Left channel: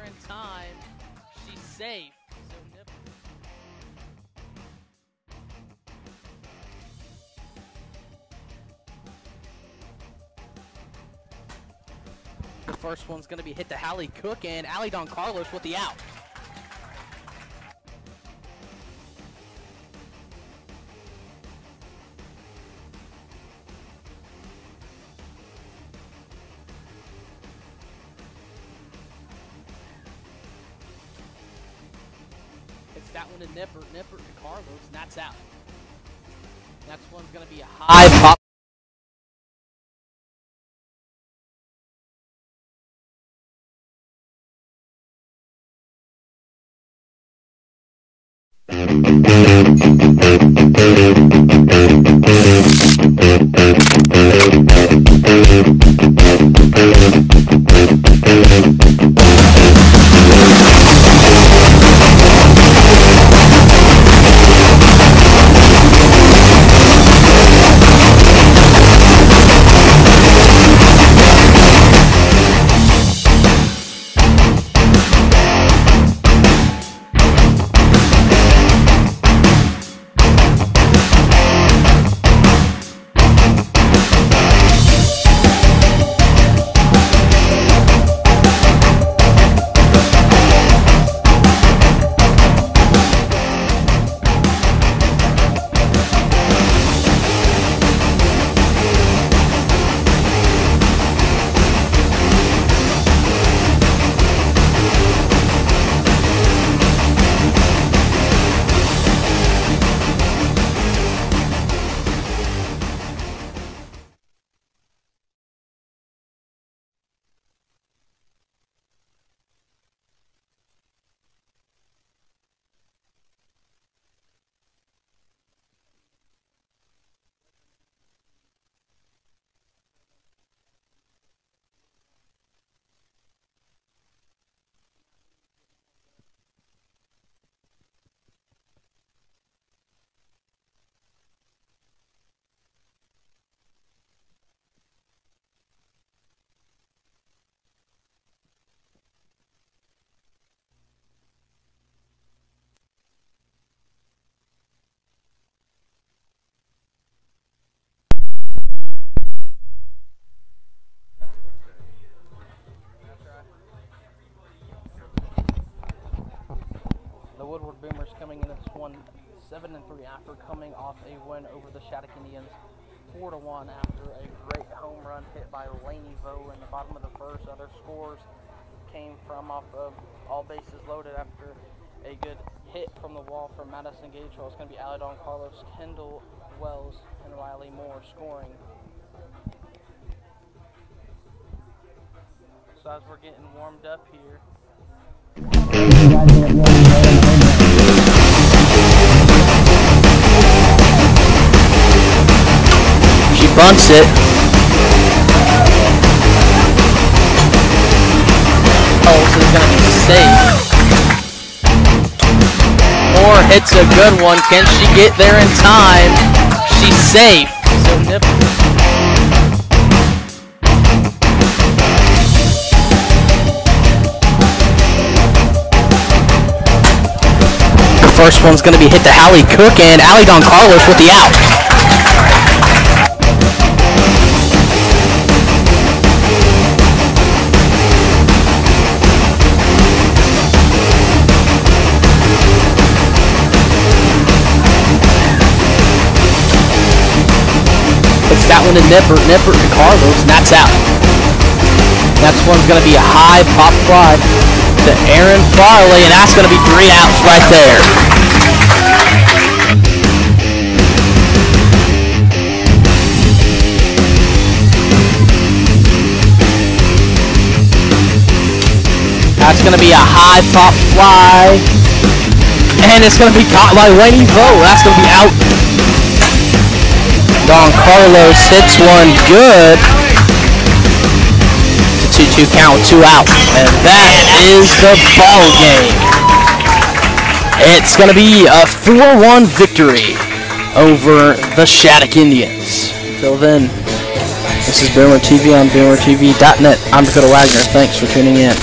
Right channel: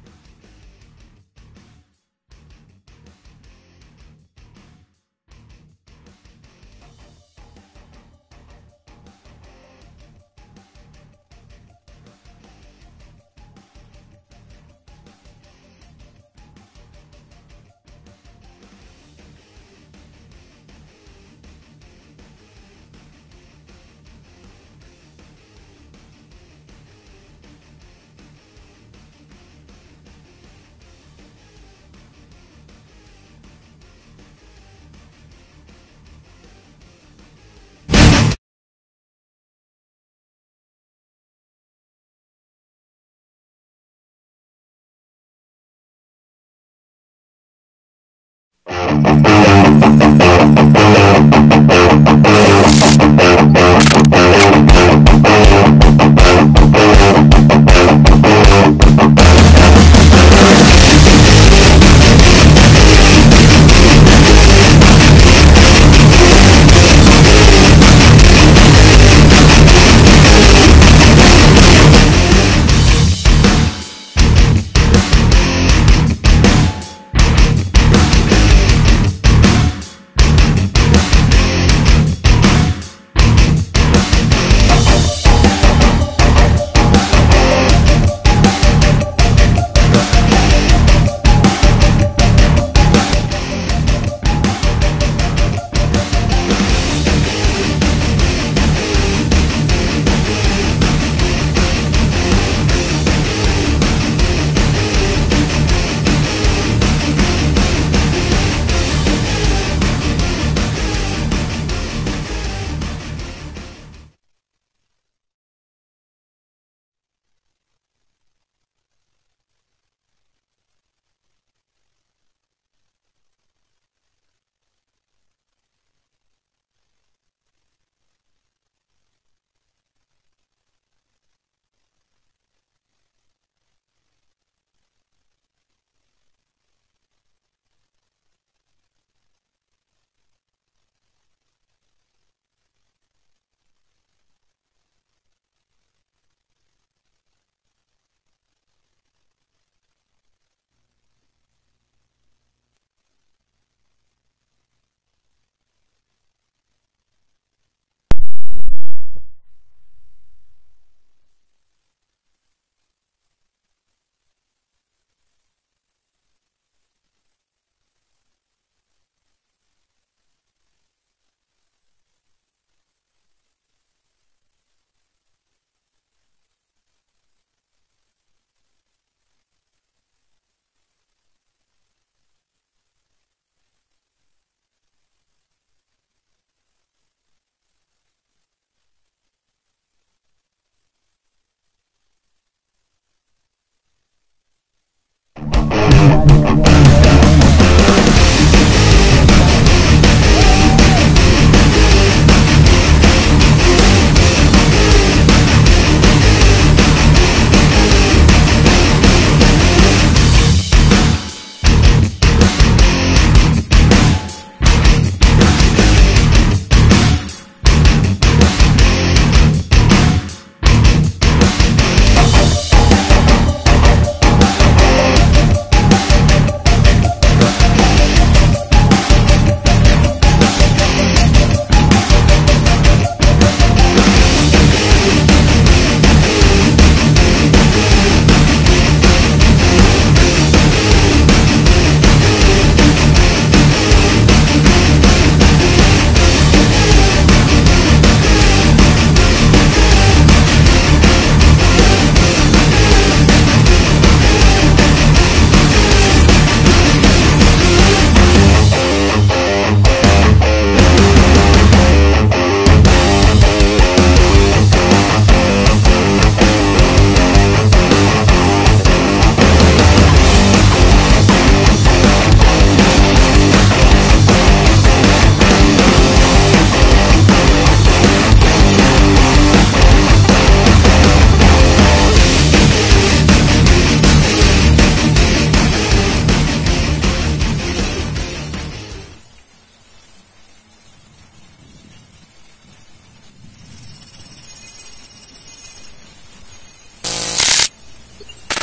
there in time, she's safe. The first one's going to be hit to Hallie Cook, and Allie Don Carlos with the out. It's that one to Nipper to Carlos, and that's out. Next one's going to be a high pop. Woodward Boomers coming in at 7-3 after coming off a win over the Shattuck Indians 4-1 after a great home run hit by Laney Vo in the bottom of the first. Other scores came from off of all bases loaded after a good hit from the wall from Madison Gagewell. It's going to be Allie Don Carlos, Kendall Wells, and Riley Moore scoring. So as we're getting warmed up here, bunts it. Moore hits a good one. Can she get there in time? She's safe. The first one's going to be hit to Hallie Cook, and Allie Don Carlos with the out. Nipper to Carlos, and that's out. Next one's going to be a high pop fly to Aaron Farley, and that's going to be 3 outs right there. That's going to be a high pop fly, and it's going to be caught by Laney Vo. That's going to be out. Don Carlos hits one good. 2-2 count, 2 out. And that is the ball game. It's going to be a 4-1 victory over the Shattuck Indians. Until then, this is Boomer TV on BoomerTV.net. I'm Dakota Wagner. Thanks for tuning in.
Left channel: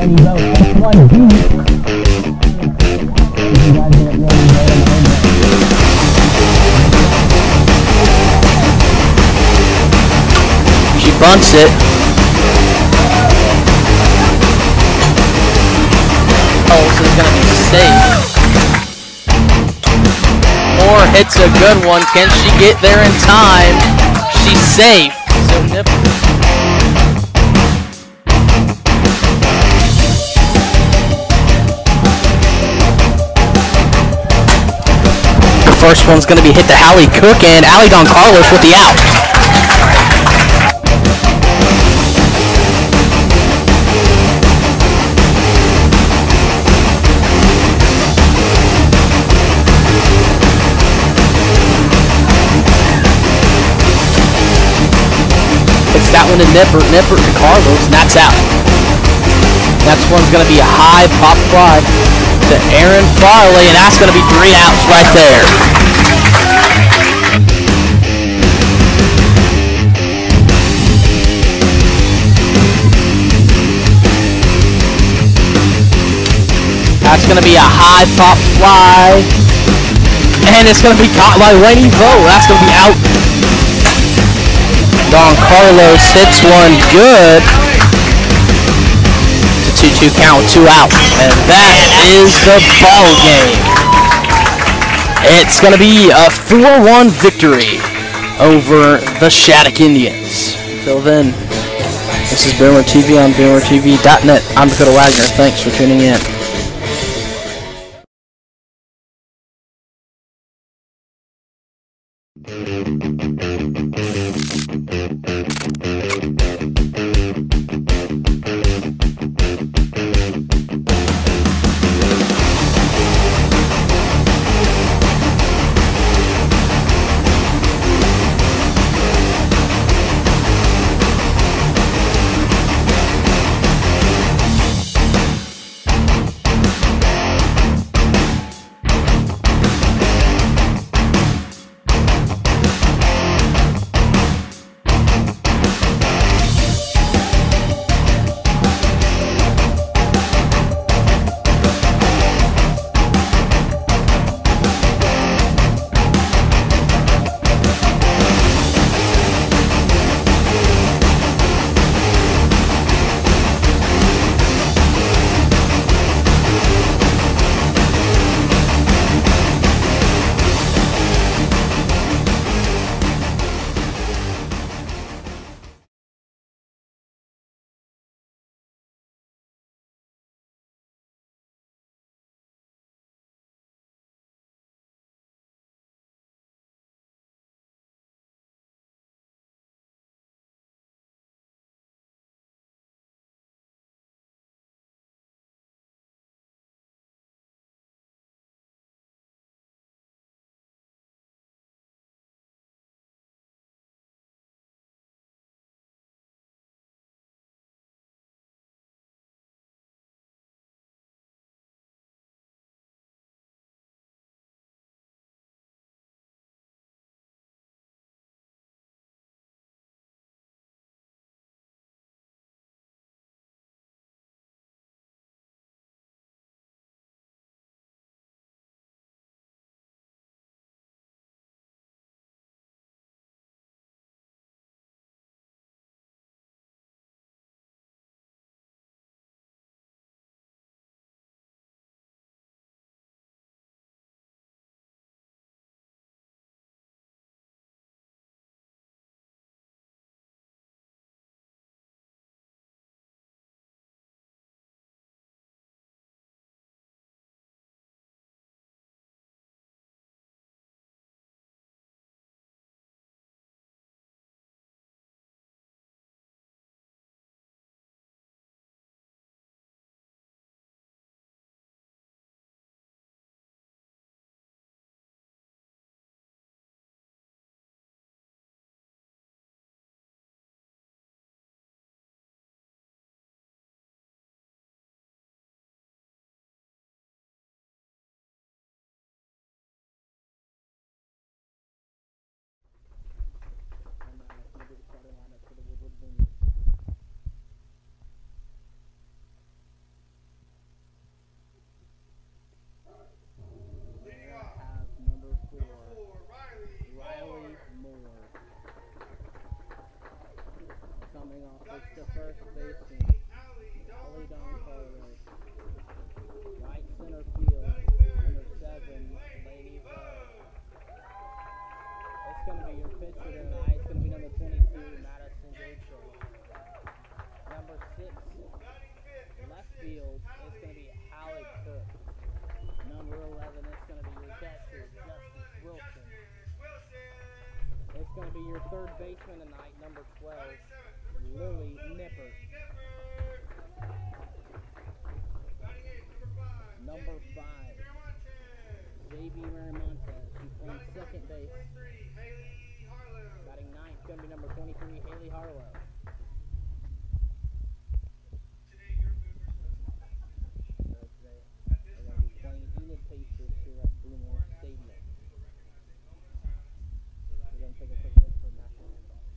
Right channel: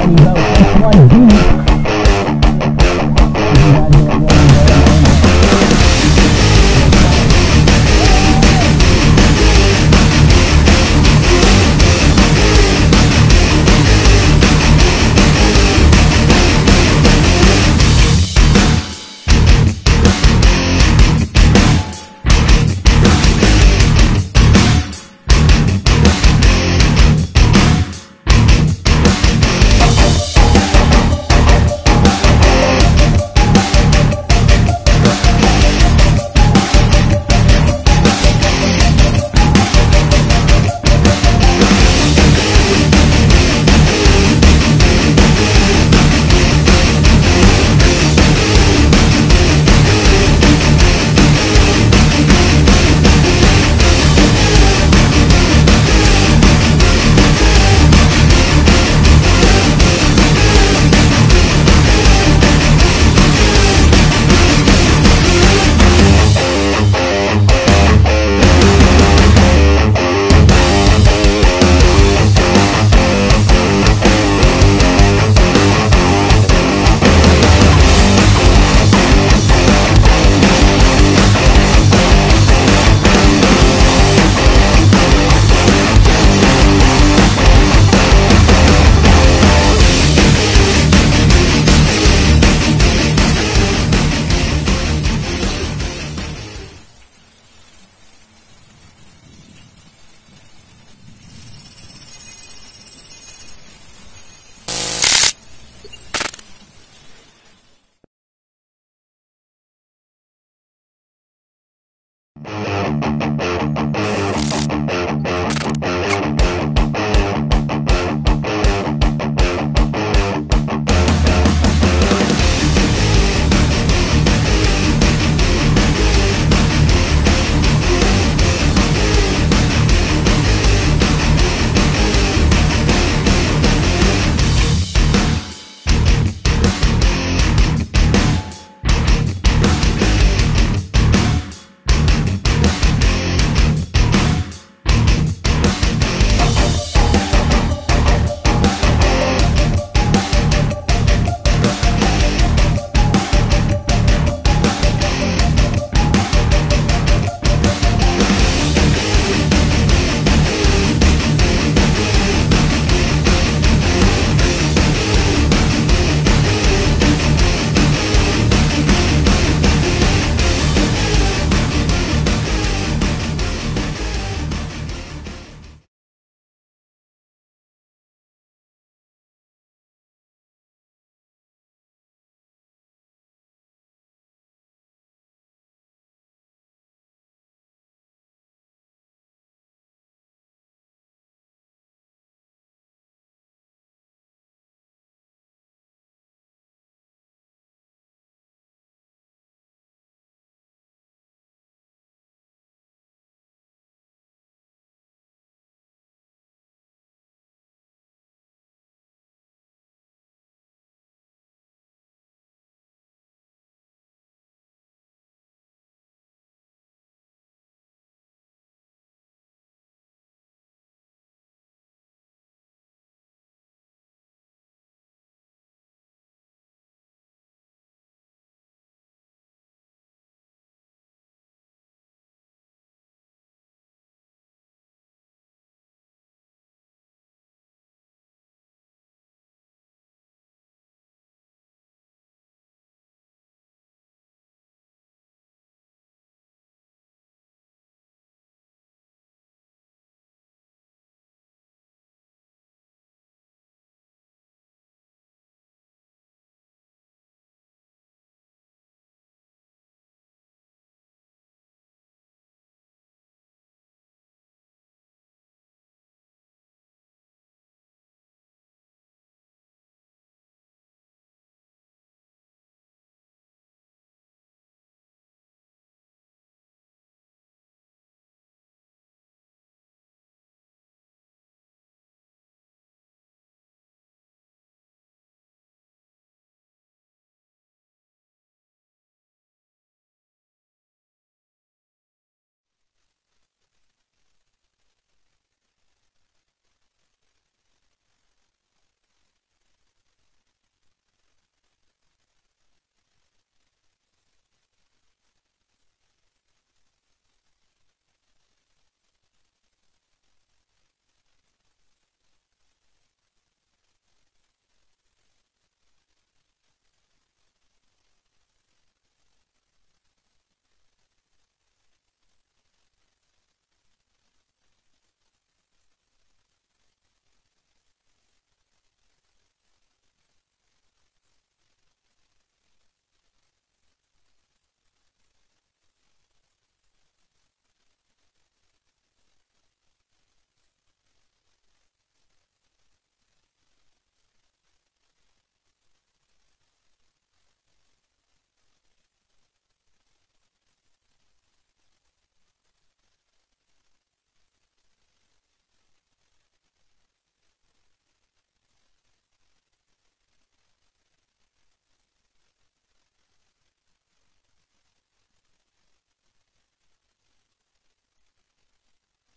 There you go, X1 deep. You guys get it rolling right on over. She bunts it. Oh, this is gonna be safe. Moore hits a good one. Can she get there in time? She's safe. So Nip. First one's going to be hit to Hallie Cook, and Allie Don Carlos with the out. It's that one to Nipper to Carlos, and that's out. Next one's going to be a high pop fly to Aaron Farley, and that's going to be 3 outs right there. That's going to be a high pop fly, and it's going to be caught by Lainey Vo. That's going to be out. Don Carlos hits one good. 2-2 count, 2 out, and that is the ball game. It's going to be a 4-1 victory over the Shattuck Indians. Until then, this is Boomer TV on BoomerTV.net. I'm Dakota Wagner. Thanks for tuning in. going to be your pitcher tonight. It's going to be number 22, Madison Gabriel. Number 6, left field, it's going to be Hallie Cook. Number 11, it's going to be your catcher, Justice Wilson. It's going to be your third baseman tonight, number 12, Lily Nipper. Number 5, J.B. Maramontes. He's playing second base. Batting ninth, it's going to be number 23, Haley Harlow. They're going to be playing Enid Pacers here at Boomer Stadium. We're going to take a quick look for national anthem.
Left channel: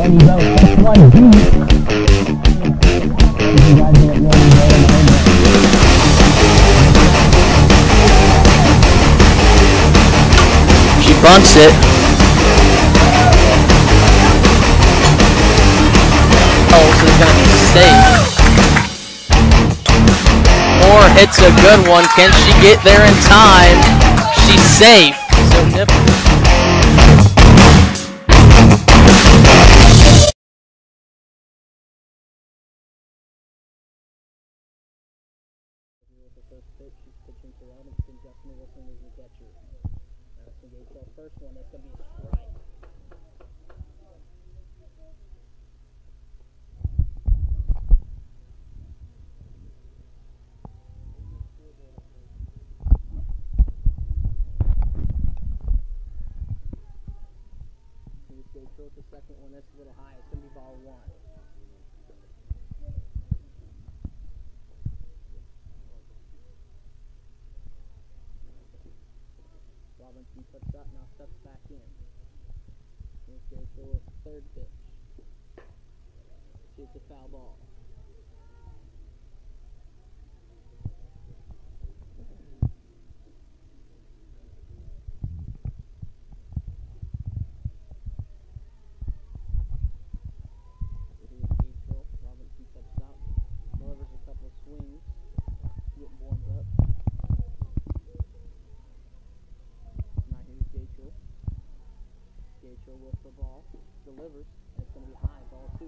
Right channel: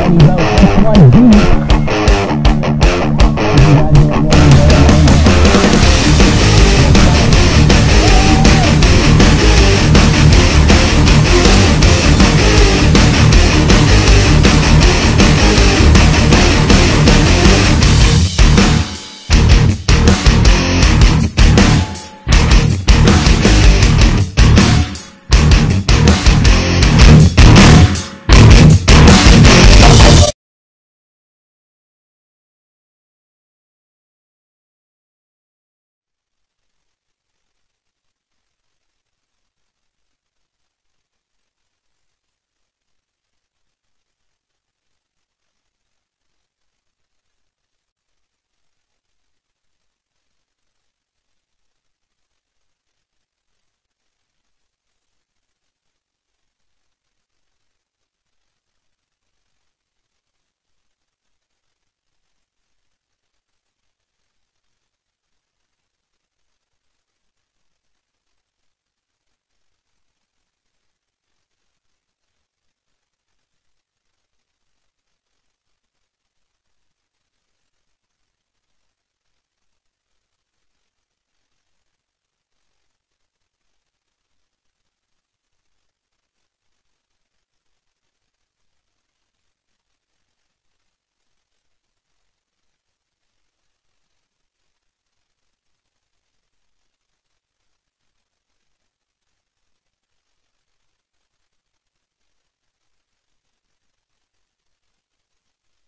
Ready, go. Next one, D. You guys are ready, go. He bunts it. Oh, he's going to be safe. Moore hits a good one. Can she get there in time? She's safe. So Nipper. She's pitching to Robinson. Justin Wilson is the catcher. Madison Gabriel, first one. That's going to be a strike. Here's Gabriel, the second one. That's a little high. It's going to be ball one. Robinson puts up, now steps back in. Here's Gabriel with third pitch. Obviously, it's a foul ball. Robinson steps out, delivers a couple of swings, getting warmed up. Now here's Gatriel. Gatriel with the ball, delivers, and it's going to be high, ball 2.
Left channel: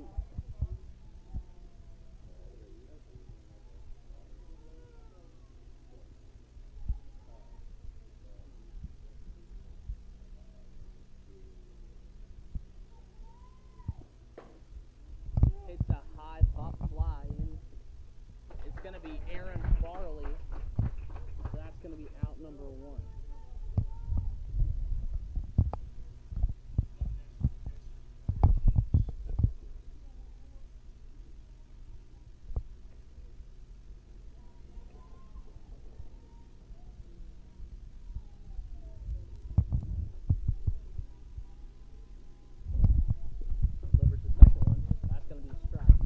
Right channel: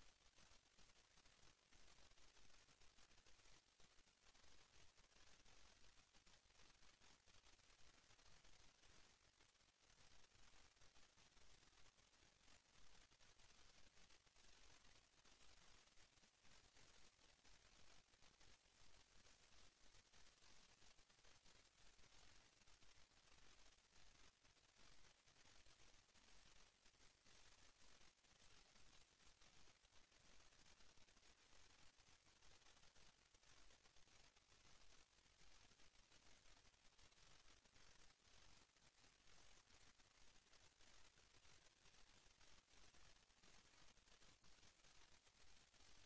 Hits a high pop fly, and it's going to be Aaron Farley. That's going to be out number 1. Delivers the second one. That's going to be a strike.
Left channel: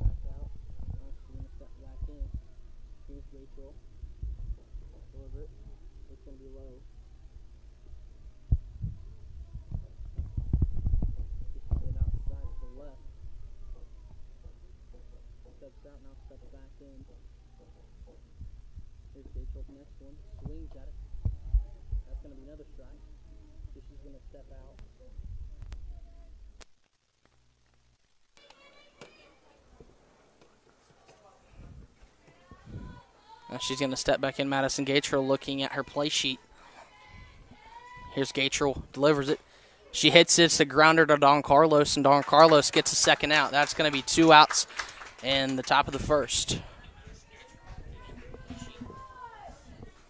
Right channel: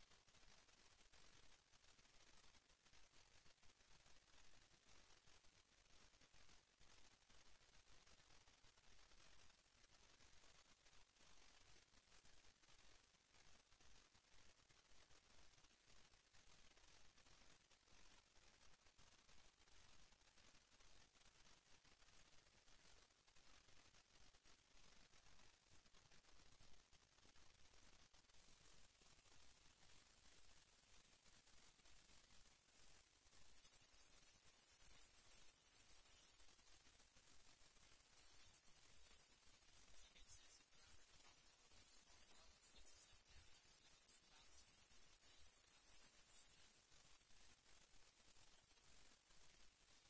Back out. Now she's going to step back in. Here's Gatriel. Deliver it. It's going to be low. Just get outside to the left. Steps out, now steps back in. Here's Gatriel's next one. Swings at it. That's going to be another strike. So she's going to step out. Now she's going to step back in. Madison Gatriel looking at her play sheet. Here's Gatriel, delivers it. She hits it, it's a grounder to Don Carlos, and Don Carlos gets a second out. That's going to be 2 outs in the top of the first.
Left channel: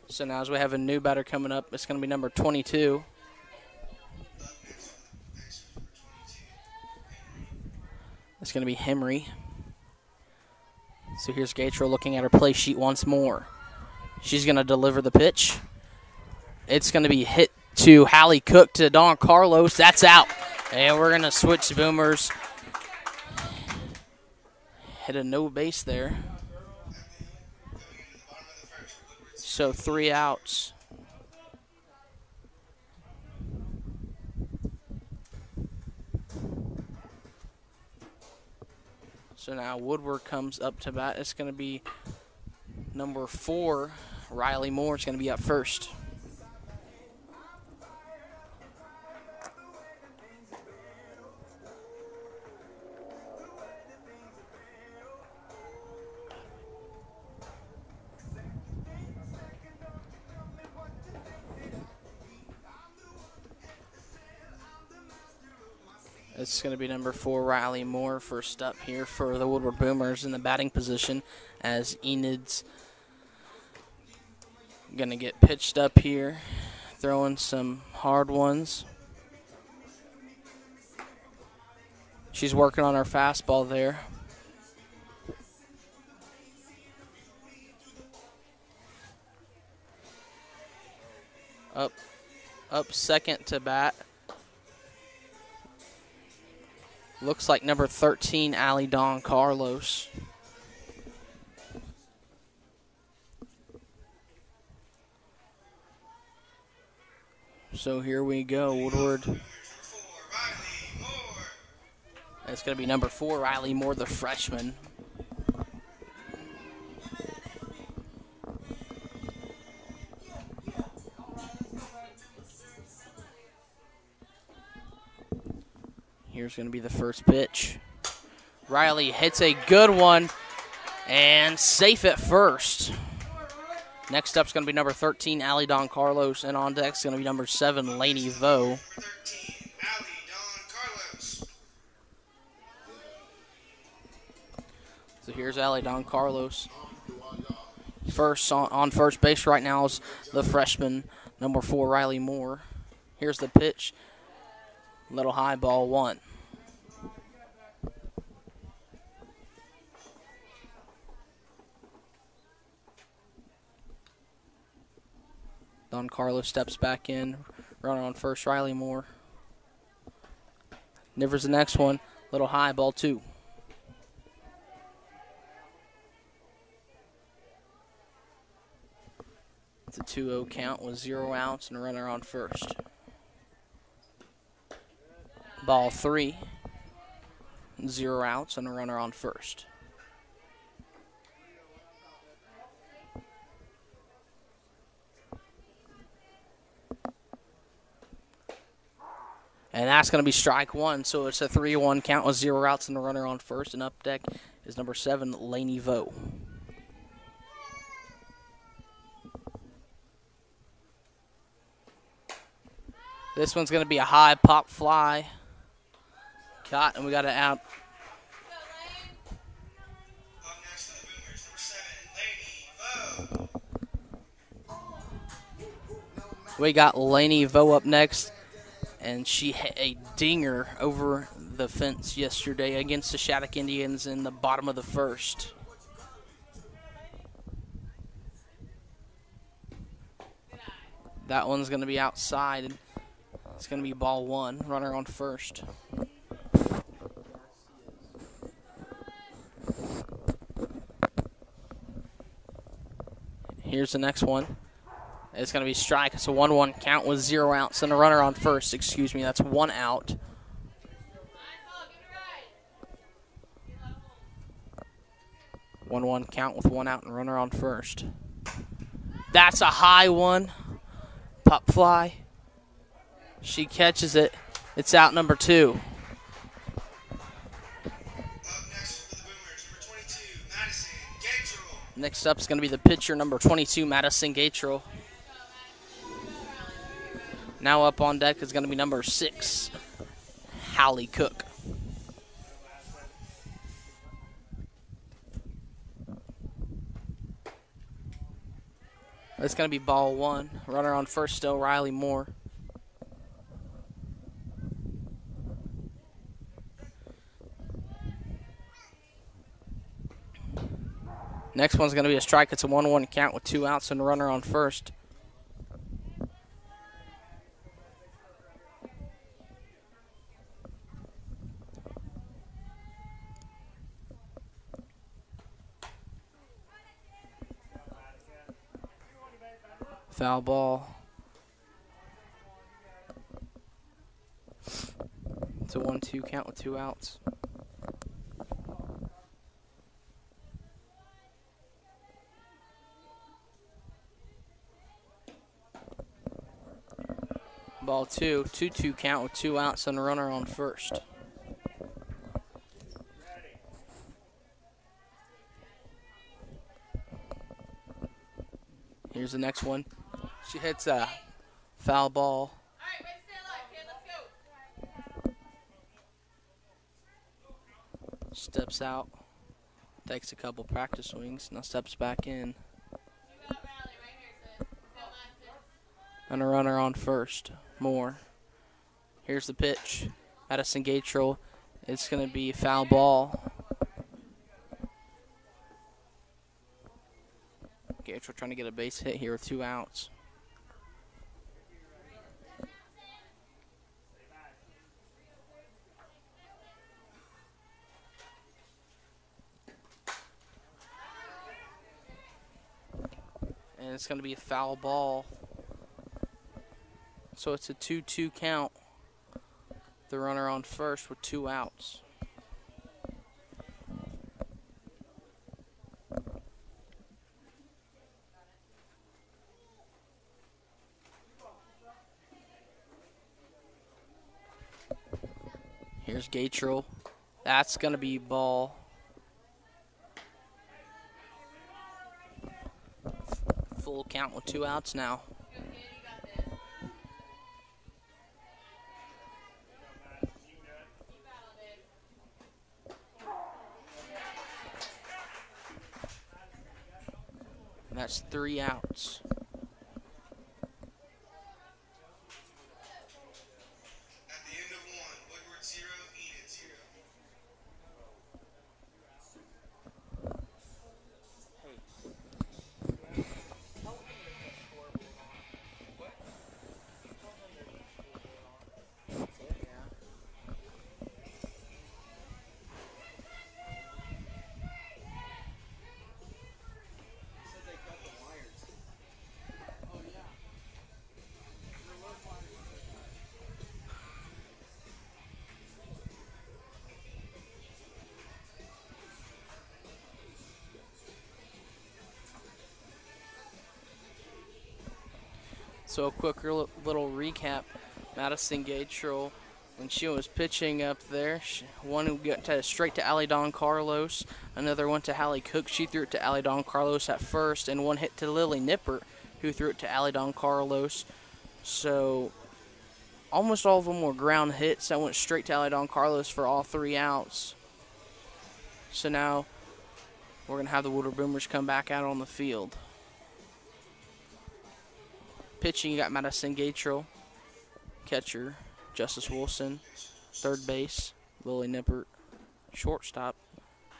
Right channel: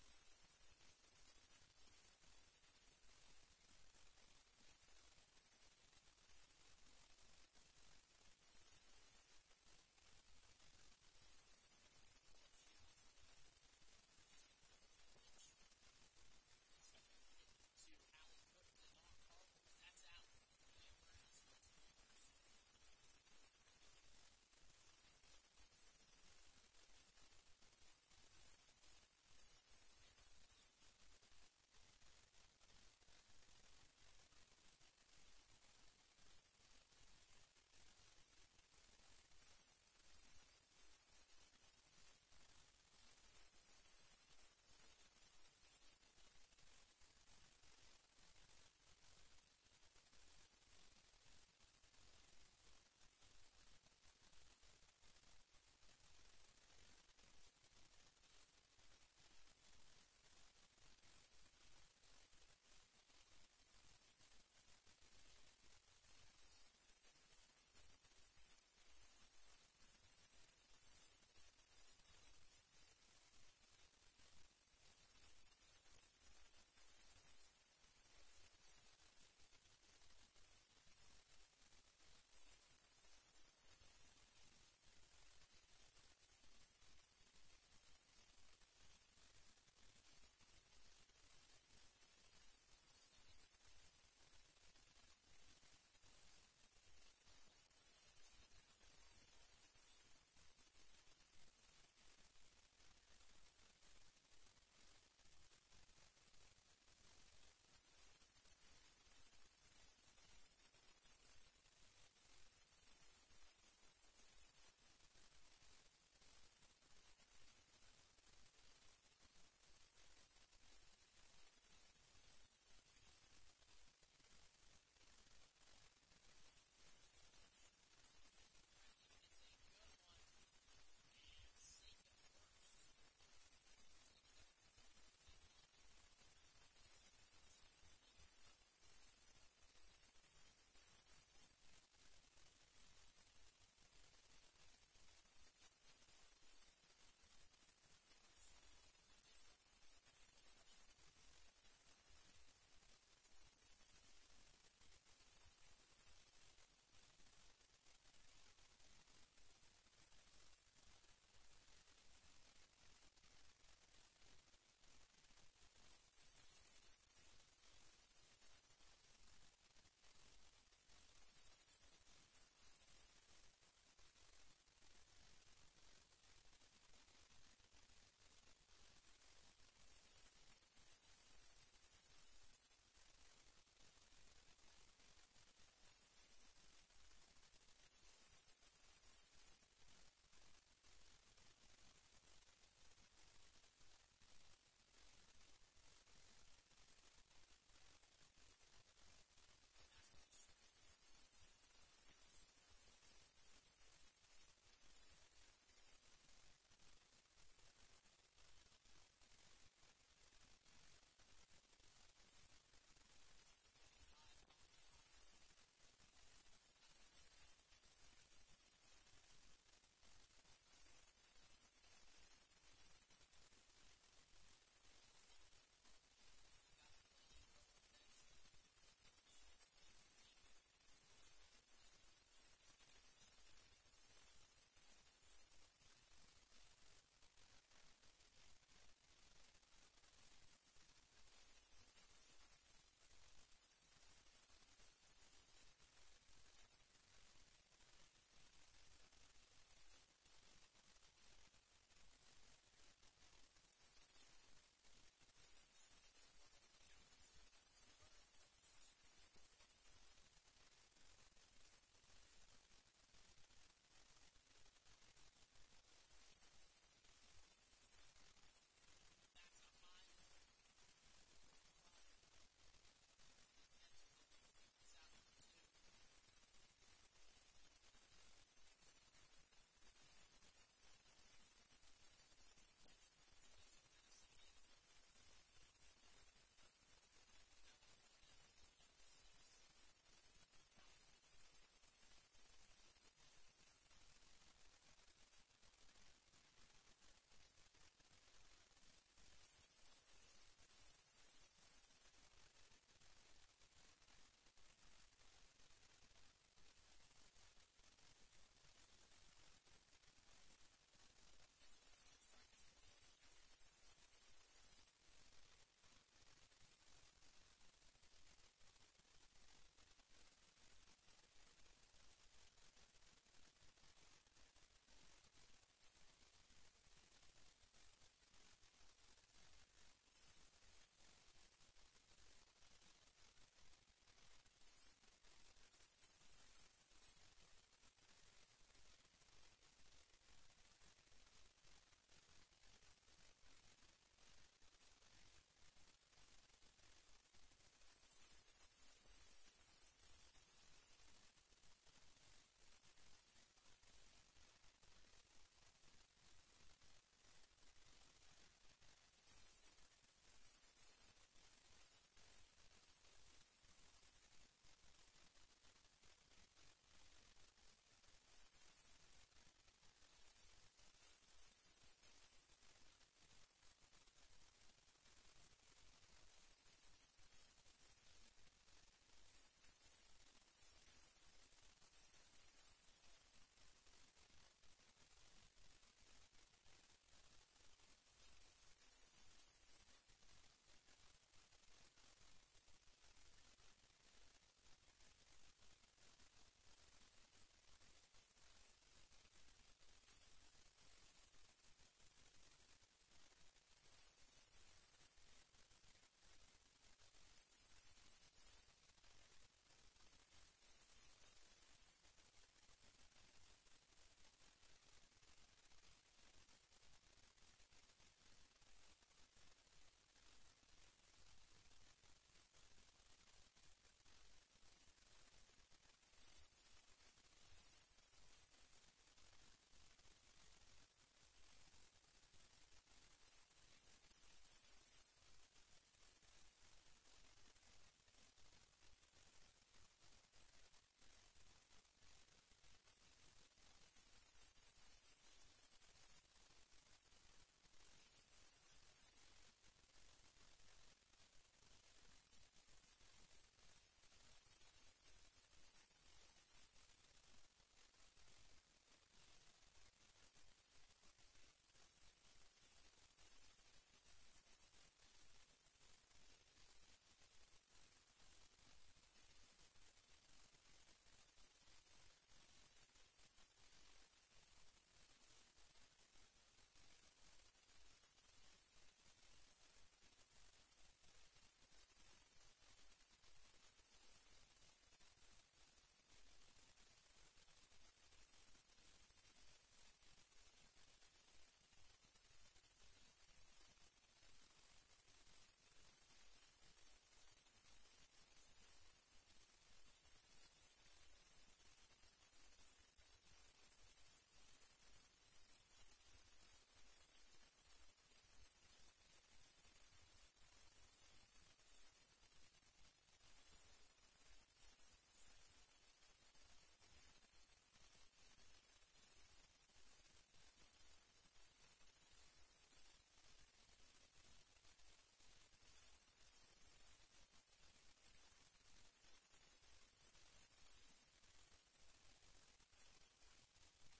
So now as we have a new batter coming up, it's going to be number 22. It's going to be Henry. So here's Gatriel looking at her play sheet once more. She's going to deliver the pitch. It's going to be hit to Hallie Cook to Don Carlos. That's out. And we're going to switch boomers. Hit a no base there. So 3 outs. So now Woodward comes up to bat. It's going to be number 4, Riley Moore. Is going to be up first. It's going to be number 4, Riley Moore, first up here for the Woodward Boomers in the batting position, as Enid's going to get pitched up here, throwing some hard ones. She's working on her fastball there. Up second to bat. Looks like number 13, Allie Don Carlos. So here we go, Woodward. It's going to be number 4, Riley Moore, the freshman. Here's going to be the first pitch. Riley hits a good one and safe at first. Next up is going to be number 13, Allie Don Carlos, and on deck is going to be number 7, Lainey Vo. So here's Allie Don Carlos. First on first base right now is the freshman, number 4, Riley Moore. Here's the pitch. Little high, ball 1. Don Carlos steps back in. Runner on first, Riley Moore. Nivers the next one. Little high, ball 2. It's a 2-0 count with 0 outs and a runner on first. Ball 3. 0 outs and a runner on first. And that's going to be strike 1, so it's a 3-1 count with 0 outs and a runner on first. And up deck is number 7, Laney Vo. This one's going to be a high pop fly. Caught, and we got it out. We got Laney Vo up next, and she hit a dinger over the fence yesterday against the Shattuck Indians in the bottom of the first. That one's going to be outside. It's going to be ball 1, runner on first. Here's the next one. It's going to be strike. It's a 1-1 count with 0 outs and a runner on first. Excuse me, that's 1 out. One count with 1 out and runner on first. That's a high one. Pop fly. She catches it. It's out number 2. Next up is going to be the pitcher, number 22, Madison Gatrell. Now up on deck is going to be number 6, Hallie Cook. It's going to be ball 1. Runner on first still, Riley Moore. Next one's going to be a strike. It's a 1-1 count with 2 outs and a runner on first. Foul ball. It's a 1-2 count with 2 outs. Ball 2, 2-2 count with 2 outs and a runner on first. Here's the next one. She hits a foul ball. Steps out, takes a couple practice swings, now steps back in. And a runner on first. Moore. Here's the pitch. Madison Gatrell. It's going to be a foul ball. Gatrell trying to get a base hit here with 2 outs. And it's going to be a foul ball. So it's a 2-2 count. The runner on first with 2 outs. Here's Gatrell. That's going to be ball. Full count with 2 outs now. That's 3 outs. At the end of 1, Woodward 0, Enid 0. So a quick little recap. Madison Gatrell, when she was pitching up there, one got straight to Allie Don Carlos, another went to Hallie Cook. She threw it to Allie Don Carlos at first, and one hit to Lily Nippert, who threw it to Allie Don Carlos. So almost all of them were ground hits that went straight to Allie Don Carlos for all 3 outs. So now we're going to have the Woodward Boomers come back out on the field. Pitching, you got Madison Gatrell. Catcher, Justice Wilson. Third base, Lily Nippert. Shortstop,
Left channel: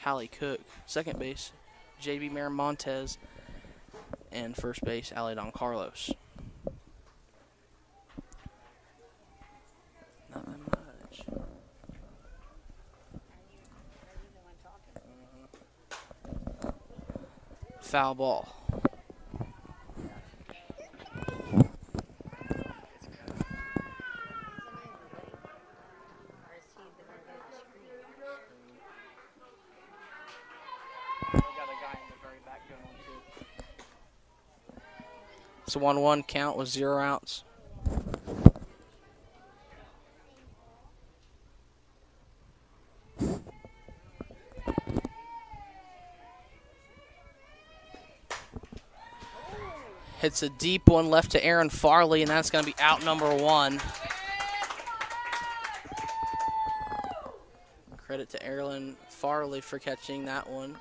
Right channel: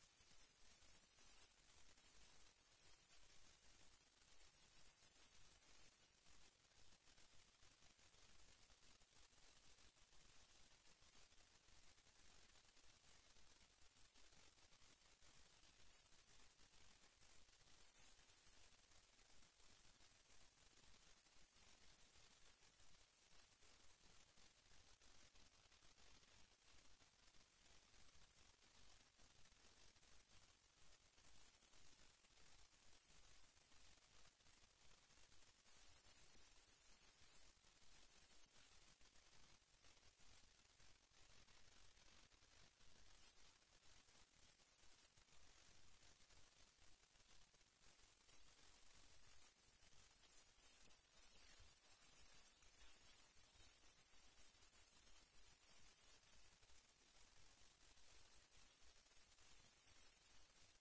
Hallie Cook. Second base, J.B. Miramontes. And first base, Allie Don Carlos. Nothing much. Foul ball. It's a 1-1 count with 0 outs. Hits a deep one left to Aaron Farley, and that's going to be out number 1. Credit to Aaron Farley for catching that one.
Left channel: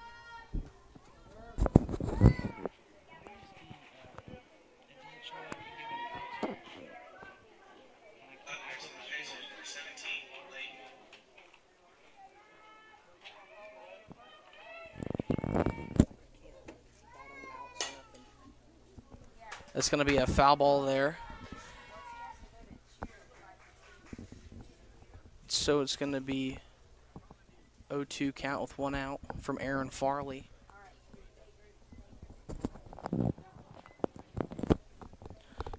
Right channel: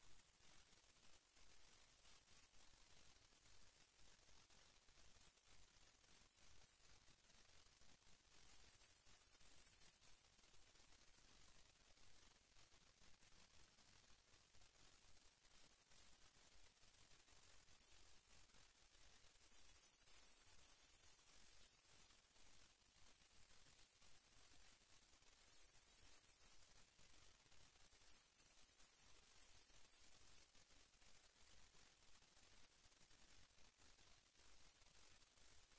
That's going to be a foul ball there. So it's going to be 0-2 count with 1 out from Aaron Farley.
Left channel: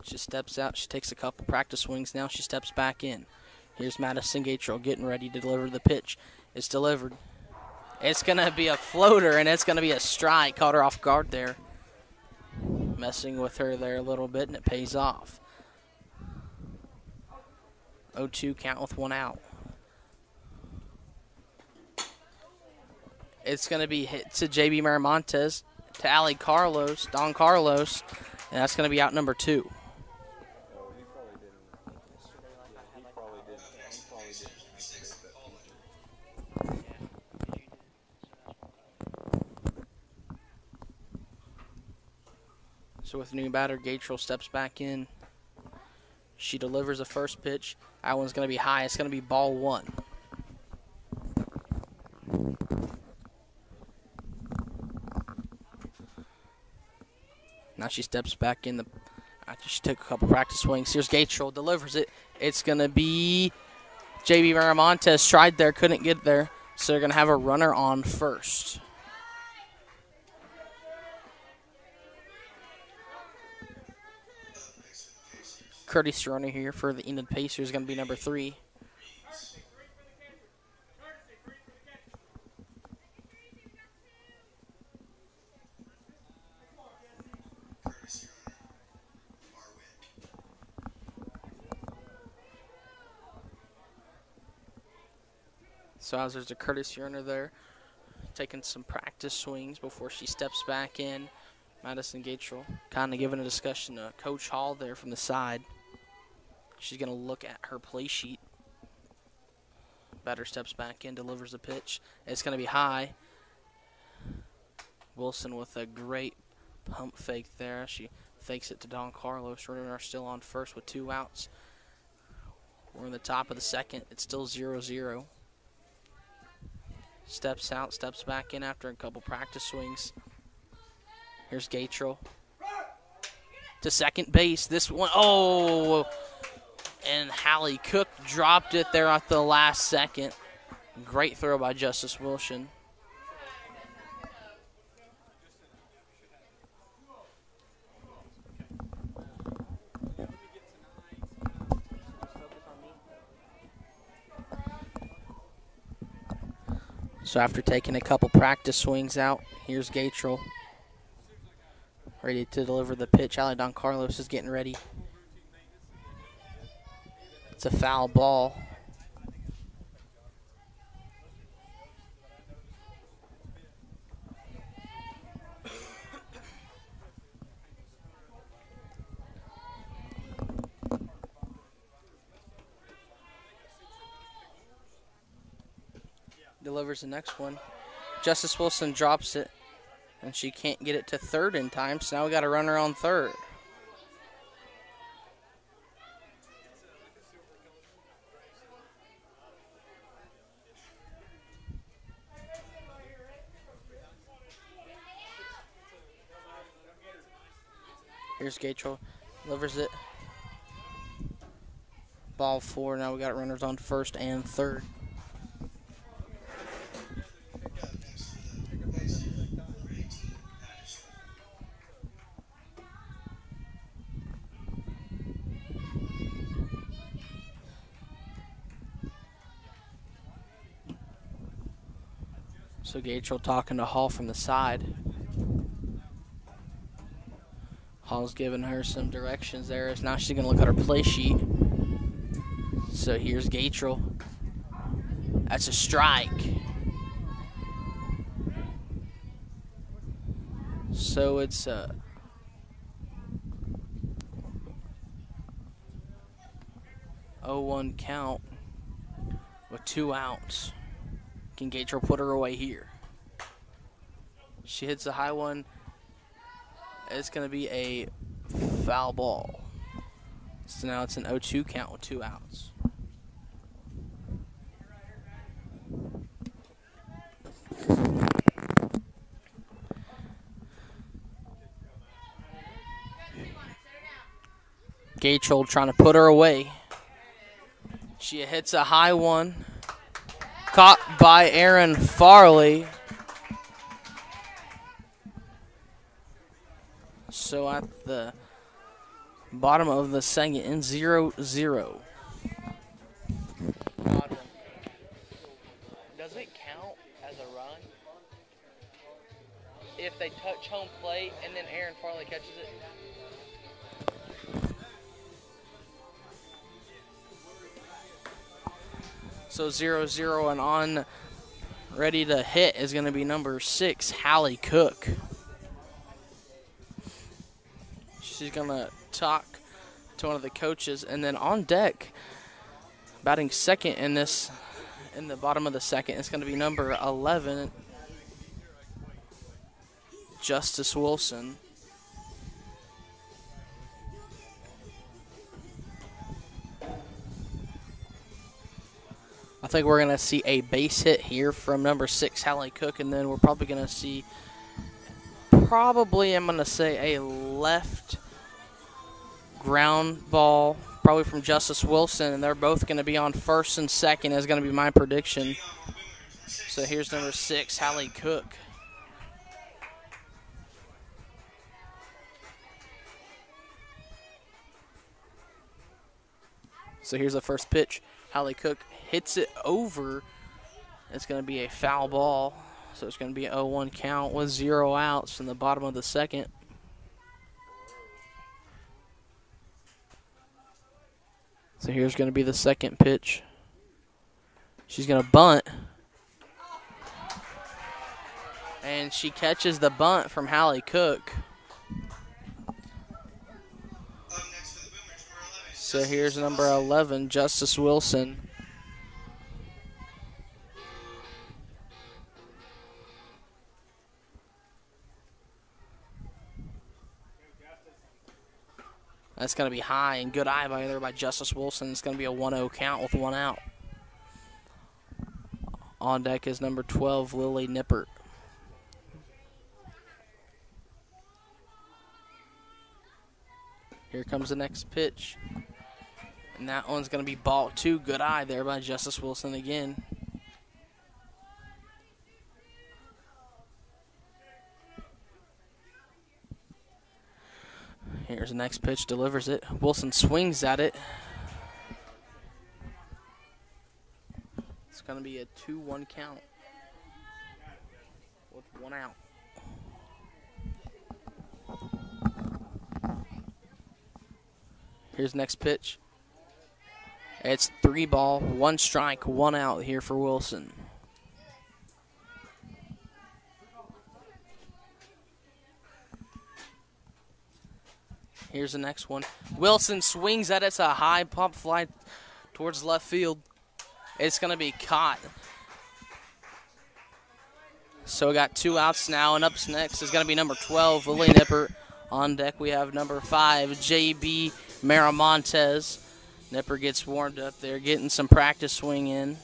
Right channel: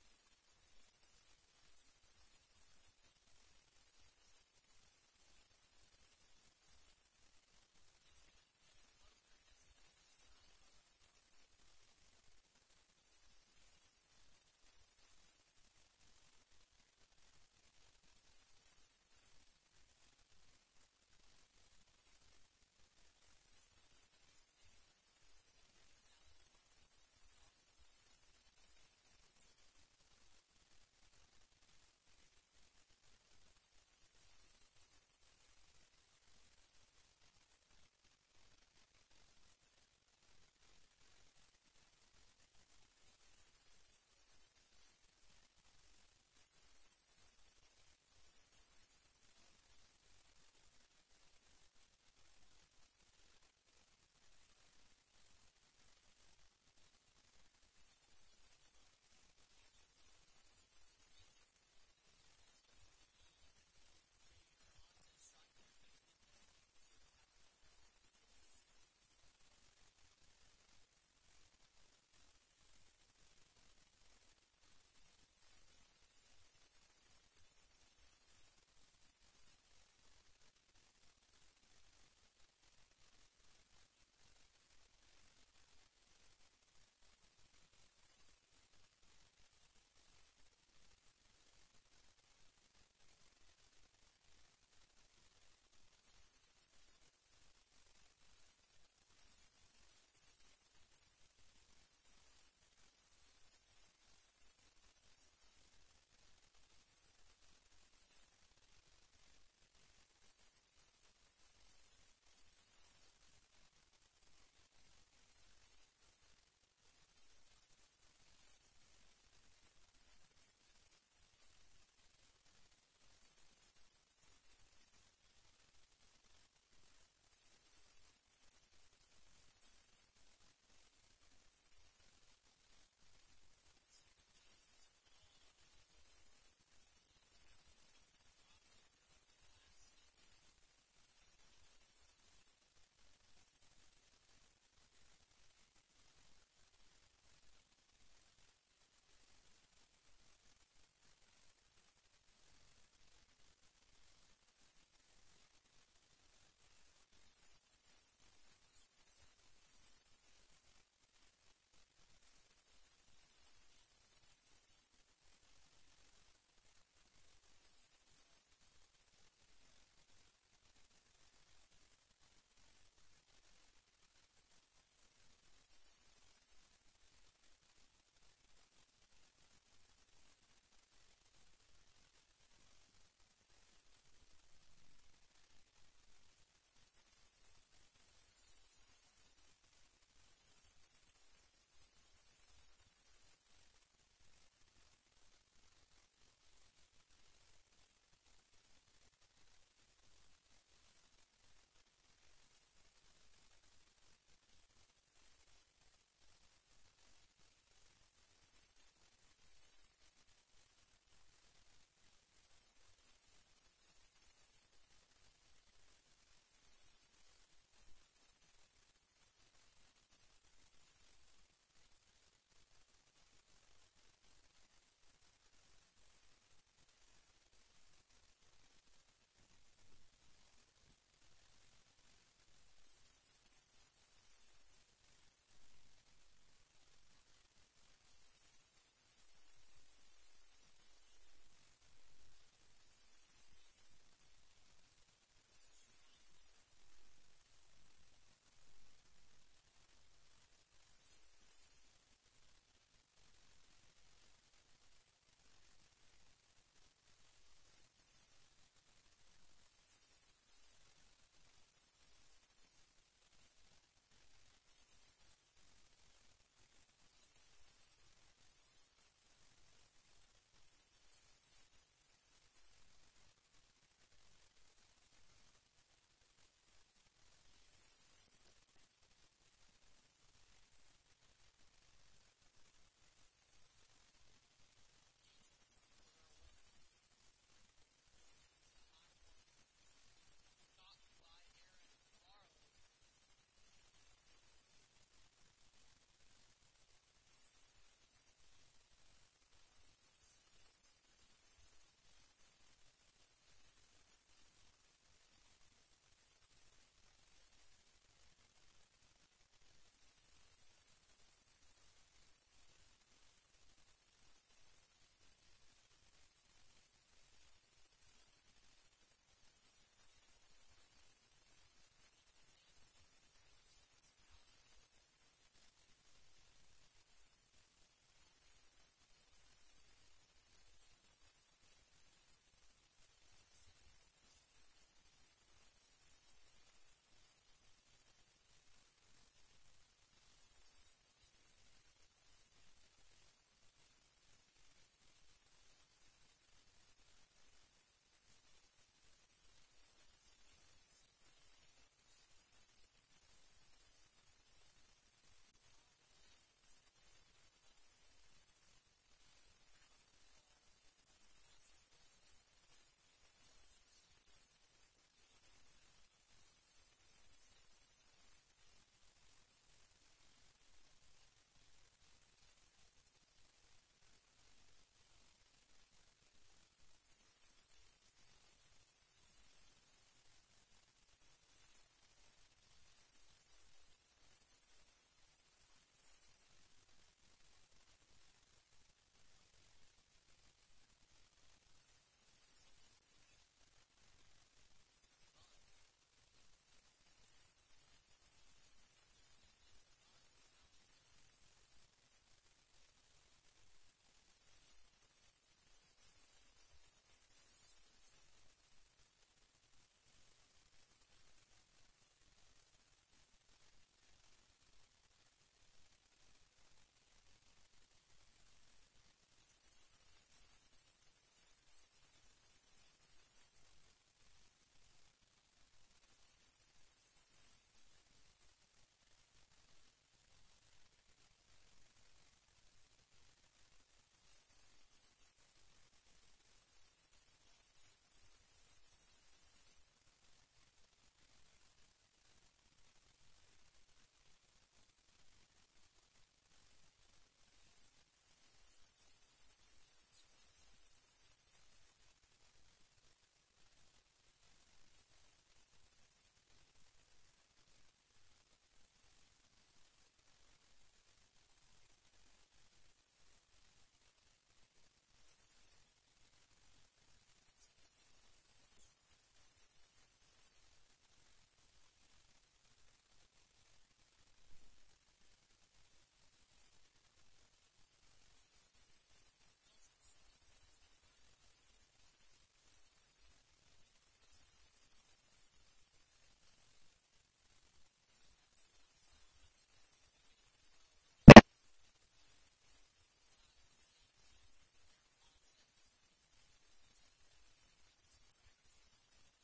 She steps out. She takes a couple practice swings. Now she steps back in. Here's Madison Gatrell getting ready to deliver the pitch. It's delivered. It's going to be a floater, and it's going to be a strike. Caught her off guard there. Messing with her there a little bit, and it pays off. 0-2 count with 1 out. It's going to be hit to J.B. Miramontes, to Allie Carlos, Don Carlos, and that's going to be out number 2. So with new batter, Gatrell steps back in. She delivers the first pitch. That one's going to be high. It's going to be ball 1. Now she steps back in after she took a couple practice swings. Here's Gatrell, delivers it. It's going to be J.B. Miramontes. Tried there, couldn't get there. So they're going to have a runner on first. Curtis runner here for the Enid Pacers is going to be number 3. So as there's a Curtis Yerner there, taking some practice swings before she steps back in. Madison Gatrell kind of giving a discussion to Coach Hall there from the side. She's going to look at her play sheet. Batter steps back in, delivers the pitch. It's going to be high. Wilson with a great pump fake there. She fakes it to Don Carlos. Runner still on first with 2 outs. We're in the top of the second. It's still 0-0. Steps out, steps back in after a couple practice swings. Here's Gatrell to second base. This one, oh! And Hallie Cook dropped it there at the last second. Great throw by Justice Wilson. So after taking a couple practice swings out, here's Gatrell ready to deliver the pitch. Allie Don Carlos is getting ready It's a foul ball. Delivers the next one. Justice Wilson drops it, and she can't get it to third in time, so now we got a runner on third. Here's Gatrell, delivers it. Ball 4, now we got runners on first and third. So Gatrell talking to Hall from the side. Hall's giving her some directions there. Now she's going to look at her play sheet. So here's Gatrell. That's a strike. So it's a 0-1 count with 2 outs. Can Gatrell put her away here? She hits a high one. It's going to be a foul ball. So now it's an 0-2 count with 2 outs. Gatrell trying to put her away. She hits a high one. Caught by Aaron Farley. So at the bottom of the second, in 0-0. Does it count as a run if they touch home plate and then Aaron Farley catches it? So 0-0, and on ready to hit is going to be number 6, Hallie Cook. She's going to talk to one of the coaches, and then on deck, batting second in the bottom of the second, it's going to be number 11, Justice Wilson. I think we're going to see a base hit here from number 6, Hallie Cook, and then we're probably going to see, I'm going to say, a left ground ball, probably from Justice Wilson, and they're both going to be on first and second is going to be my prediction. So here's number 6, Hallie Cook. So here's the first pitch. Hallie Cook hits it over. It's going to be a foul ball. So it's going to be an 0-1 count with 0 outs in the bottom of the second. So here's going to be the second pitch. She's going to bunt. And she catches the bunt from Hallie Cook. So here's number 11, Justice Wilson. That's going to be high and good eye by Justice Wilson. It's going to be a 1-0 count with 1 out. On deck is number 12, Lily Nippert. Here comes the next pitch. And that one's going to be ball 2. Good eye there by Justice Wilson again. Here's the next pitch, delivers it. Wilson swings at it. It's going to be a 2-1 count with 1 out. Here's next pitch. It's 3 ball, 1 strike, 1 out here for Wilson. Here's the next one. Wilson swings at it. It's a high pop fly towards left field. It's going to be caught. So we got 2 outs now, and up next is going to be number 12, Lily Nipper. On deck we have number 5, J.B. Miramontes. Nipper gets warmed up there, getting some practice swing in.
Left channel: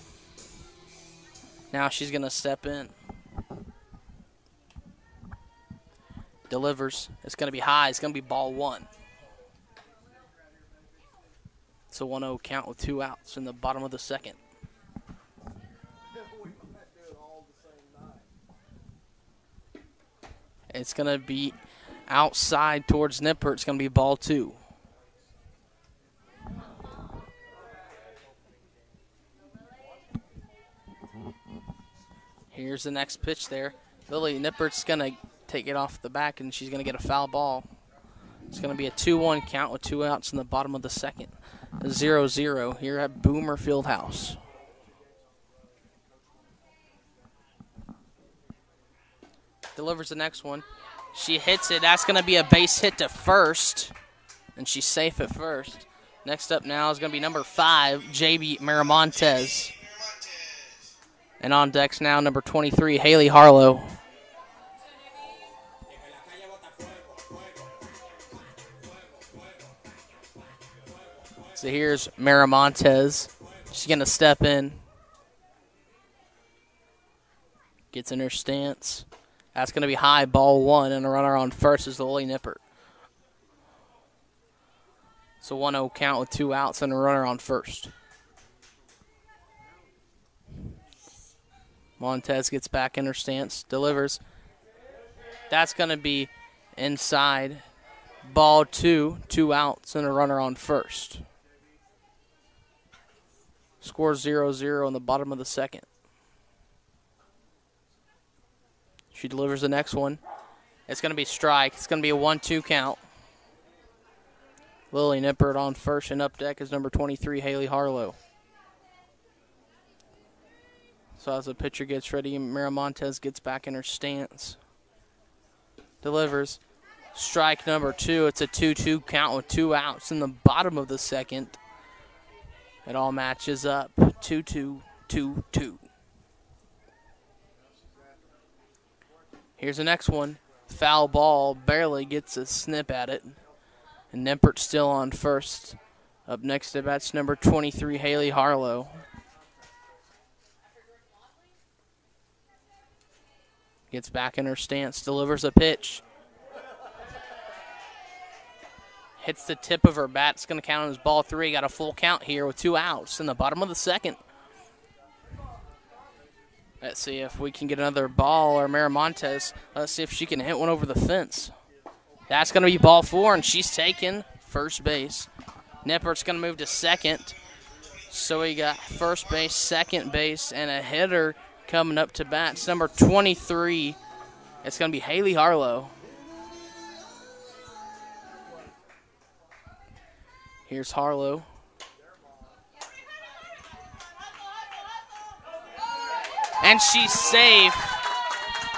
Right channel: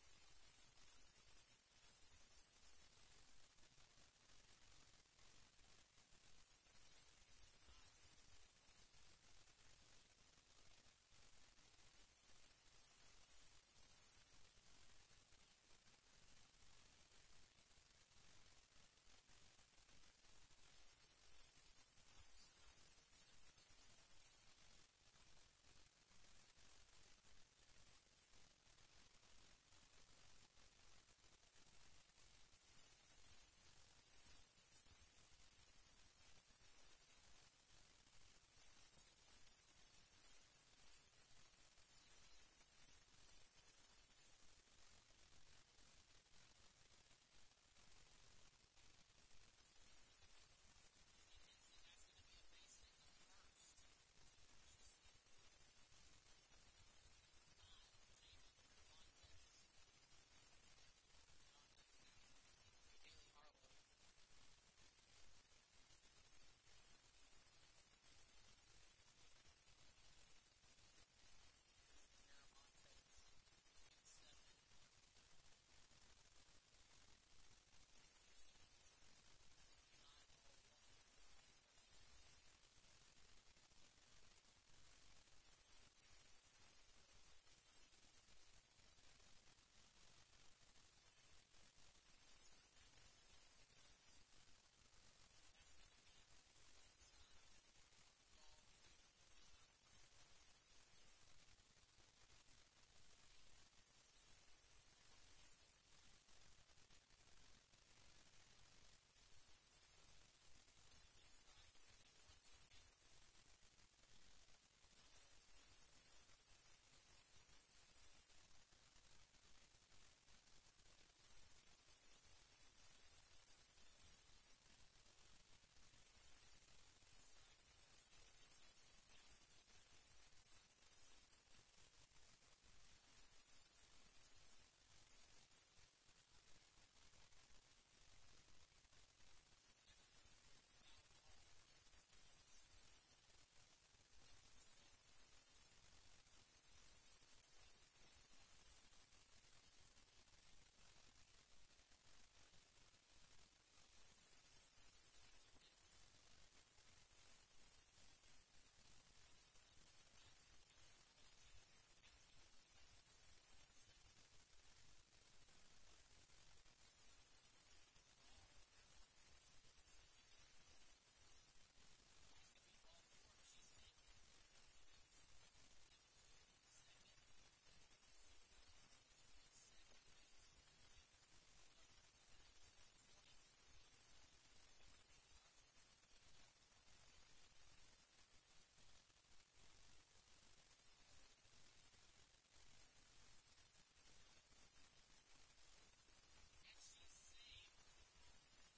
Now she's going to step in. Delivers. It's going to be high. It's going to be ball 1. It's a 1-0 count with 2 outs in the bottom of the second. It's going to be outside towards Nipper. It's going to be ball 2. Here's the next pitch there. Lily Nippert's going to take it off the back, and she's going to get a foul ball. It's going to be a 2-1 count with 2 outs in the bottom of the second. 0-0 here at Boomer Fieldhouse. Delivers the next one. She hits it. That's going to be a base hit to first, and she's safe at first. Next up now is going to be number 5, J.B. Miramontes. And on decks now, number 23, Haley Harlow. So here's Miramontes. She's going to step in. Gets in her stance. That's going to be high, ball 1, and a runner on first is the Lily Nipper. It's a 1-0 count with 2 outs and a runner on first. Montez gets back in her stance, delivers. That's going to be inside. Ball 2, 2 outs and a runner on first. Score 0-0 in the bottom of the second. She delivers the next one. It's going to be strike. It's going to be a 1-2 count. Lily Nippert on first, and up deck is number 23, Haley Harlow. So as the pitcher gets ready, Miramontes gets back in her stance. Delivers. Strike number 2. It's a 2-2 count with 2 outs in the bottom of the second. It all matches up. 2-2, 2-2. Here's the next one. Foul ball. Barely gets a snip at it. And Nippert still on first. Up next to bat's number 23, Haley Harlow. Gets back in her stance, delivers a pitch. Hits the tip of her bat. It's going to count as ball 3. Got a full count here with 2 outs in the bottom of the second. Let's see if we can get another ball, or Miramontes. Let's see if she can hit one over the fence. That's going to be ball 4, and she's taken first base. Nippert's going to move to second. So we got first base, second base, and a hitter coming up to bat. It's number 23. It's going to be Haley Harlow. Here's Harlow. And she's safe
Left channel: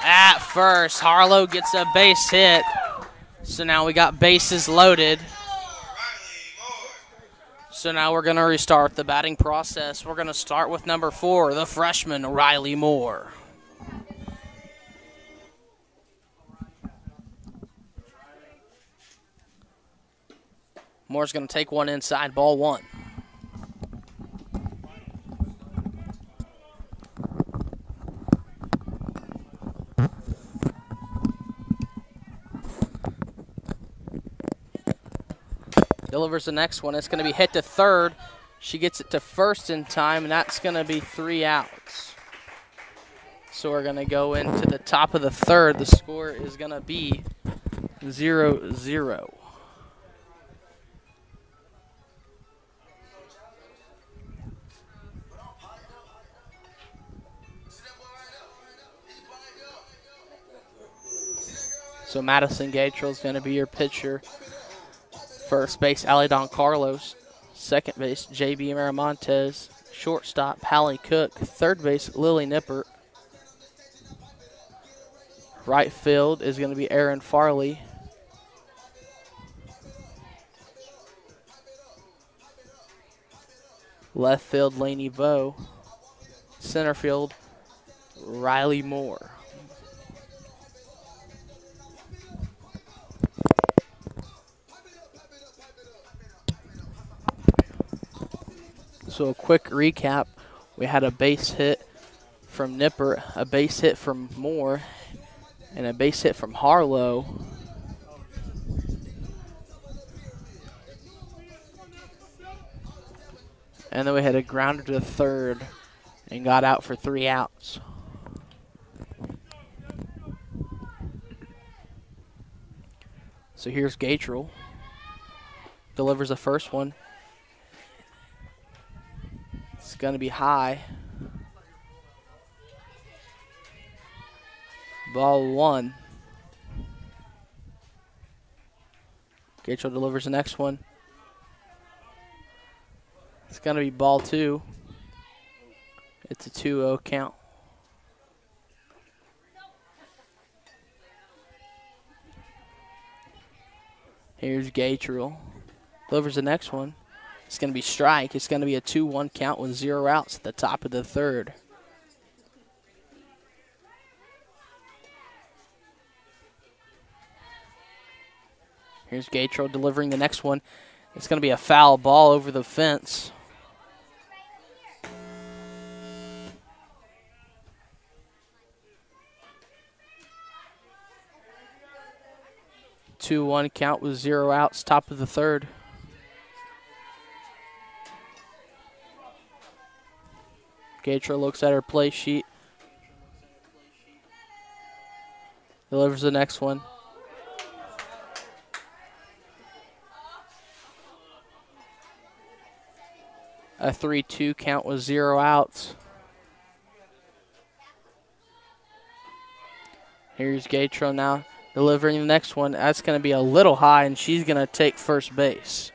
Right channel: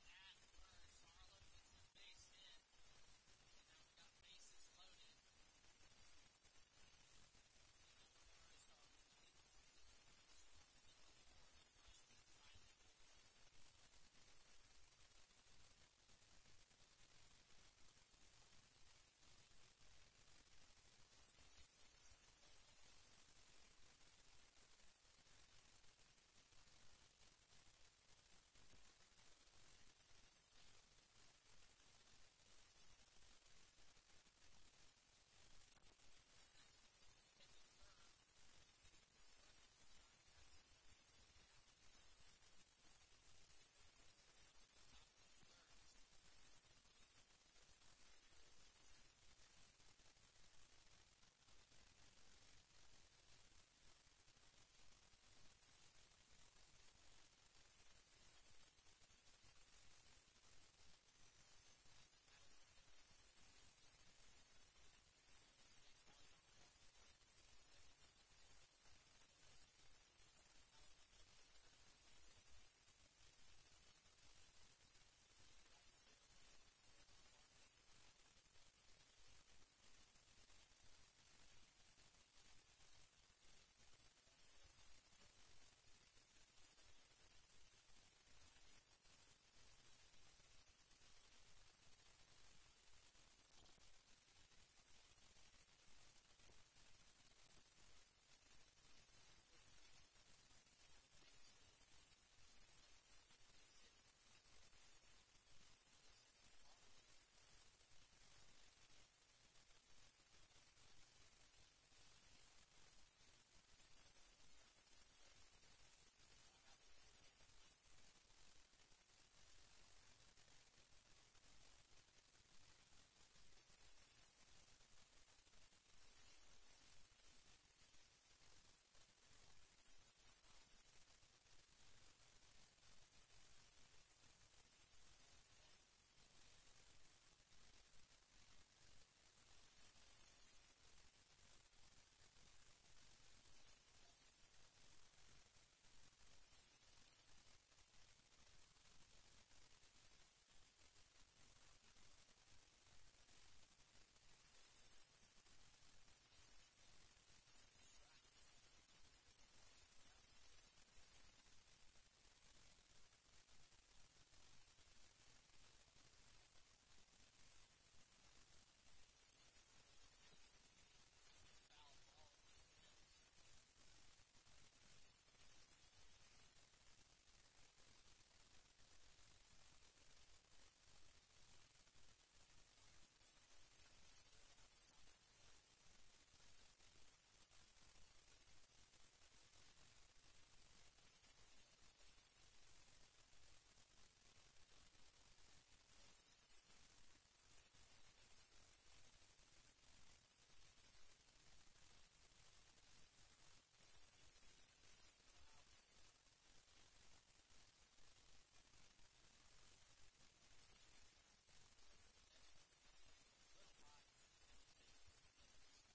at first. Harlow gets a base hit. So now we got bases loaded. So now we're going to restart the batting process. We're going to start with number 4, the freshman, Riley Moore. Moore's going to take one inside, ball 1. Delivers the next one. It's going to be hit to third. She gets it to first in time, and that's going to be 3 outs. So we're going to go into the top of the third. The score is going to be 0-0. So Madison Gatrell is going to be your pitcher. First base, Alidon Carlos. Second base, J.B. Miramontes. Shortstop, Hallie Cook. Third base, Lily Nippert. Right field is going to be Aaron Farley. Left field, Lainey Vo. Center field, Riley Moore. So a quick recap. We had a base hit from Nippert, a base hit from Moore, and a base hit from Harlow. And then we had a grounder to the third and got out for 3 outs. So here's Gatrell. Delivers the first one. It's going to be high. Ball 1. Gatrell delivers the next one. It's going to be ball 2. It's a 2-0 count. Here's Gatrell. Delivers the next one. It's going to be strike. It's going to be a 2-1 count with 0 outs at the top of the third. Here's Gatrell delivering the next one. It's going to be a foul ball over the fence. Two-one count with 0 outs, top of the third. Gatrell looks at her play sheet. Delivers the next one. A 3-2 count with 0 outs. Here's Gatrell now delivering the next one. That's going to be a little high, and she's going to take first base.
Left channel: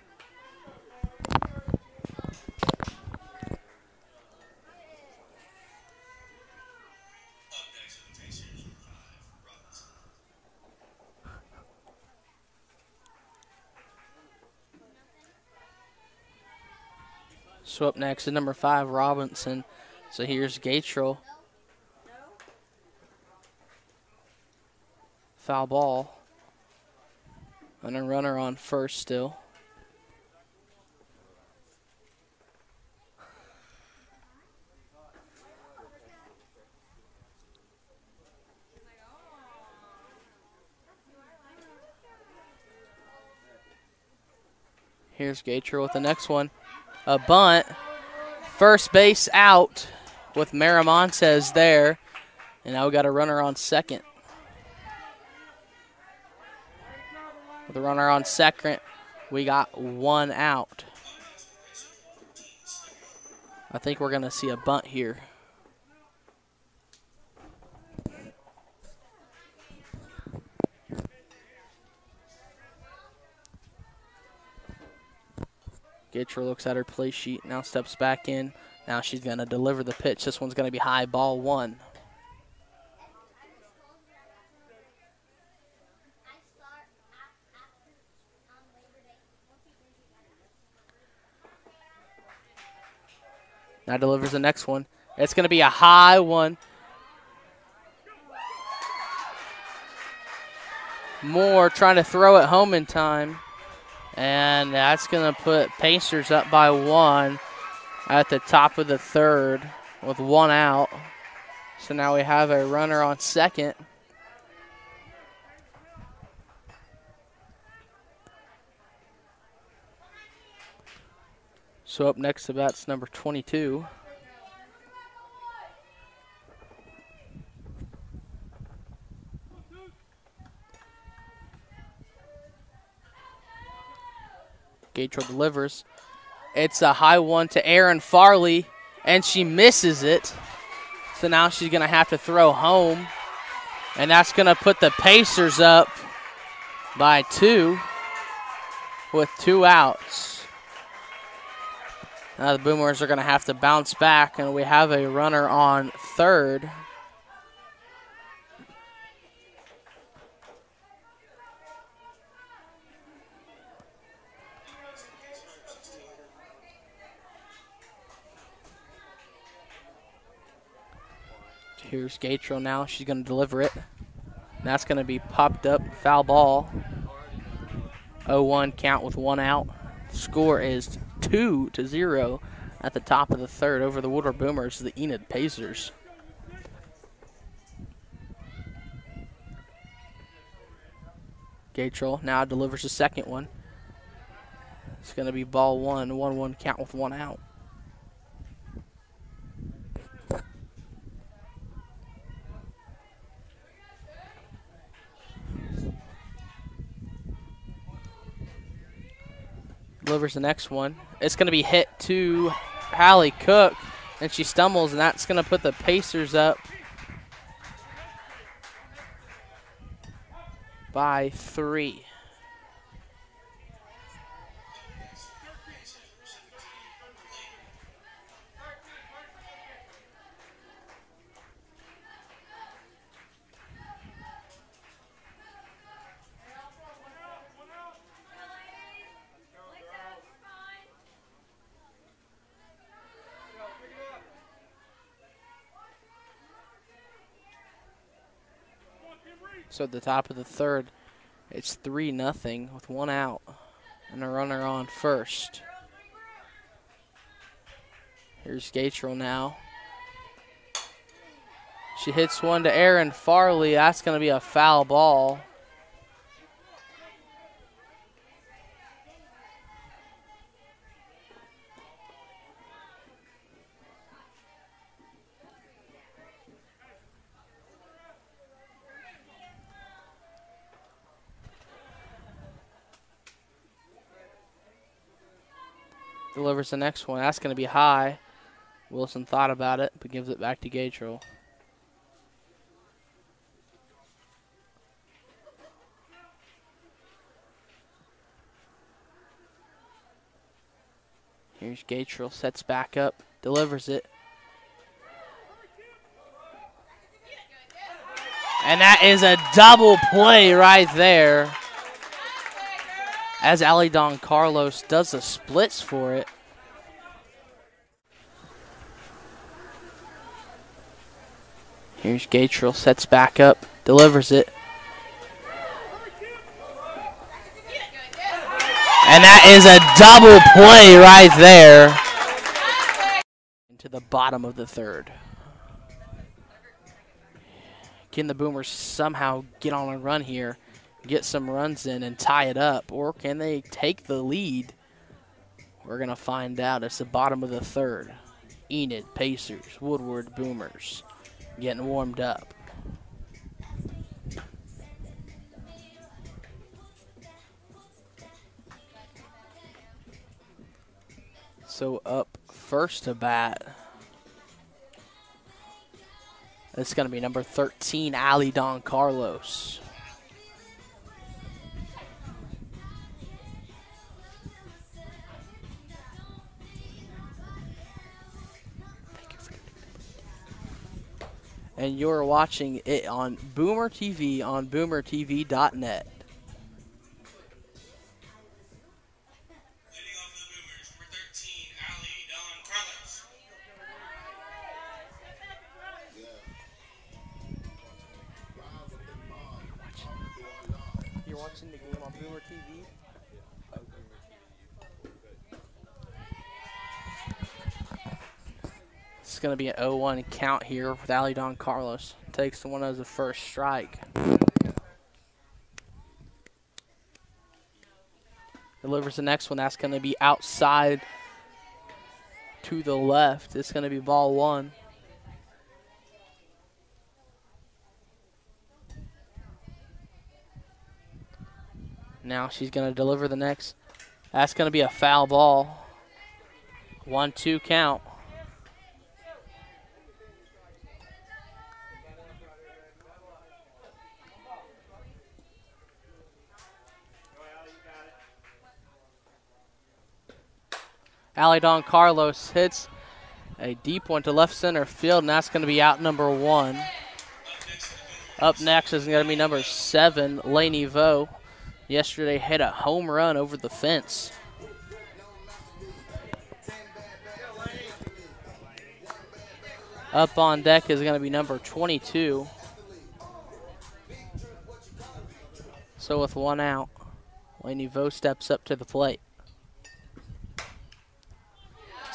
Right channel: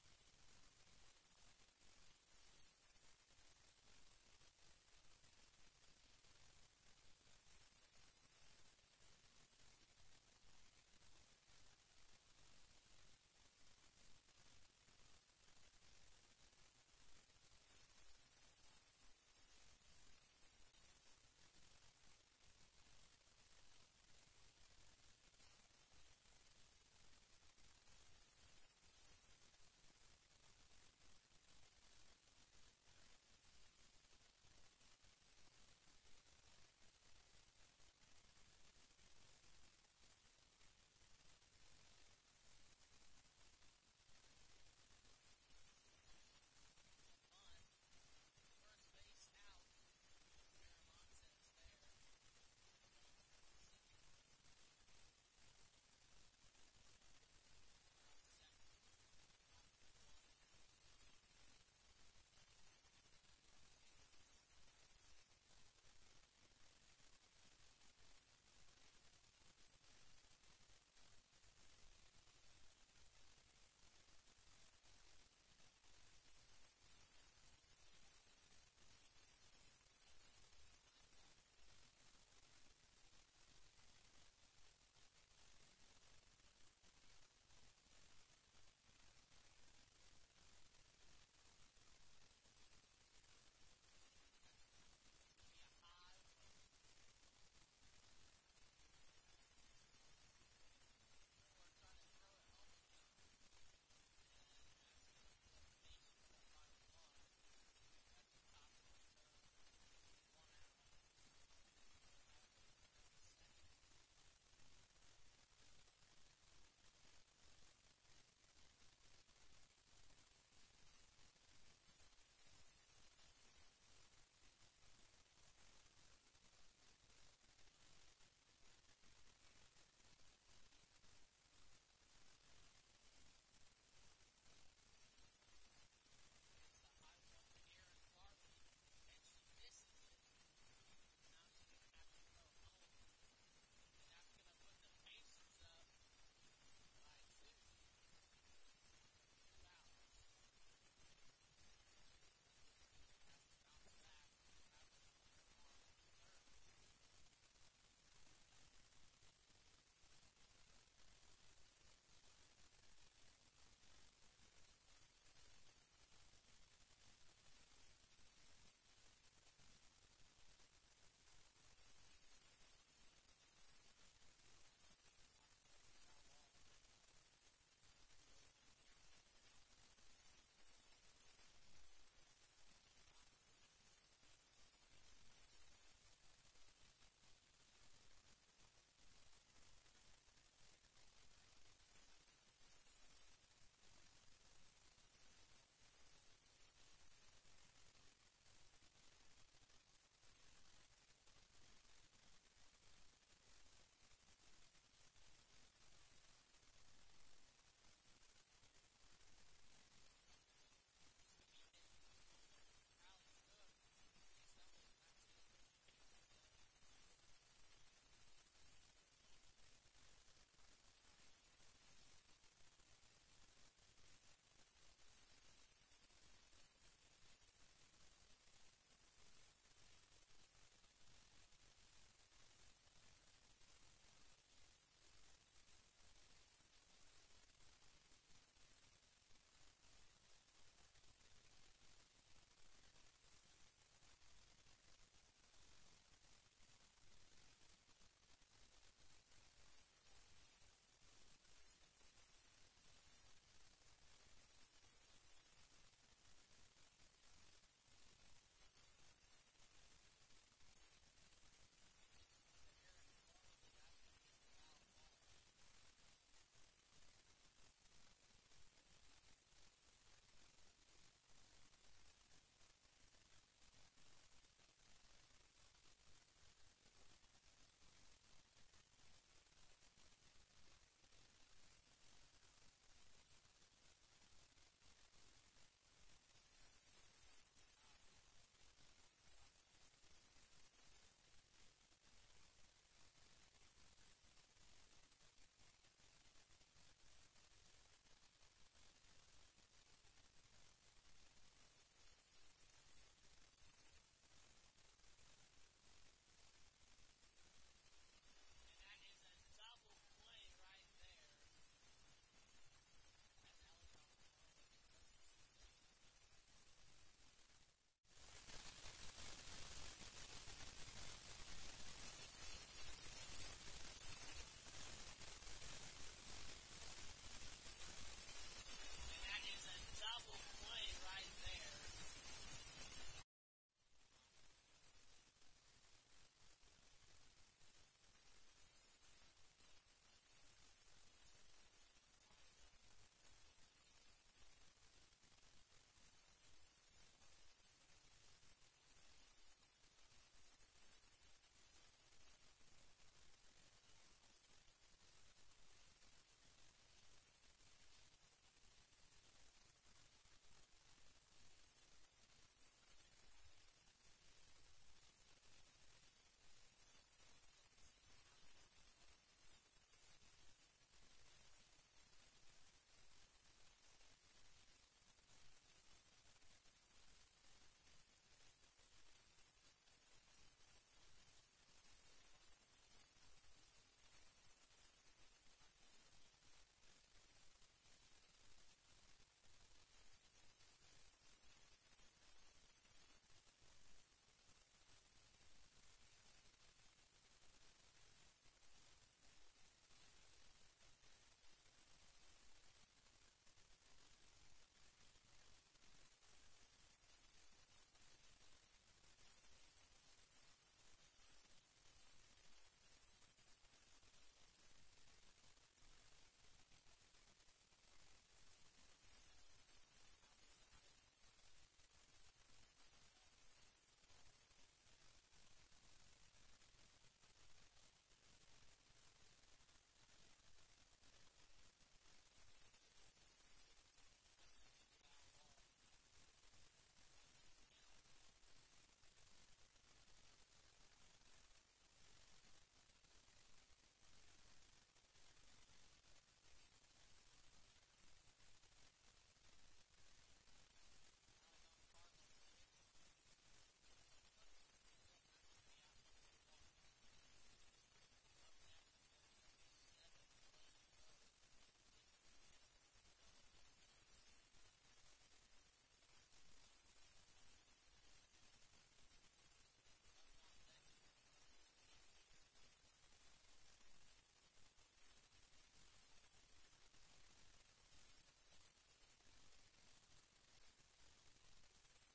So up next is number 5, Robinson. So here's Gatrell. Foul ball. And a runner on first still. Here's Gatrell with the next one. A bunt. First base out with Miramontes there. And now we got a runner on second. With a runner on second, we got 1 out. I think we're going to see a bunt here. Gatrell looks at her play sheet, now steps back in. Now she's going to deliver the pitch. This one's going to be high, ball 1. Now delivers the next one. It's going to be a high one. Moore trying to throw it home in time. And that's going to put Pacers up by 1 at the top of the third with 1 out. So now we have a runner on second. So up next to bat's number 22. Gatrell delivers. It's a high one to Aaron Farley, and she misses it. So now she's going to have to throw home, and that's going to put the Pacers up by 2 with 2 outs. The Boomers are going to have to bounce back, and we have a runner on third. Here's Gatro now. She's going to deliver it. That's going to be popped up. Foul ball. 0-1 count with 1 out. Score is 2-0 at the top of the third over the Woodward Boomers, the Enid Pacers. Gatrell now delivers the second one. It's going to be ball 1 count with 1 out. Delivers the next one. It's going to be hit to Hallie Cook, and she stumbles, and that's going to put the Pacers up by 3. So at the top of the third, it's 3-0 with 1 out and a runner on first. Here's Gatrell now. She hits one to Erin Farley. That's going to be a foul ball. Delivers the next one. That's going to be high. Wilson thought about it, but gives it back to Gatrell. Here's Gatrell, sets back up, delivers it. And that is a double play right there, as Ali Don Carlos does the splits for it. Here's Gatrell, sets back up, delivers it. And that is a double play right there into the bottom of the third. Can the Boomers somehow get on a run here, get some runs in and tie it up, or can they take the lead? We're going to find out. It's the bottom of the third. Enid Pacers, Woodward Boomers getting warmed up. So up first to bat, it's going to be number 13, Ali Don Carlos. And you're watching it on Boomer TV on boomertv.net. You're watching the game on Boomer TV? It's going to be an 0-1 count here with Ali Don Carlos. Takes the one as the first strike. Delivers the next one. That's going to be outside to the left. It's going to be ball 1. Now she's going to deliver the next. That's going to be a foul ball. 1-2 count. Alidon Carlos hits a deep one to left center field, and that's going to be out number 1. Up next is going to be number 7, Laney Vo. Yesterday hit a home run over the fence. Up on deck is going to be number 22. So with 1 out, Laney Vo steps up to the plate.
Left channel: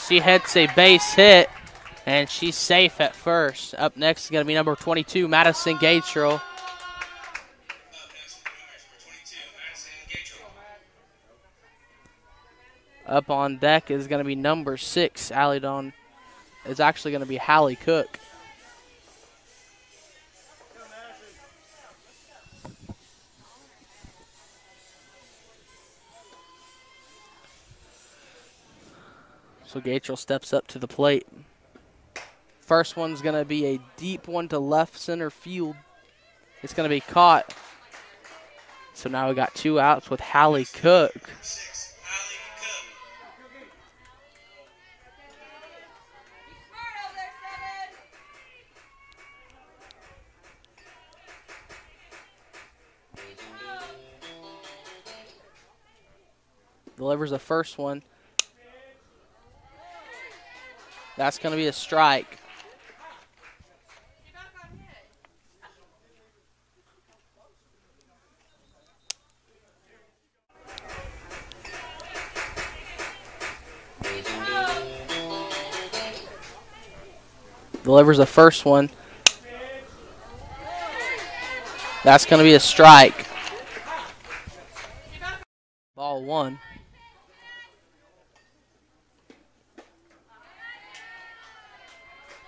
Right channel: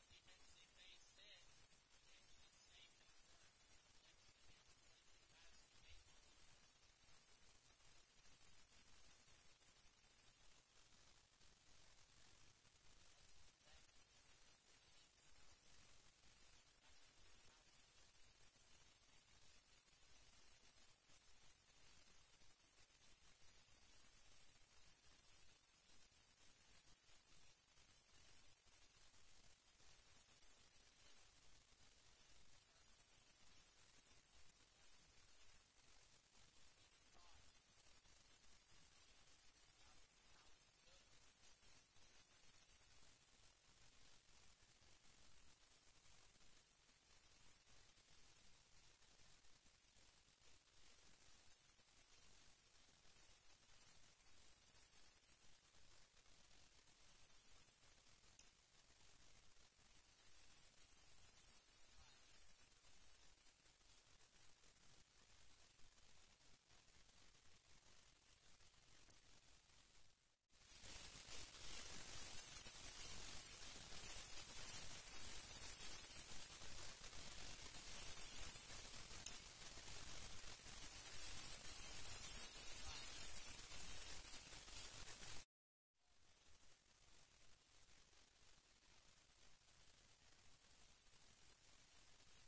She hits a base hit, and she's safe at first. Up next is going to be number 22, Madison Gatrell. Up on deck is going to be number 6, Alidon. It's actually going to be Hallie Cook. So Gatrell steps up to the plate. First one's going to be a deep one to left center field. It's going to be caught. So now we got 2 outs with Hallie Cook. Delivers the first one. That's going to be a strike. Delivers the first one. That's going to be a strike. Ball 1.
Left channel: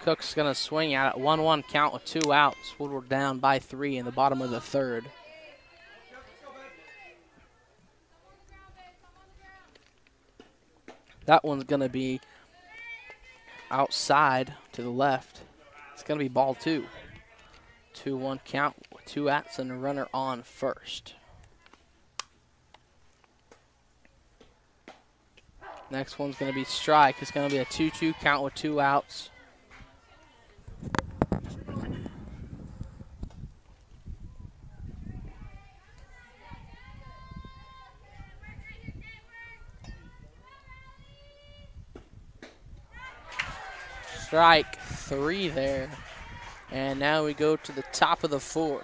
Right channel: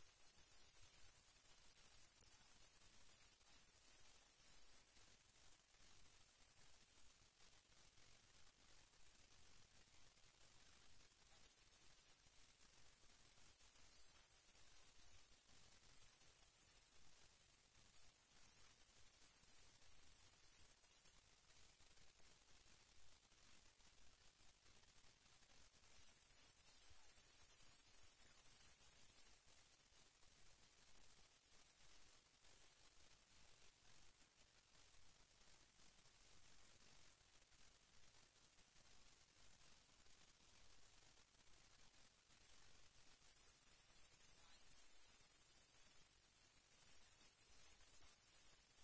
Cook's going to swing at it. 1-1 count with 2 outs. Woodward down by 3 in the bottom of the 3rd. That one's going to be outside to the left. It's going to be ball 2. 2-1 count with 2 outs and a runner on first. Next one's going to be strike. It's going to be a 2-2 count with 2 outs. Strike 3 there. And now we go to the top of the 4th.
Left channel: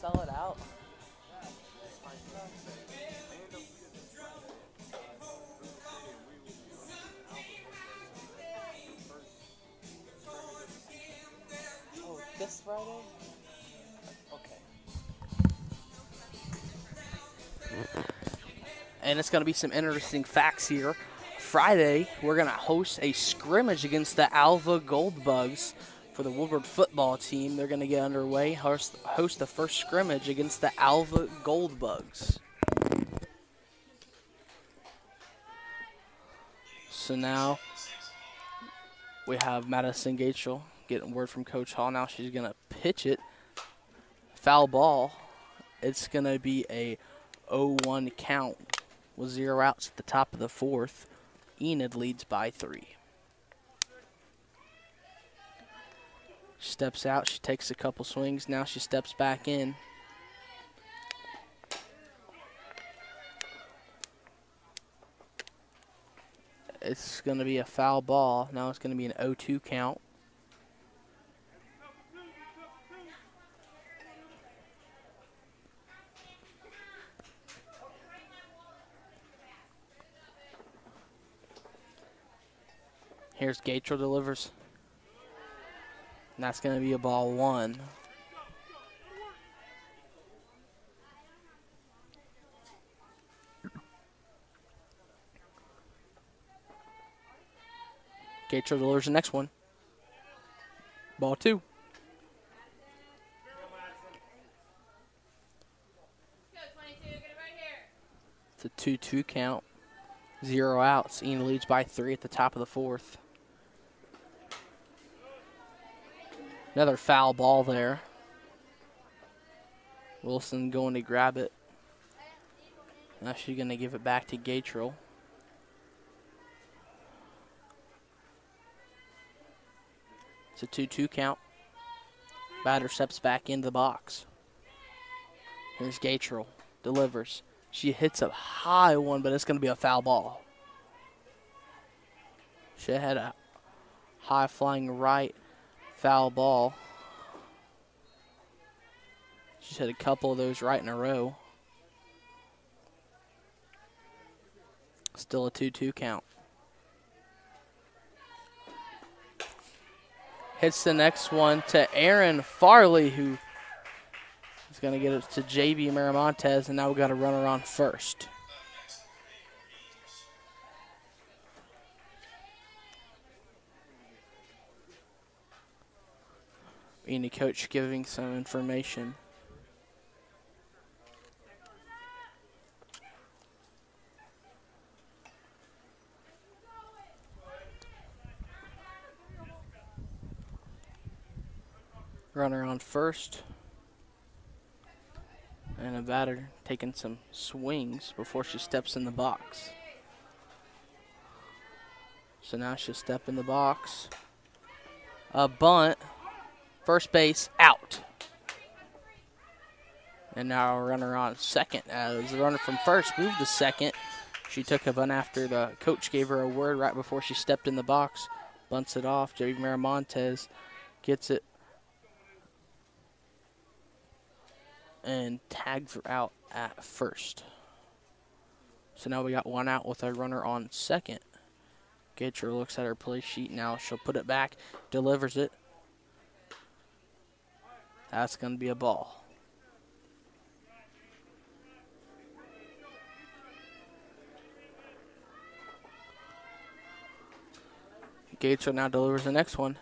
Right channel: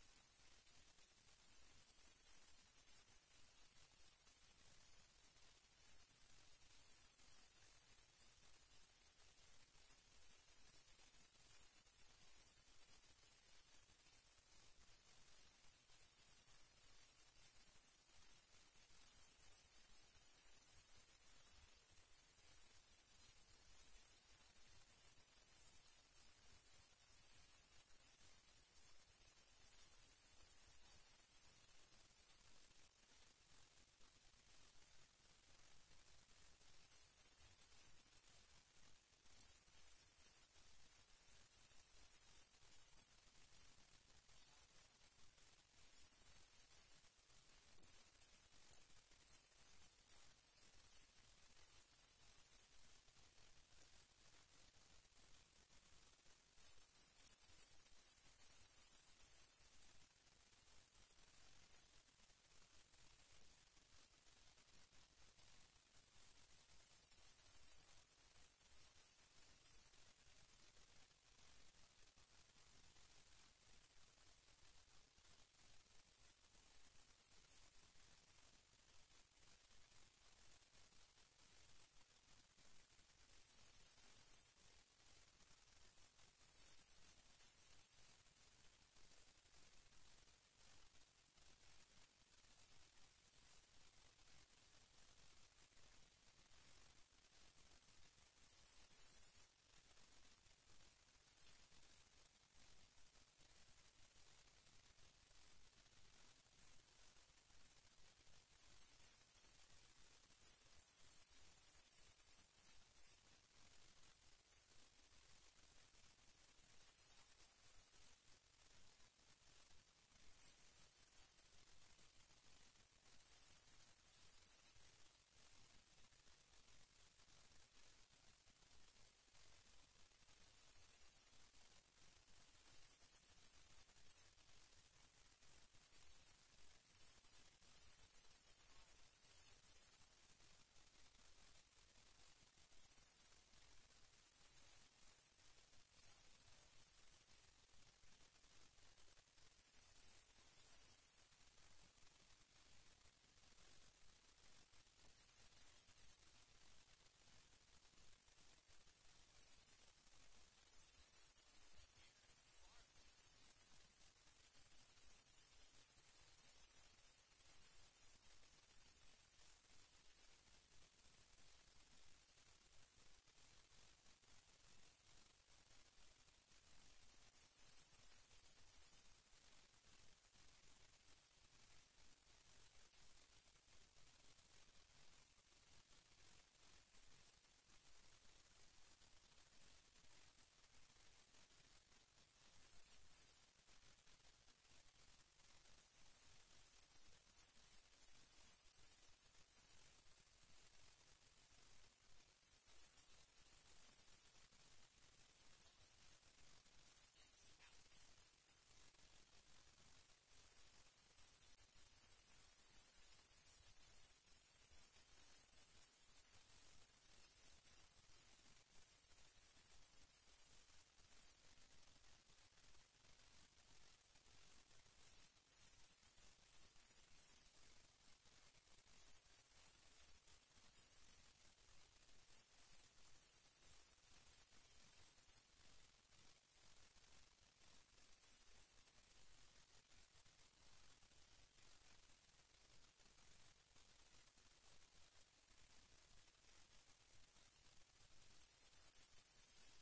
Sell it out. Oh, this Friday? Okay. And it's going to be some interesting facts here. Friday, we're going to host a scrimmage against the Alva Goldbugs. For the Woodward football team, they're going to get underway, host the first scrimmage against the Alva Goldbugs. So now we have Madison Gatrell getting word from Coach Hall. Now she's going to pitch it. Foul ball. It's going to be a 0-1 count with 0 outs at the top of the 4th. Enid leads by 3. She steps out, she takes a couple swings, now she steps back in. It's going to be a foul ball. Now it's going to be an 0-2 count. Here's Gatrell delivers. And that's going to be a ball 1. Gatro delivers the next one. Ball 2. It's a 2-2 count. 0 outs. Enid leads by 3 at the top of the 4th. Another foul ball there. Wilson going to grab it. Now she's going to give it back to Gatrell. It's a 2-2 count. Batter steps back into the box. Here's Gatrell. Delivers. She hits a high one, but it's going to be a foul ball. She had a high flying right foul ball. She's had a couple of those right in a row. Still a 2-2 count. Hits the next one to Aaron Farley, who is going to get it to JB Miramontes, and now we've got a runner on first. Enid coach giving some information. Runner on first. And a batter taking some swings before she steps in the box. So now she'll step in the box. A bunt. First base out. And now a runner on second. As the runner from first moved to second. She took a bunt after the coach gave her a word right before she stepped in the box. Bunts it off. JB Miramontes gets it and tags her out at first. So now we got one out with a runner on second. Gatrell looks at her play sheet now. She'll put it back, delivers it. That's going to be a ball. Gatrell now delivers the next one.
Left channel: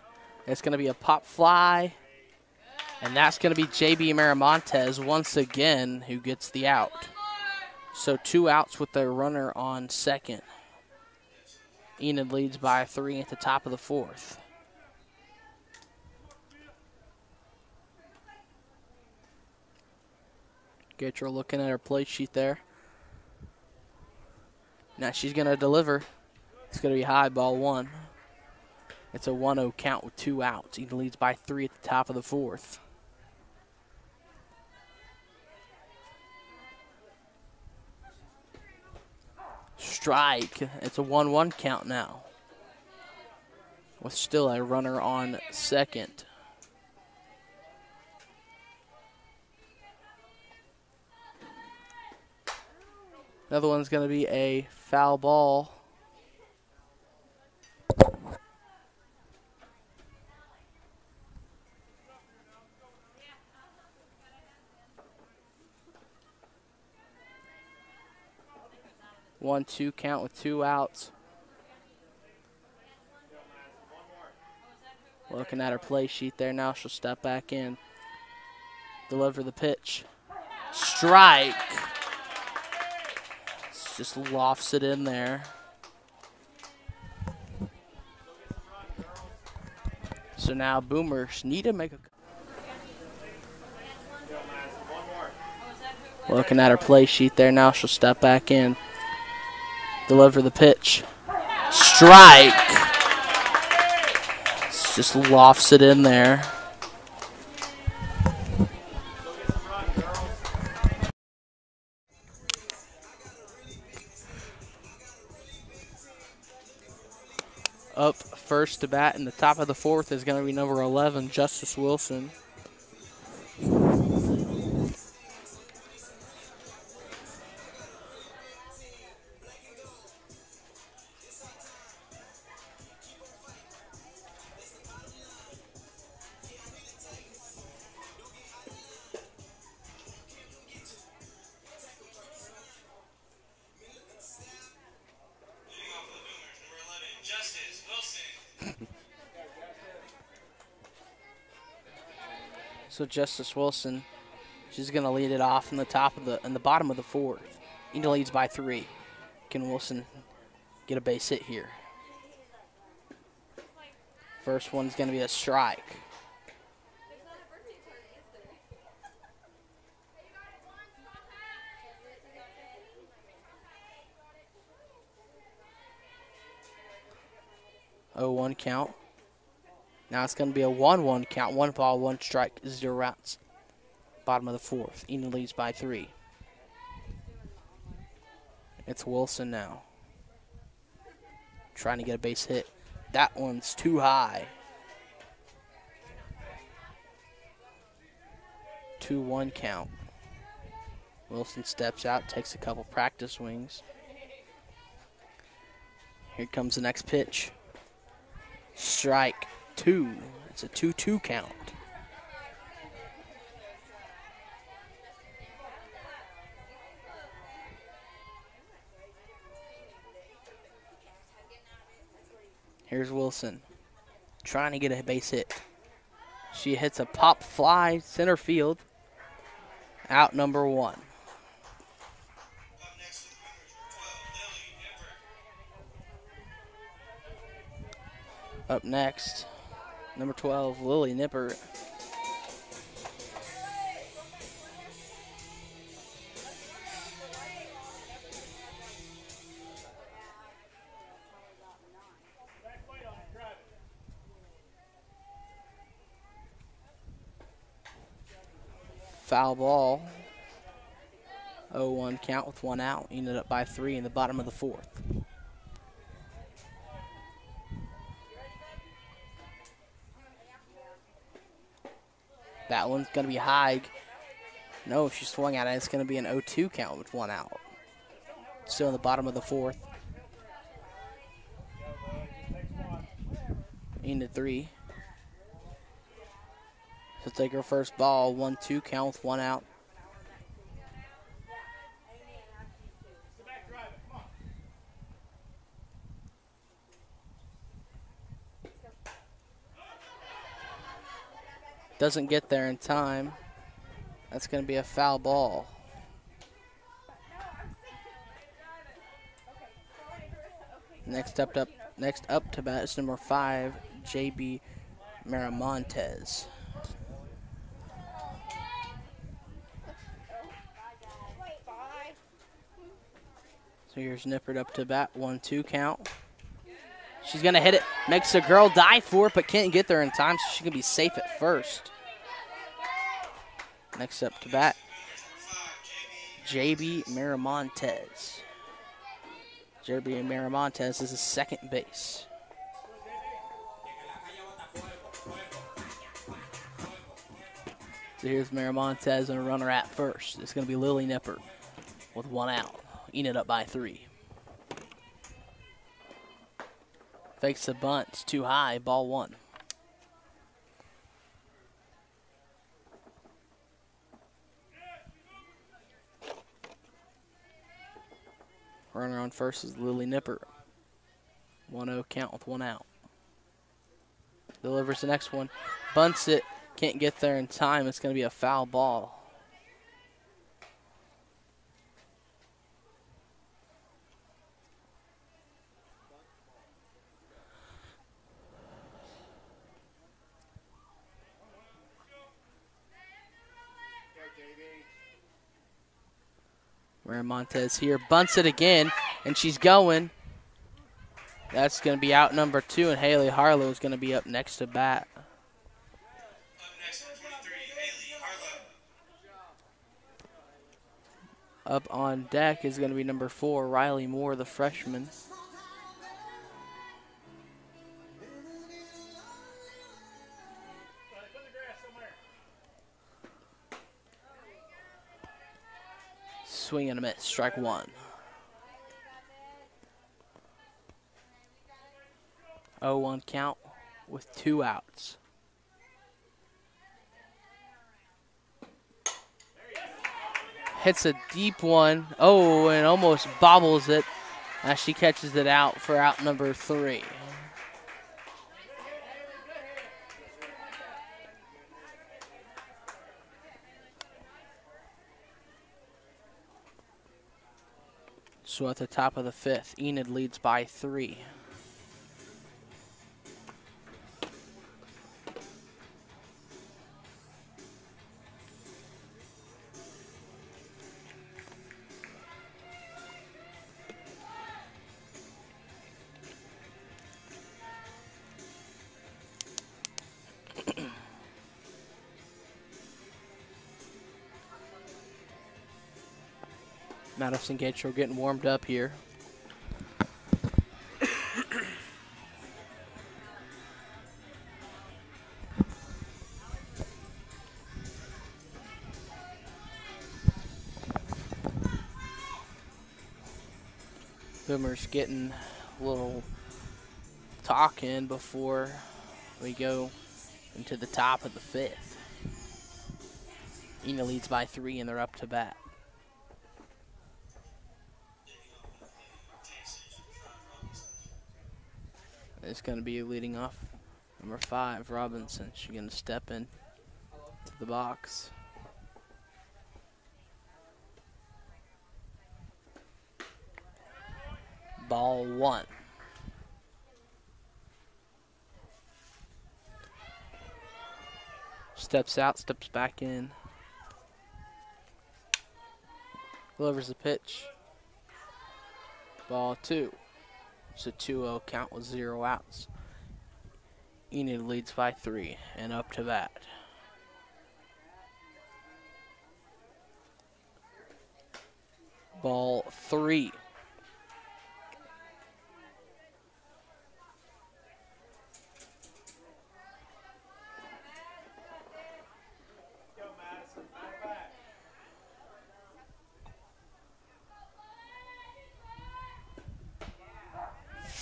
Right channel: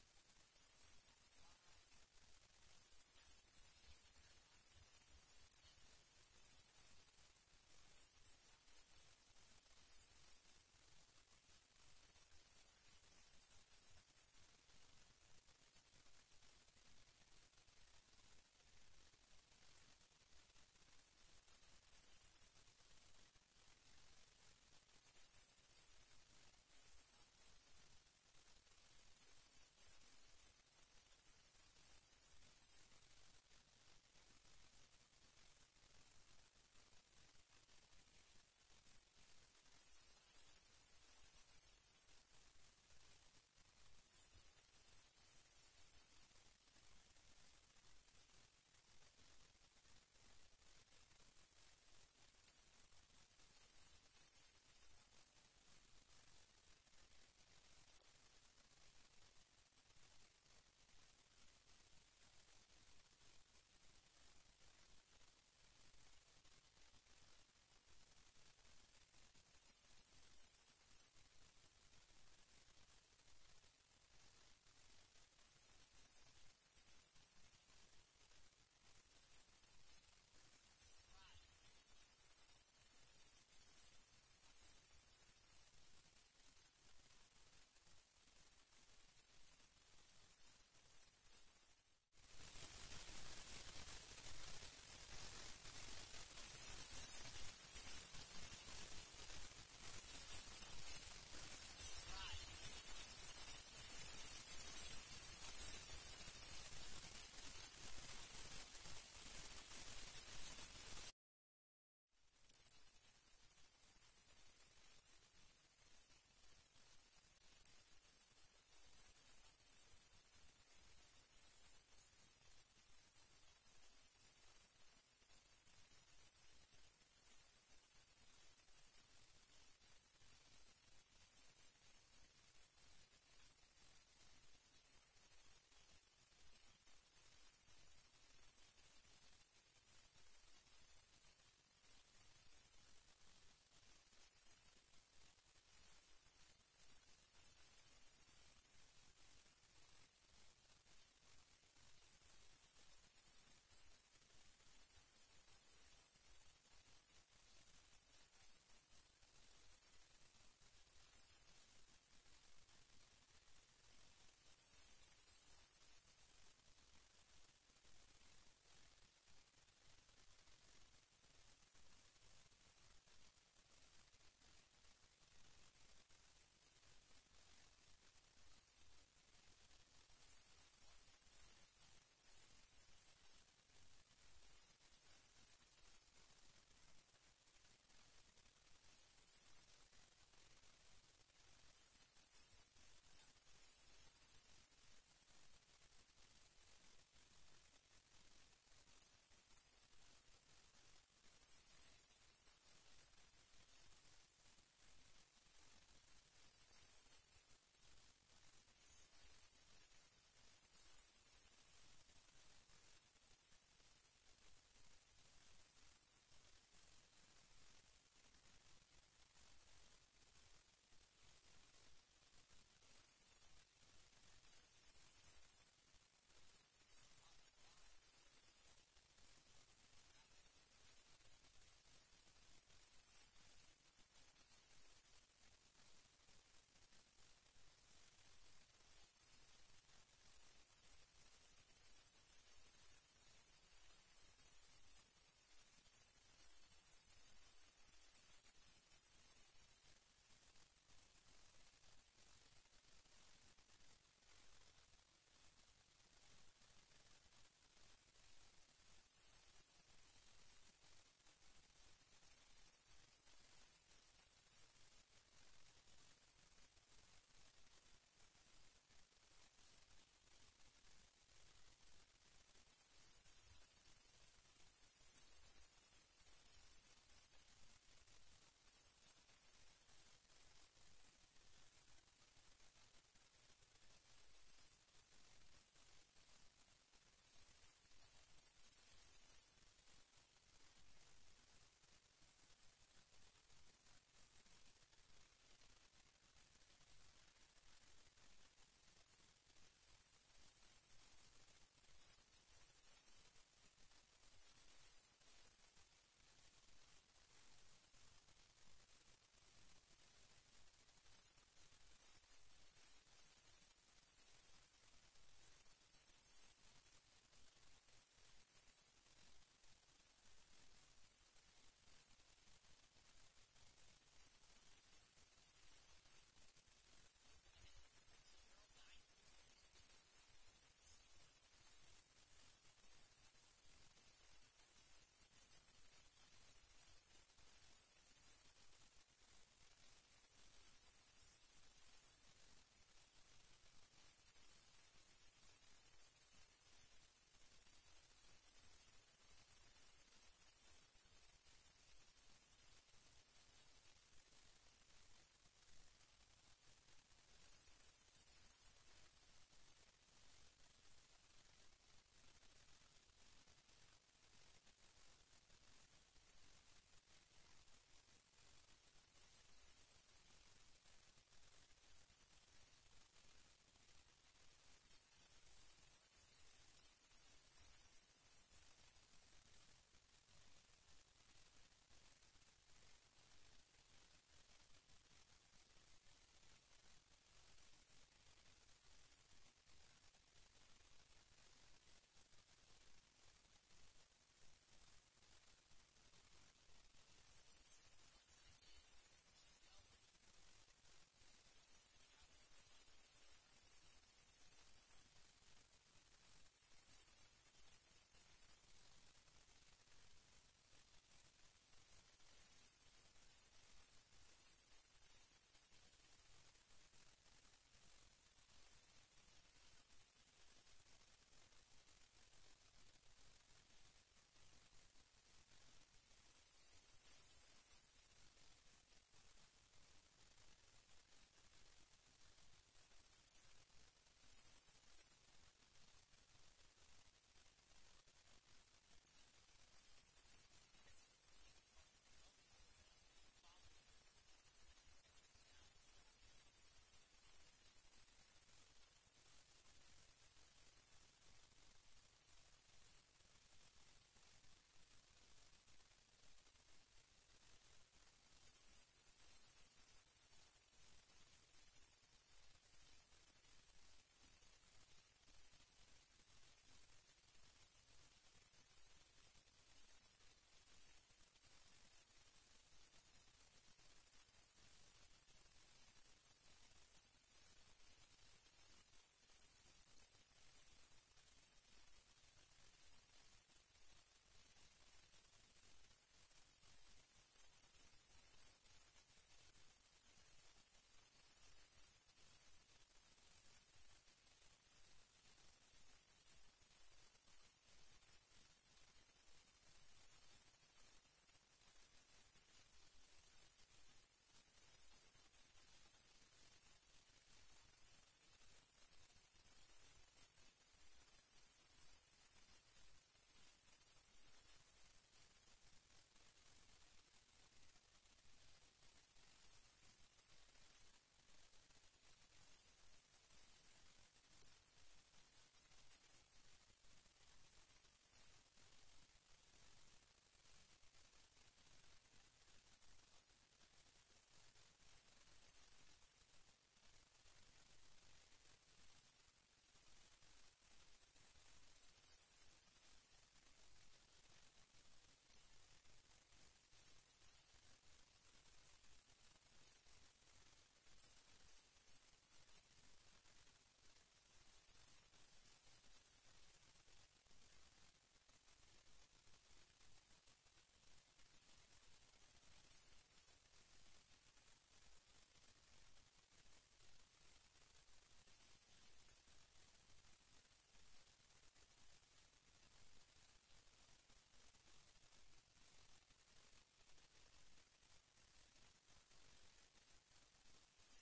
It's going to be a pop fly. And that's going to be JB Miramontes once again who gets the out. So 2 outs with the runner on second. Enid leads by 3 at the top of the 4th. Gatrell looking at her play sheet there. Now she's going to deliver. It's going to be high, ball 1. It's a 1-0 count with 2 outs. Enid leads by 3 at the top of the 4th. Strike. It's a 1-1 count now, with still a runner on second. Another one's going to be a foul ball. One, 2 count with 2 outs. Looking at her play sheet there now. She'll step back in. Deliver the pitch. Strike. Just lofts it in there. So now Boomers need to make a... Looking at her play sheet there now. She'll step back in. Deliver the pitch. Strike. Just lofts it in there. Up first to bat in the top of the 4th is going to be number 11, Justice Wilson. So Justice Wilson, she's gonna lead it off in the bottom of the fourth. Enid leads by 3. Can Wilson get a base hit here? First one's gonna be a strike. Oh, 1 count. Now it's going to be a 1-1 count. 1 ball, 1 strike, 0 outs. Bottom of the fourth. Enid leads by 3. It's Wilson now. Trying to get a base hit. That one's too high. 2-1 count. Wilson steps out, takes a couple practice swings. Here comes the next pitch. Strike 2. It's a 2-2 count. Here's Wilson trying to get a base hit. She hits a pop fly center field. Out number 1. Up next, number 12, Lily Nipper. Foul ball. 0-1 count with 1 out. Ended up by 3 in the bottom of the fourth. That one's going to be high. No, she swung at it. It's going to be an 0-2 count with 1 out. Still in the bottom of the fourth. Into 3. She'll take her first ball. 1-2 count with 1 out. Doesn't get there in time. That's going to be a foul ball. Next up to bat is number 5, JB Miramontes. So here's Nippert up to bat, 1-2 count. She's going to hit it, makes the girl dive for it, but can't get there in time, so she can be safe at first. Next up to bat, JB Miramontes. JB Miramontes is a second base. So here's Miramontes and a runner at first. It's going to be Lily Nippert with 1 out. Enid up by 3. Fakes the bunt. It's too high. Ball 1. Runner on first is Lily Nippert. 1-0 count with 1 out. Delivers the next one. Bunts it. Can't get there in time. It's going to be a foul ball. Miramontes here, bunts it again, and she's going. That's going to be out number 2, and Haley Harlow is going to be up next to bat. Up next, 23, Haley Harlow. Up on deck is going to be number 4, Riley Moore, the freshman. Swing and a miss, strike 1. 0-1 count with 2 outs. Hits a deep one. Oh, and almost bobbles it as she catches it out for out number 3. So at the top of the fifth, Enid leads by 3. Madison Gatro getting warmed up here. Boomer's getting a little talking before we go into the top of the fifth. Enid leads by 3 and they're up to bat. It's going to be leading off number 5, Robinson. She's going to step in to the box. Ball 1. Steps out, steps back in. Delivers the pitch. Ball 2. It's a 2-0 count with 0 outs. Enid leads by 3 and up to bat. Ball 3.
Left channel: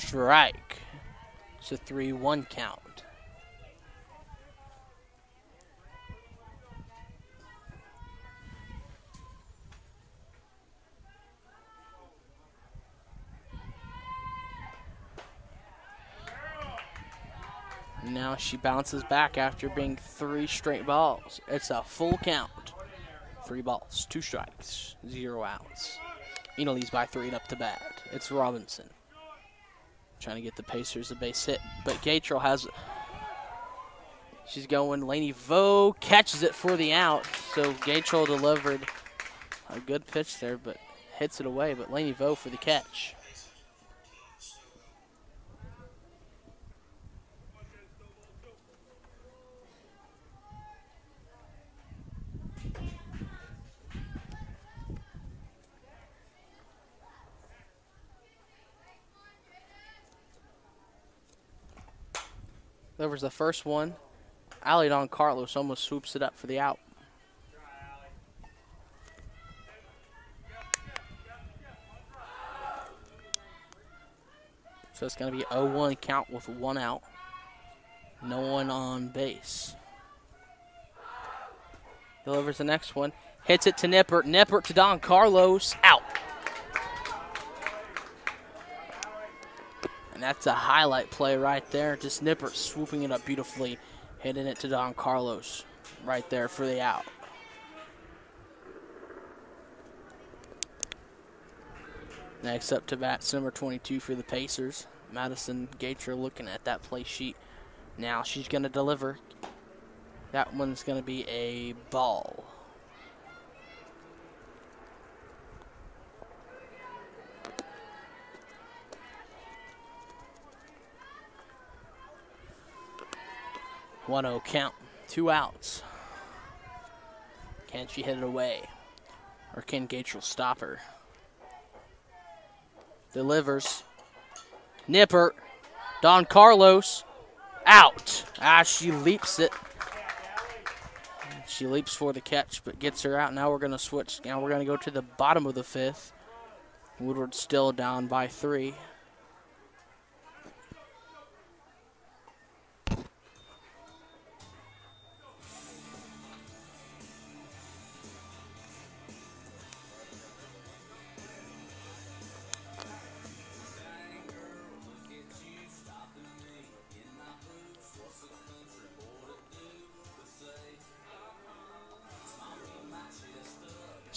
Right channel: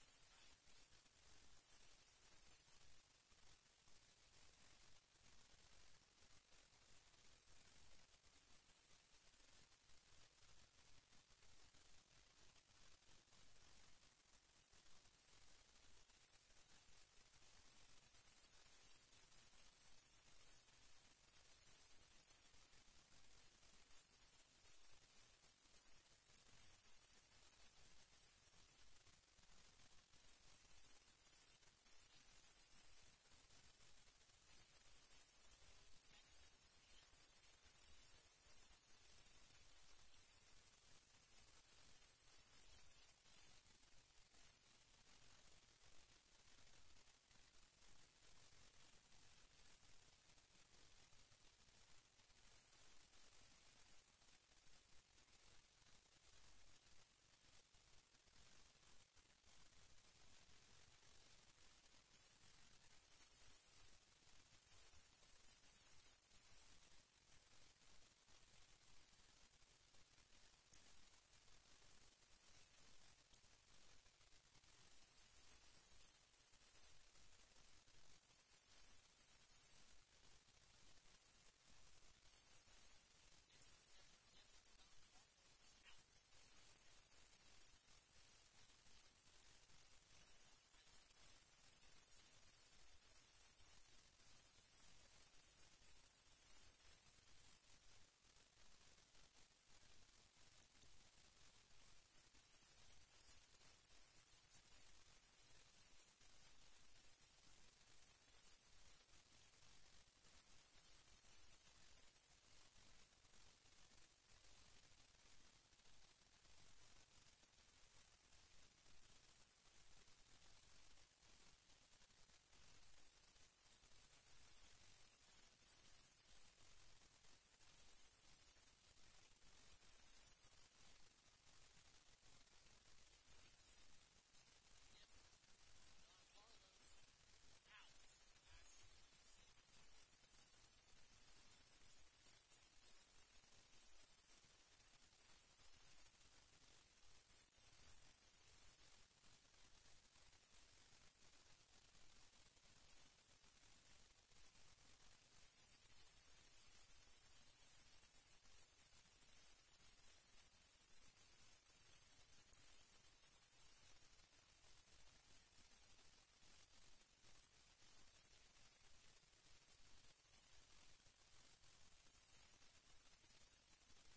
Strike. It's a 3-1 count. Now she bounces back after being 3 straight balls. It's a full count. 3 balls, 2 strikes, 0 outs. Enid leads by 3 and up to bat. It's Robinson. Trying to get the Pacers a base hit, but Gatro has. She's going. Lainey Vo catches it for the out. So Gatro delivered a good pitch there, but hits it away. But Lainey Vo for the catch. Delivers the first one. Alley Don Carlos almost swoops it up for the out. So it's going to be 0-1 count with 1 out. No one on base. Delivers the next one. Hits it to Nippert. Nippert to Don Carlos. Out. And that's a highlight play right there. Just Nippert swooping it up beautifully. Hitting it to Don Carlos right there for the out. Next up to bat, number 22 for the Pacers. Madison Gatro looking at that play sheet. Now she's going to deliver. That one's going to be a ball. One 0 count, 2 outs. Can she hit it away? Or can Gatro stop her? Delivers. Nippert. Don Carlos. Out. She leaps it. She leaps for the catch, but gets her out. Now we're going to switch. Now we're going to go to the bottom of the 5th. Woodward still down by 3.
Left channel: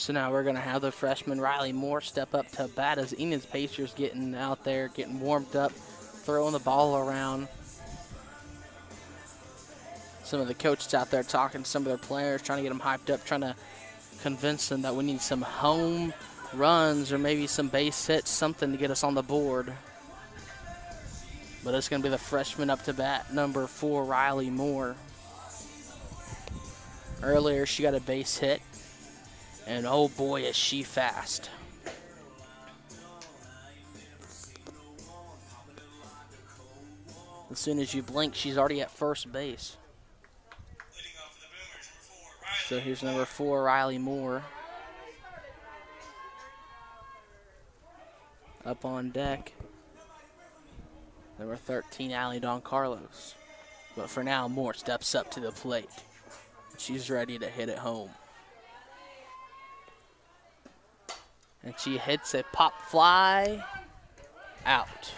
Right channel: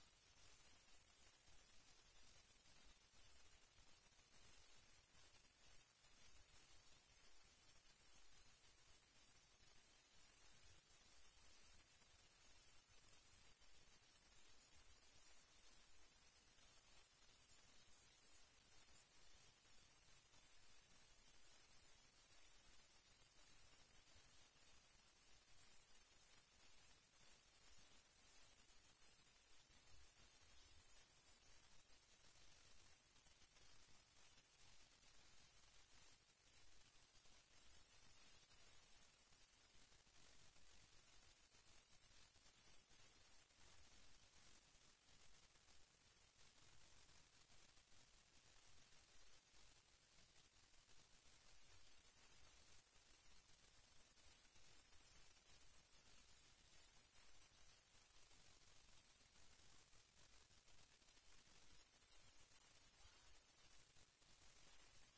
So now we're going to have the freshman Riley Moore step up to bat as Enid's Pacers getting out there, getting warmed up, throwing the ball around. Some of the coaches out there talking to some of their players, trying to get them hyped up, trying to convince them that we need some home runs or maybe some base hits, something to get us on the board. But it's going to be the freshman up to bat, number 4, Riley Moore. Earlier, she got a base hit, and oh boy, is she fast. As soon as you blink, she's already at first base. So here's number 4, Riley Moore. Up on deck, number 13, Allie Don Carlos. But for now, Moore steps up to the plate. She's ready to hit it home. And she hits a pop fly out.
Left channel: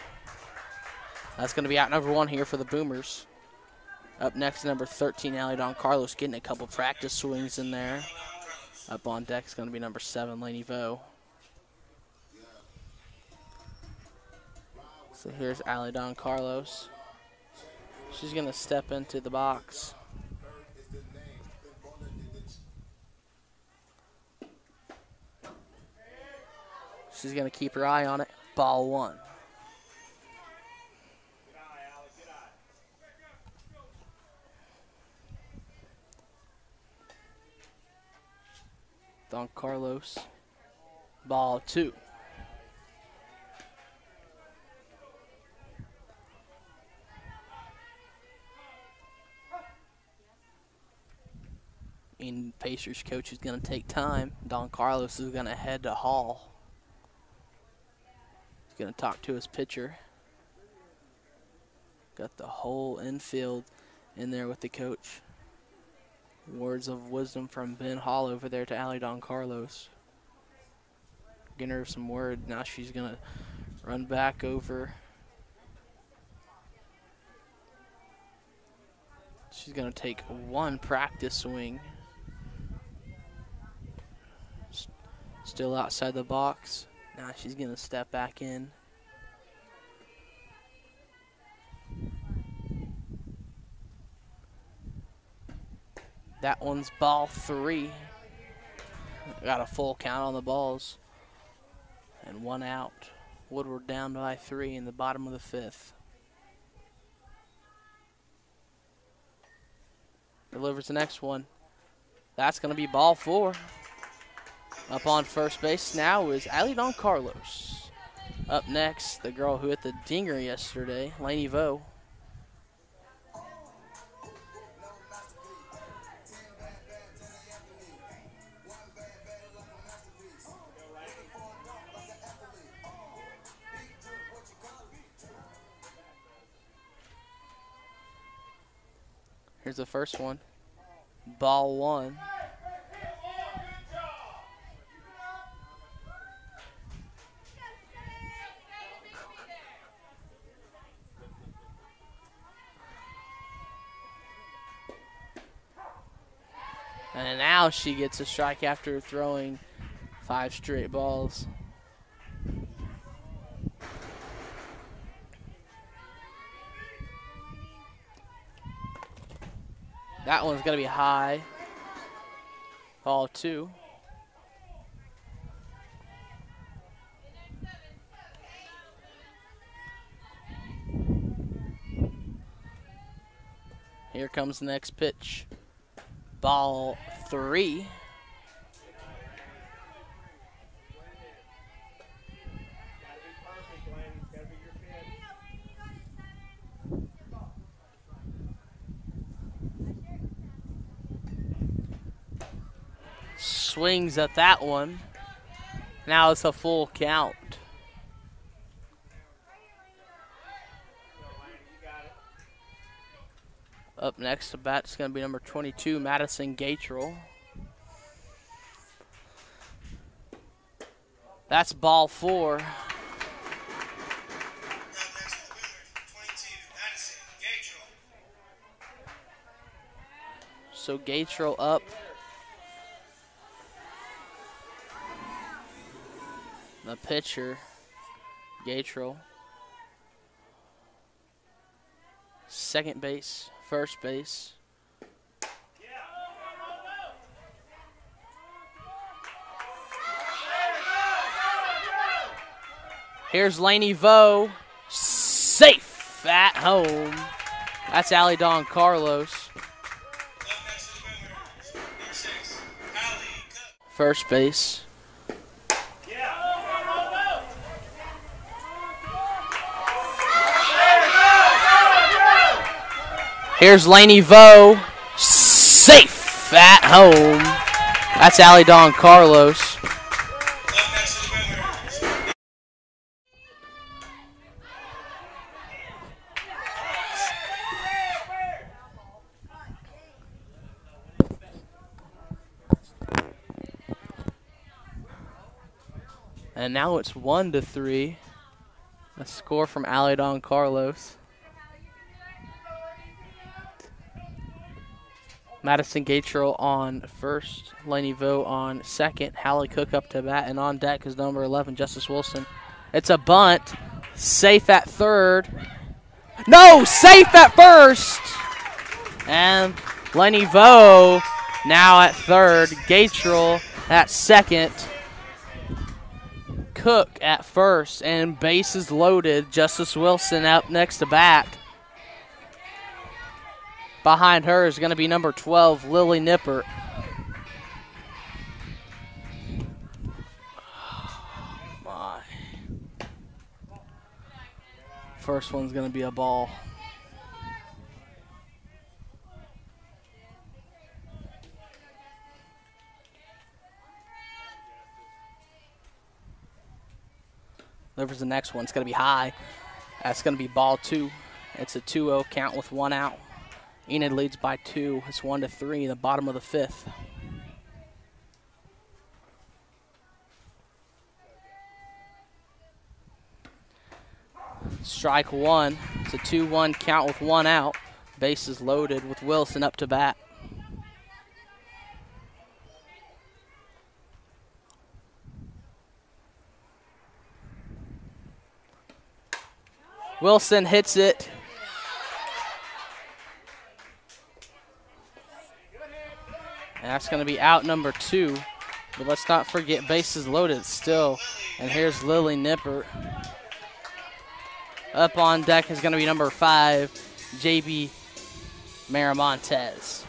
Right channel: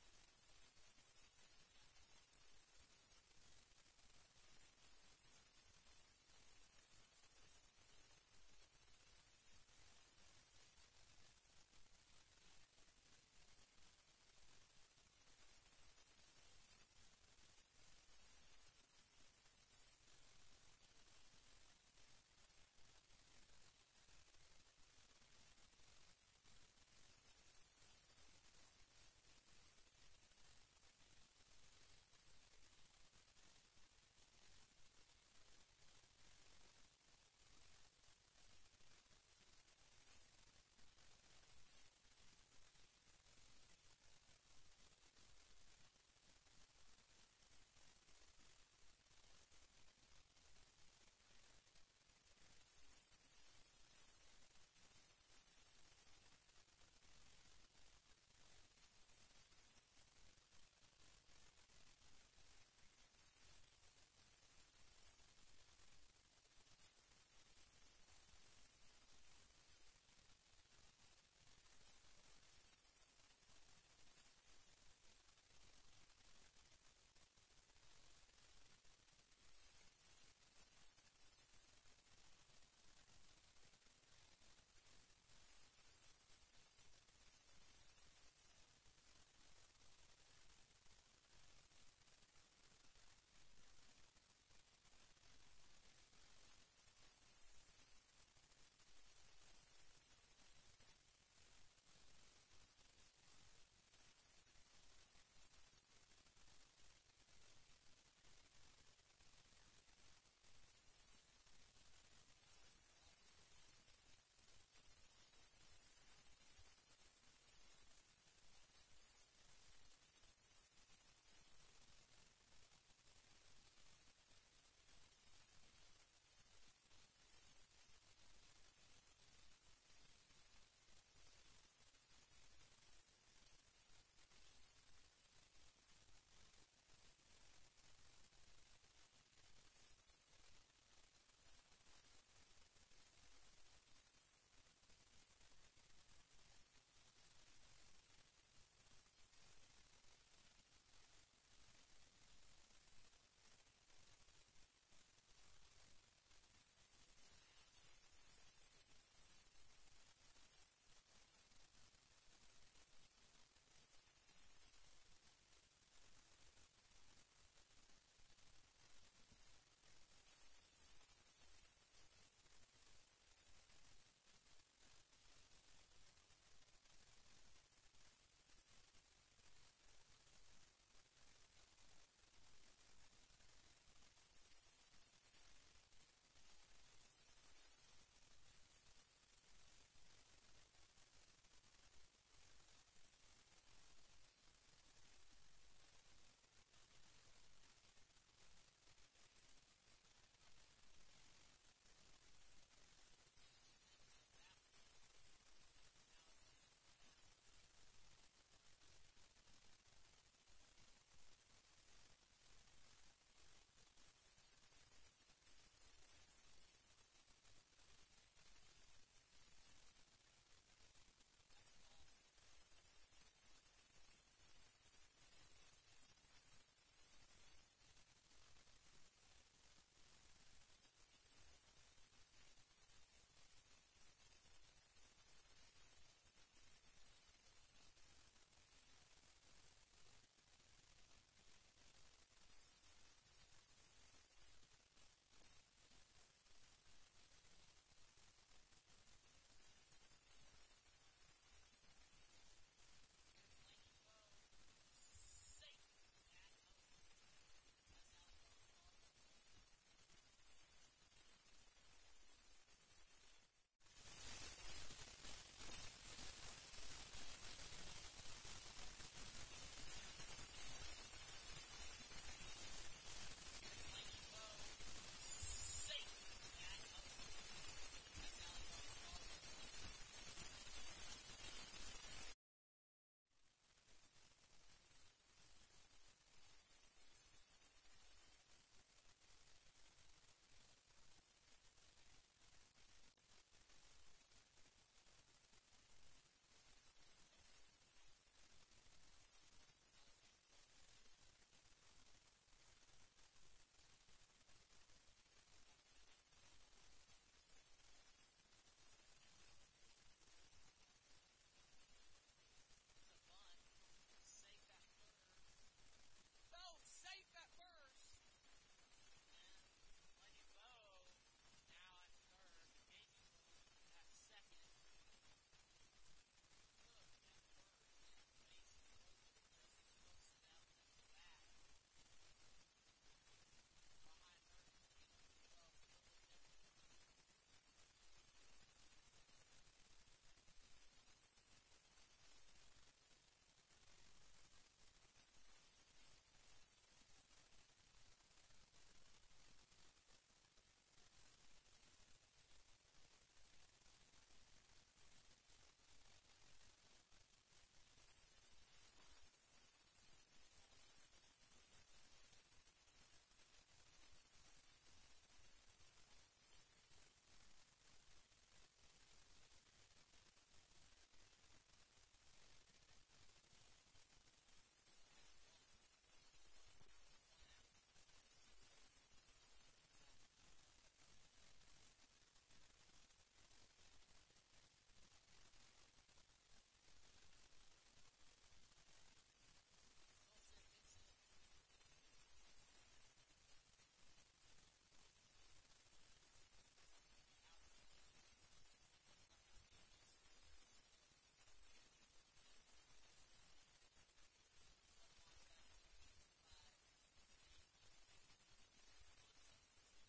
That's going to be out number 1 here for the Boomers. Up next, number 13, Allie Don Carlos, getting a couple practice swings in there. Up on deck is going to be number 7, Lainey Vo. So here's Allie Don Carlos. She's going to step into the box. She's going to keep her eye on it. Ball 1. Don Carlos. Ball 2. And Pacers coach is going to take time. Don Carlos is going to head to Hall. He's going to talk to his pitcher. Got the whole infield in there with the coach. Words of wisdom from Ben Hall over there to Allie Don Carlos. Getting her some word. Now she's going to run back over. She's going to take 1 practice swing. Still outside the box. Now she's going to step back in. That one's ball 3. Got a full count on the balls. And 1 out. Woodward down by 3 in the bottom of the 5th. Delivers the next one. That's going to be ball 4. Up on first base now is Allie Don Carlos. Up next, the girl who hit the dinger yesterday, Lainey Vo. Here's the first one. Ball 1. And now she gets a strike after throwing 5 straight balls. That one's going to be high. Ball 2. Here comes the next pitch. Ball 3. Swings at that one. Now it's a full count. Up next to bat is going to be number 22, Madison Gatrell. That's ball 4. So Gatrell up. The pitcher, Gatrell. Second base, first base. Here's Laney Vo, safe at home. That's Allie Don Carlos. First base. Here's Laney Vo, safe at home. That's Allie Don Carlos. And now it's 1-3. A score from Allie Don Carlos. Madison Gatrell on first, Laney Vo on second, Hallie Cook up to bat, and on deck is number 11, Justice Wilson. It's a bunt, safe at third. No, safe at first! And Laney Vo now at third, Gatrell at second, Cook at first, and bases loaded. Justice Wilson up next to bat. Behind her is going to be number 12, Lily Nippert. Oh my. First one's going to be a ball. There's the next one. It's going to be high. That's going to be ball 2. It's a 2-0 count with 1 out. Enid leads by 2. It's 1-3 in the bottom of the 5th. Strike 1. It's a 2-1 count with 1 out. Bases loaded with Wilson up to bat. Wilson hits it. And that's going to be out number 2. But let's not forget bases loaded still. And here's Lily Nippert. Up on deck is going to be number 5, JB Miramontes.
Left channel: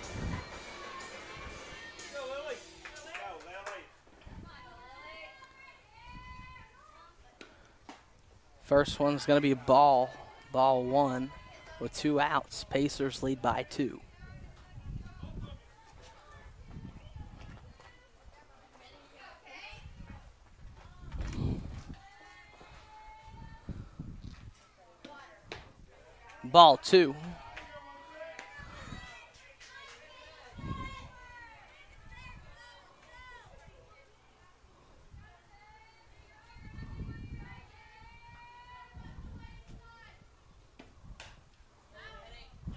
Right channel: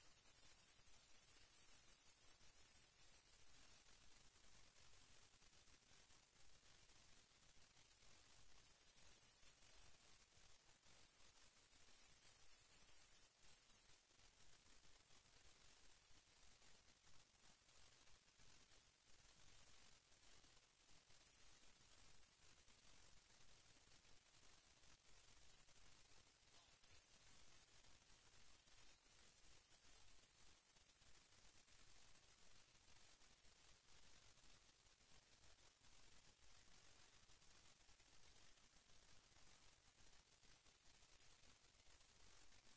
First one's going to be ball 1 with 2 outs. Pacers lead by 2. Ball 2.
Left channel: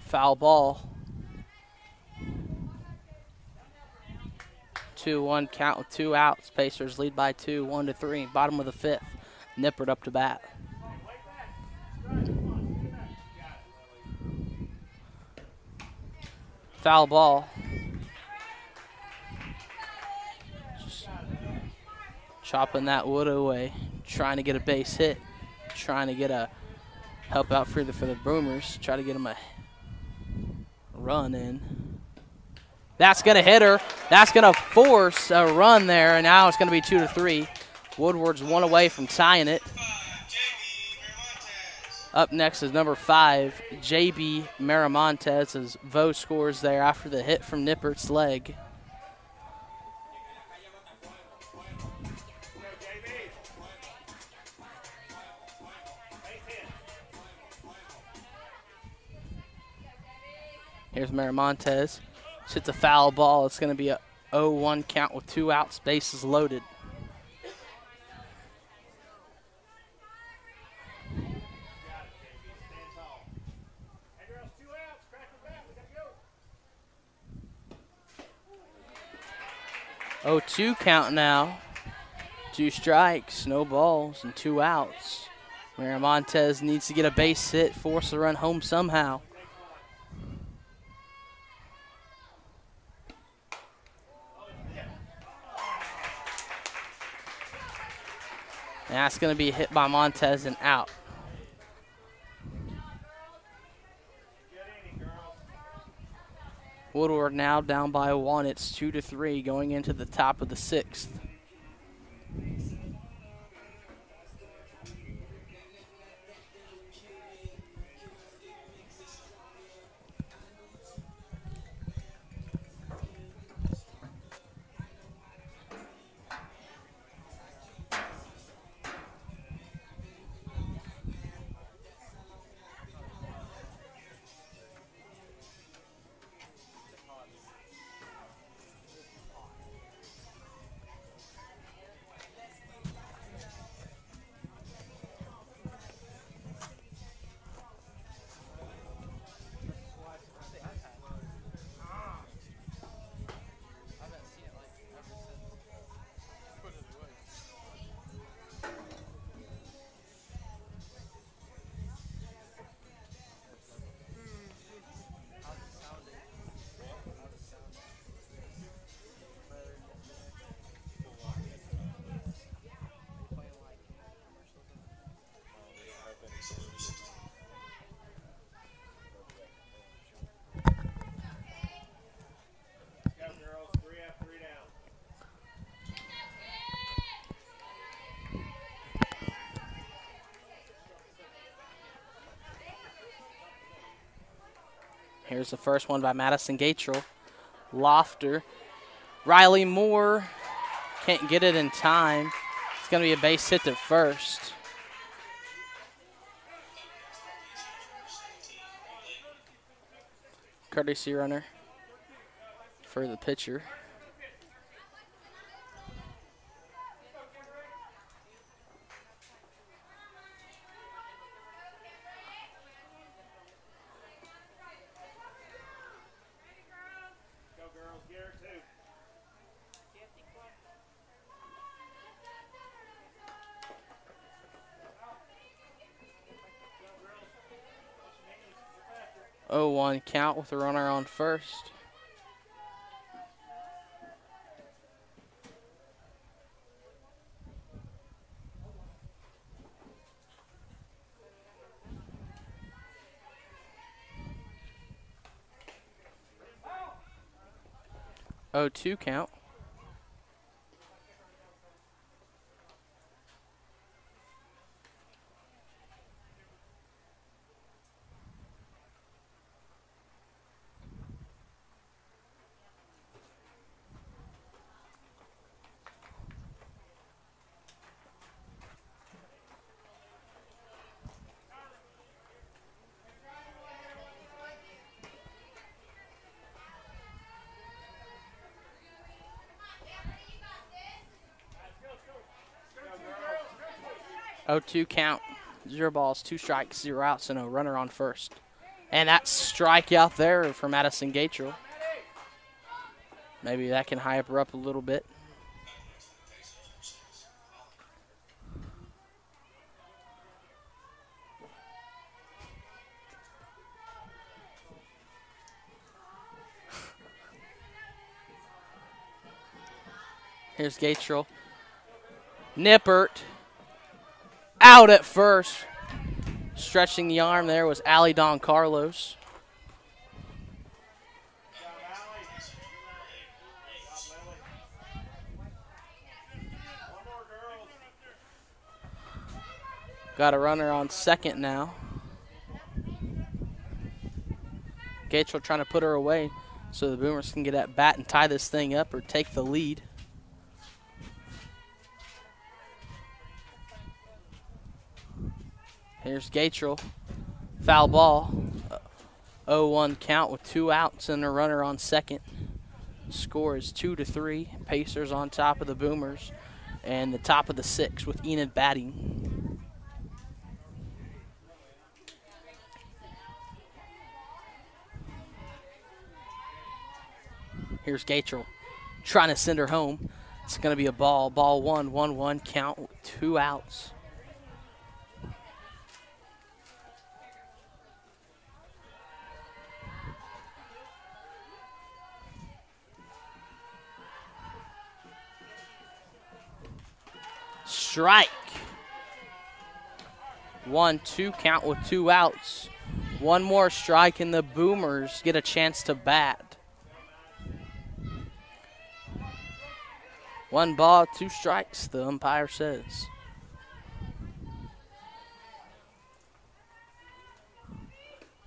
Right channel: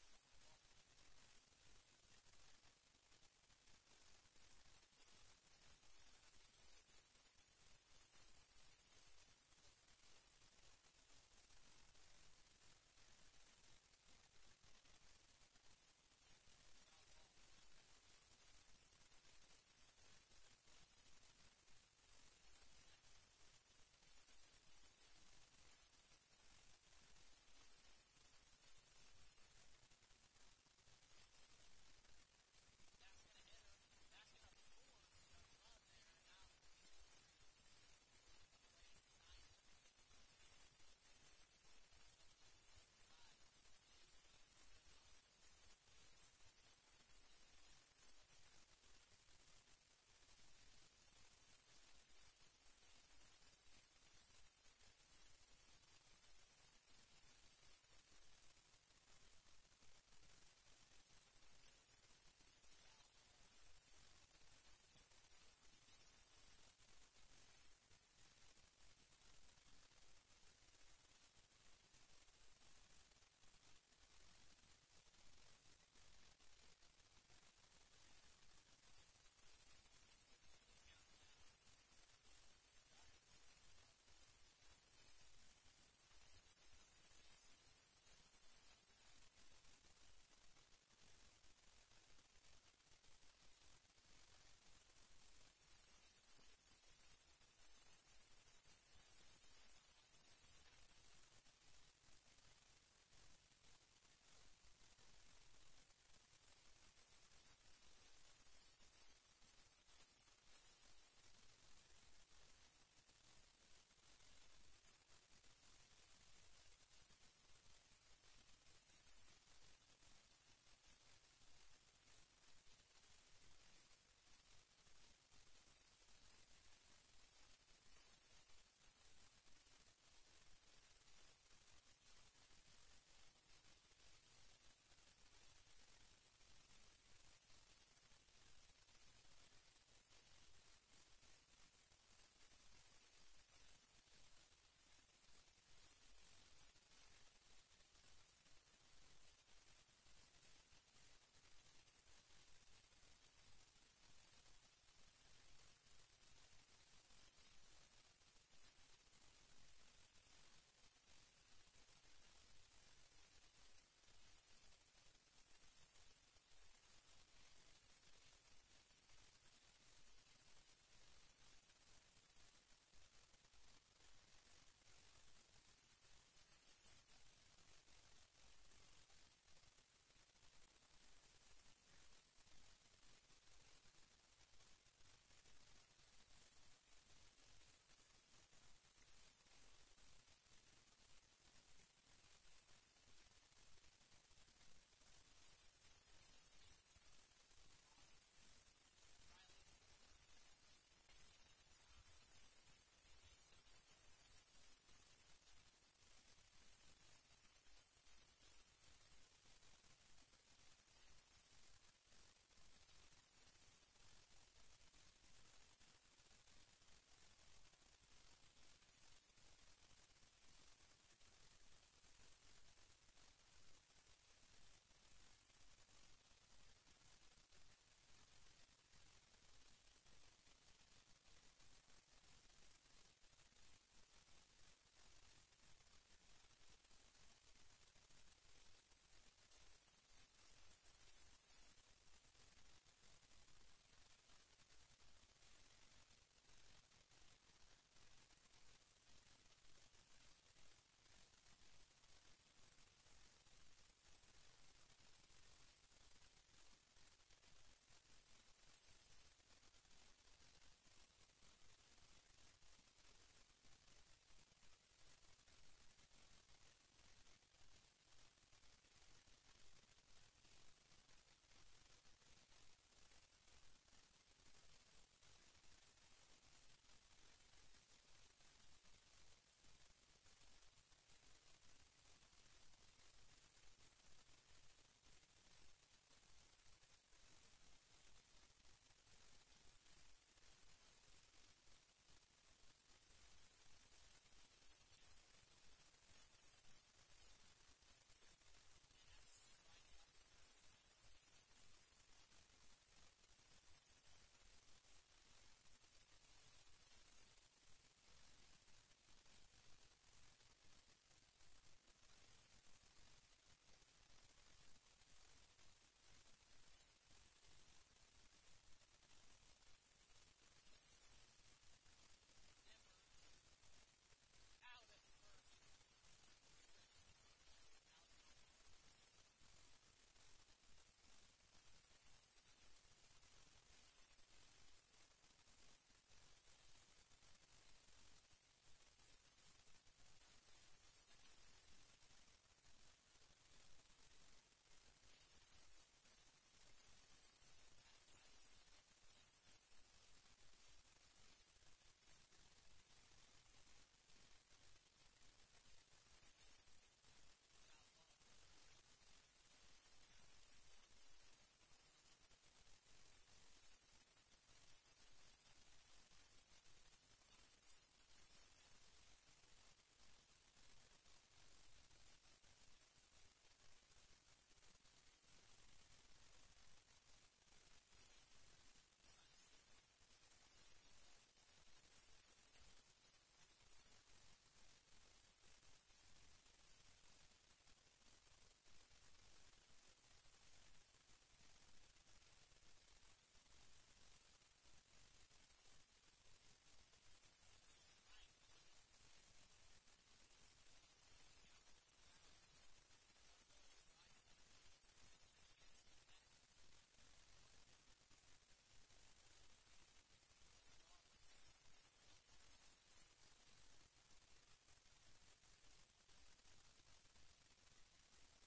Foul ball. 2-1 count with 2 outs. Pacers lead by 2, 1-3. Bottom of the 5th. Nippert up to bat. Foul ball. Just chopping that wood away. Trying to get a base hit. Trying to get a help out for the Boomers. Try to get them a run in. That's going to hit her. That's going to force a run there, and now it's going to be 2-3. Woodward's 1 away from tying it. Up next is number 5, JB Miramontes, as Vo scores there after the hit from Nippert's leg. Here's Miramontes. Hits a foul ball. It's going to be a 0-1 count with 2 outs. Bases loaded. Oh, 2 count now. 2 strikes, no balls, and 2 outs. Miramontes needs to get a base hit, force the run home somehow. And that's going to be hit by Montez and out. Woodward now down by 1. It's 2-3 going into the top of the 6th. Here's the first one by Madison Gatrell. Lofter. Riley Moore can't get it in time. It's going to be a base hit to first. Courtesy runner for the pitcher. Oh, 1 count with a runner on first. Oh, 2 count. Oh, 2 count. 0 balls, 2 strikes, 0 outs, and a runner on first. And that strikeout there for Madison Gatrell. Maybe that can hype her up a little bit. Here's Gatrell. Nippert. Out at first. Stretching the arm there was Ali Don Carlos. Got a runner on second now. Gatrell trying to put her away so the Boomers can get at bat and tie this thing up or take the lead. Here's Gatrell. Foul ball. 0-1 count with 2 outs and a runner on second. Score is 2-3. Pacers on top of the Boomers. And the top of the 6th with Enid batting. Here's Gatrell trying to send her home. It's going to be a ball. Ball 1-1-1 count with 2 outs. Strike. 1-2 count with 2 outs. One more strike and the Boomers get a chance to bat. 1 ball, 2 strikes, the umpire says.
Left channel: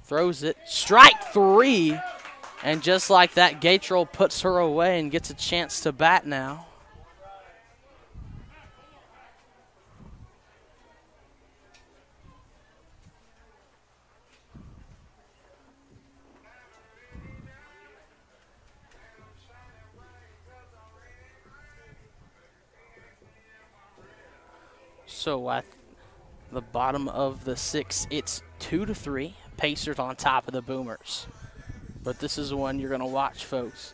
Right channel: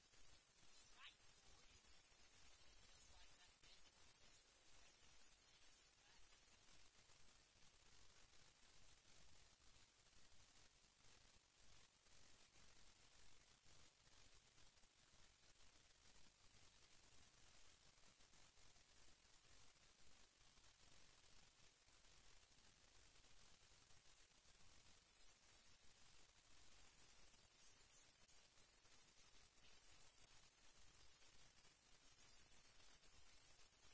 Throws it. Strike 3. And just like that, Gatrell puts her away and gets a chance to bat now. So at the bottom of the 6th, it's 2-3. Pacers on top of the Boomers. But this is one you're going to watch, folks.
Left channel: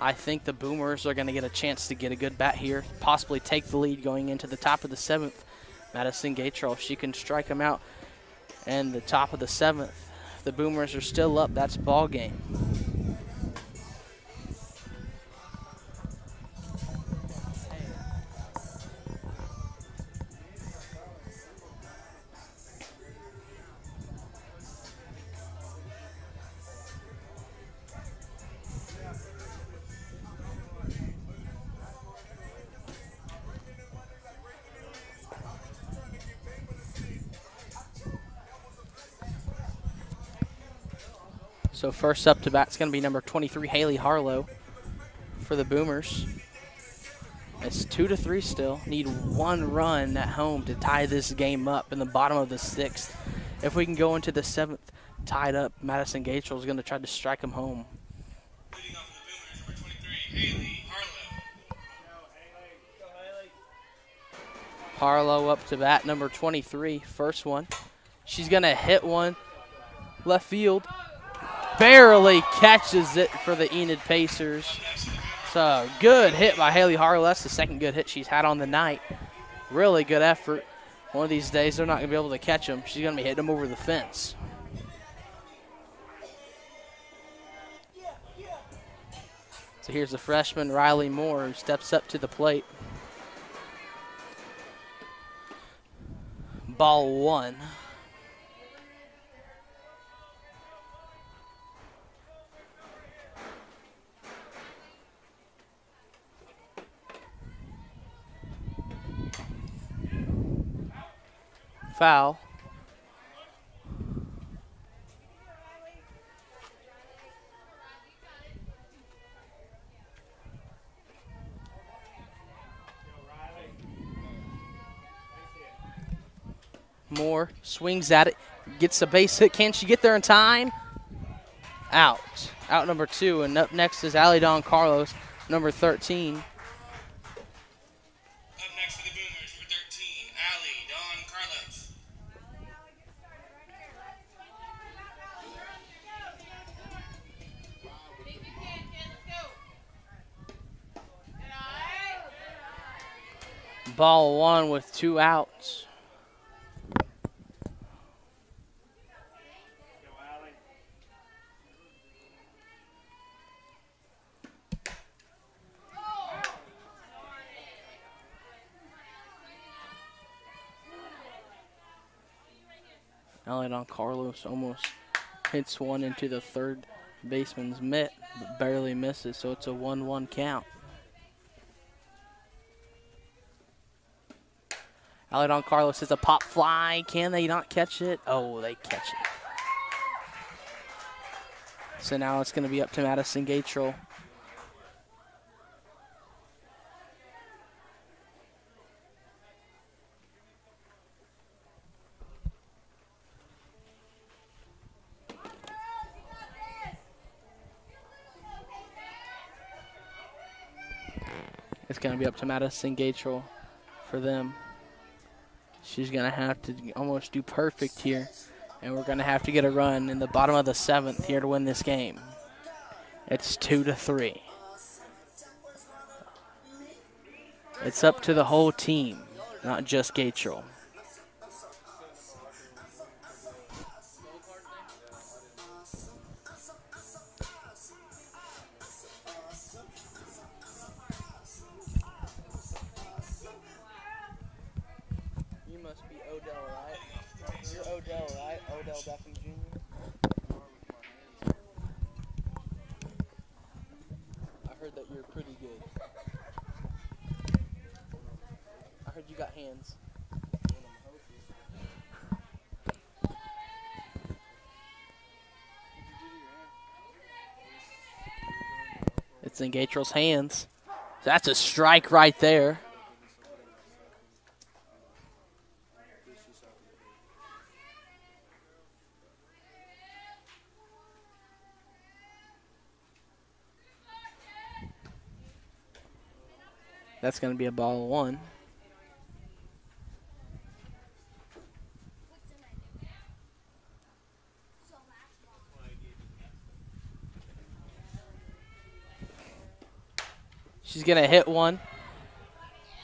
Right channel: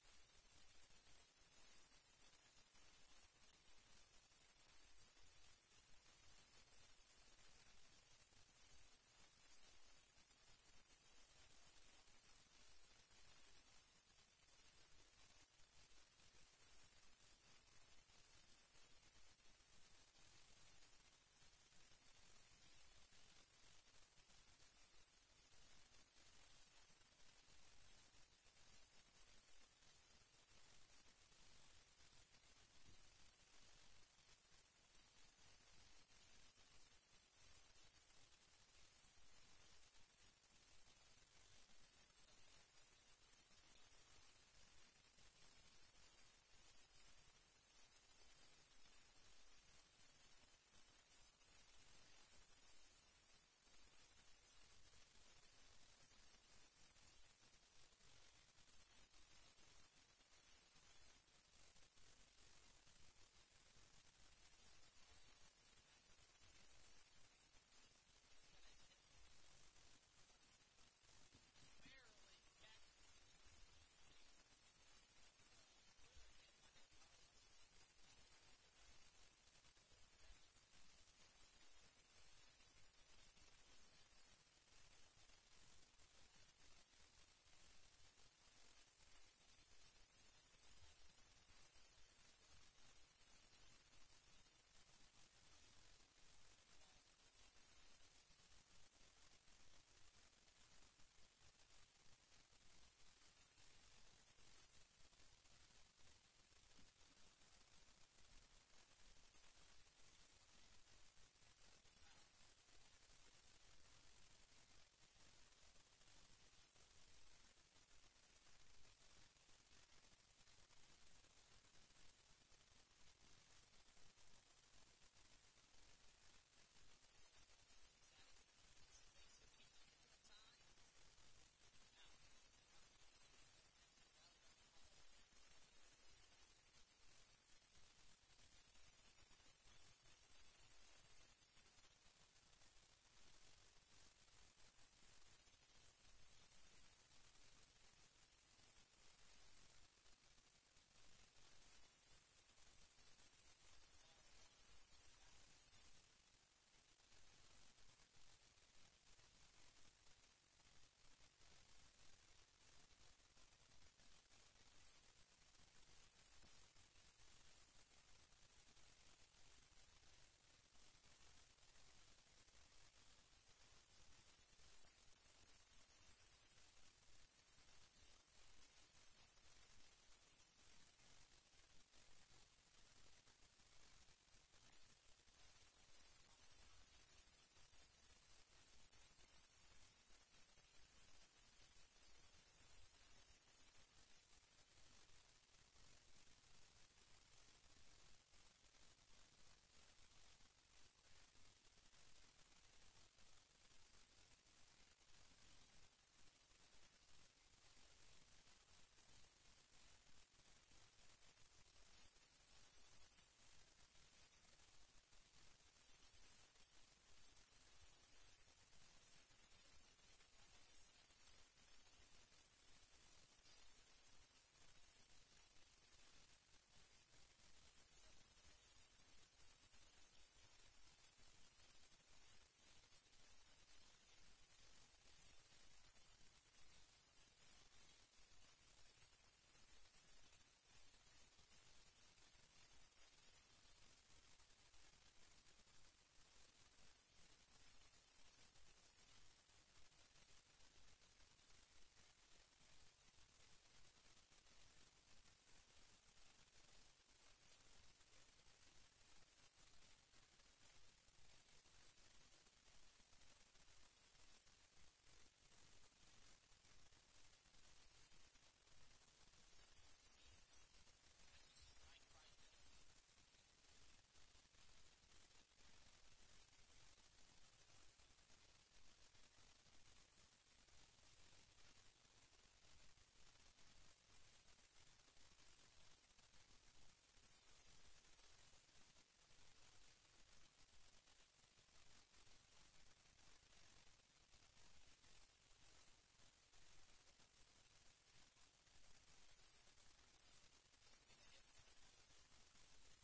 I think the Boomers are going to get a chance to get a good bat here, possibly take the lead going into the top of the 7th. Madison Gatrell, she can strike them out. And the top of the 7th, the Boomers are still up. That's ball game. So first up to bat is going to be number 23, Haley Harlow for the Boomers. It's 2-3 still. Need 1 run at home to tie this game up in the bottom of the 6th. If we can go into the 7th tied up, Madison Gatrell is going to try to strike them home. Leading off for the Boomers, number 23, Haley Harlow. Harlow up to bat, number 23, first one. She's going to hit one left field. Barely catches it for the Enid Pacers. It's a good hit by Haley Harlow. That's the second good hit she's had on the night. Really good effort. One of these days, they're not going to be able to catch them. She's going to be hitting them over the fence. So here's the freshman, Riley Moore, who steps up to the plate. Ball 1. Foul. Moore swings at it, gets a base hit. Can she get there in time? Out. Out number 2. And up next is Allie Dawn Carlos, number 13. Up next for the Boomers, number 13, Allie Dawn Carlos. Ball 1 with 2 outs. Allie Carlos almost hits one into the third baseman's mitt, but barely misses, so it's a 1-1 count. Allie Carlos is a pop fly. Can they not catch it? Oh, they catch it. So now it's going to be up to Madison Gatrell. It's going to be up to Madison Gatrell for them. She's going to have to almost do perfect here. And we're going to have to get a run in the bottom of the 7th here to win this game. It's 2-3. It's up to the whole team, not just Gatrell. You must be Odell, right? You're Odell, right? Odell Beckham Jr. I heard that you're pretty good. I heard you got hands. It's in Gatrell's hands. That's a strike right there. That's going to be a ball 1. She's going to hit one.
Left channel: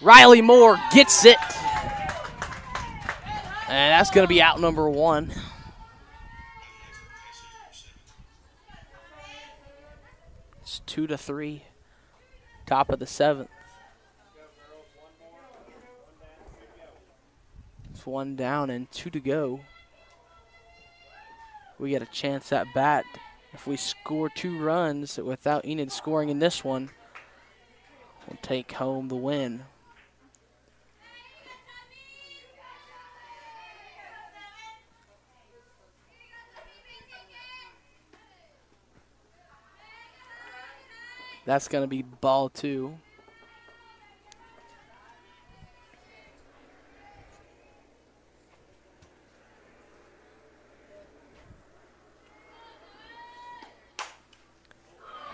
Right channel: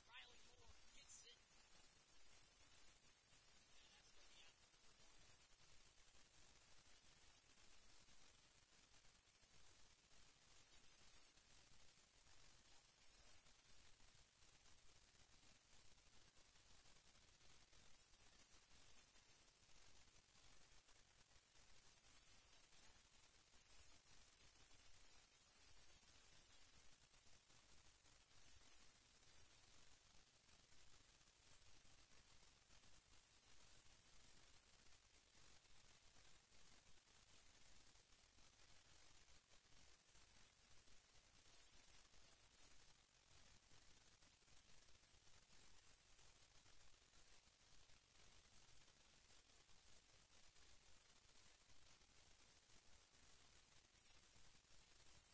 Riley Moore gets it. And that's going to be out number 1. It's 2-3. Top of the 7th. It's 1 down and 2 to go. We get a chance at bat. If we score 2 runs without Enid scoring in this one, we'll take home the win. That's going to be ball 2.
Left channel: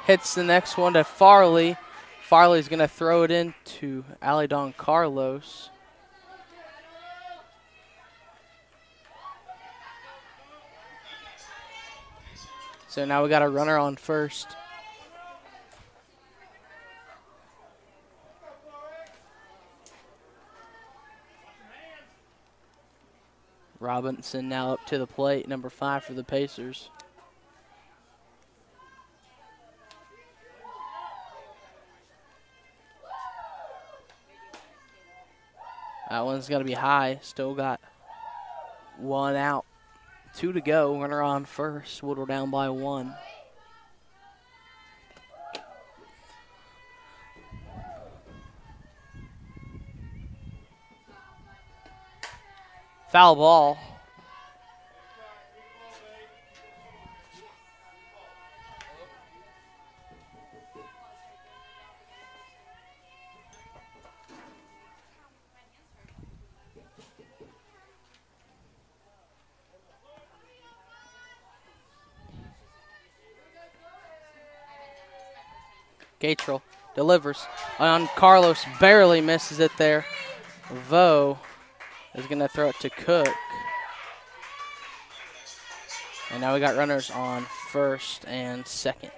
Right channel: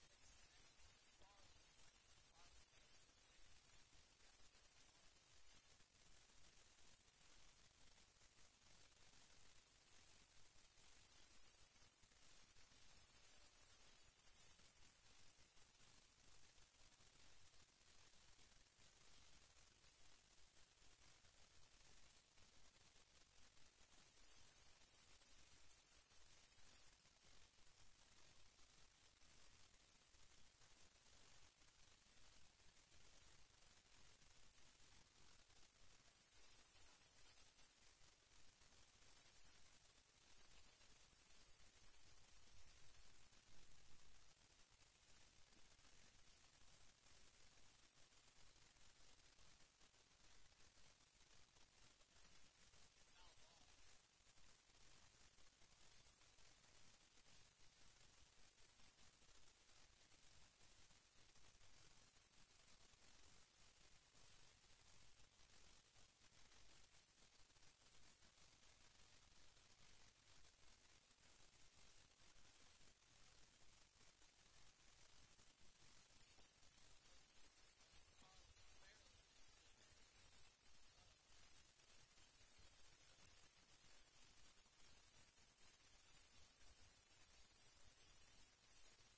Hits the next one to Farley. Farley's going to throw it into Alidon Carlos. So now we got a runner on first. Robinson now up to the plate, number 5 for the Pacers. That one's going to be high. Still got 1 out. 2 to go. Runner on first. Woodward down by 1. Foul ball. Gatrell delivers on Carlos, barely misses it there. Vo is going to throw it to Cook. And now we got runners on first and second.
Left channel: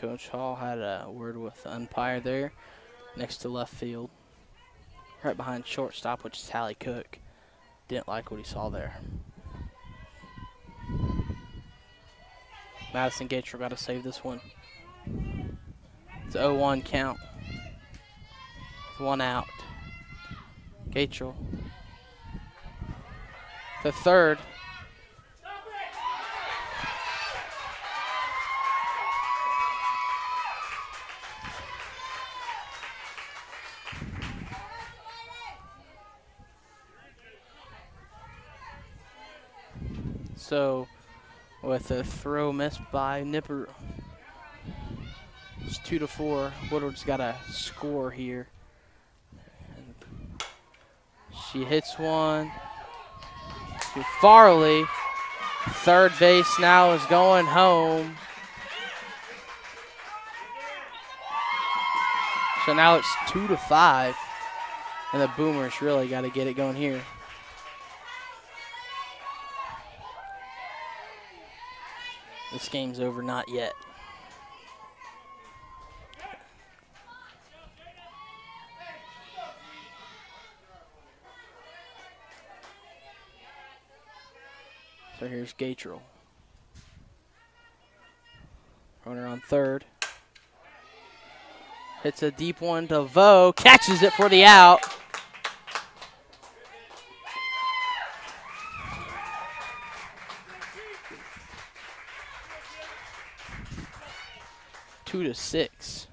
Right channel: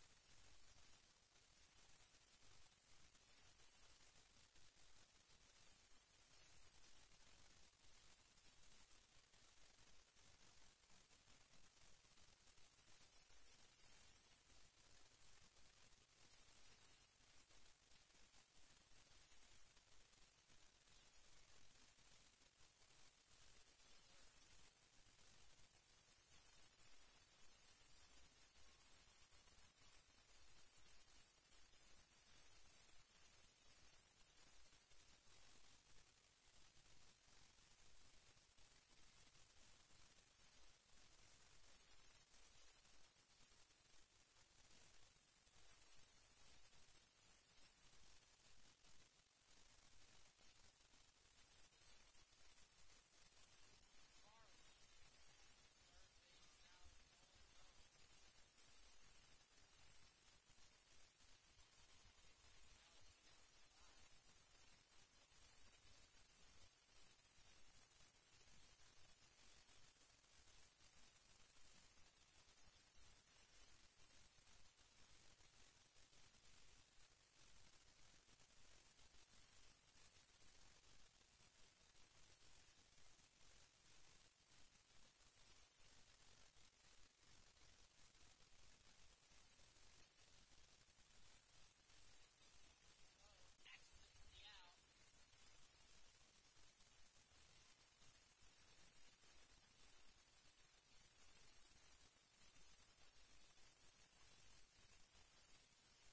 Coach Hall had a word with the umpire there next to left field, right behind shortstop, which is Hallie Cook. Didn't like what he saw there. Madison Gatrell got to save this one. It's 0-1 count. 1 out. Gatrell. The third. So with a throw missed by Nipper, it's 2-4. Woodward's got to score here. She hits one to Farley. Third base now is going home. So now it's 2-5. And the Boomers really got to get it going here. This game's over, not yet. So here's Gatrell. Runner on third. Hits a deep one to Vo. Catches it for the out. Two to 6.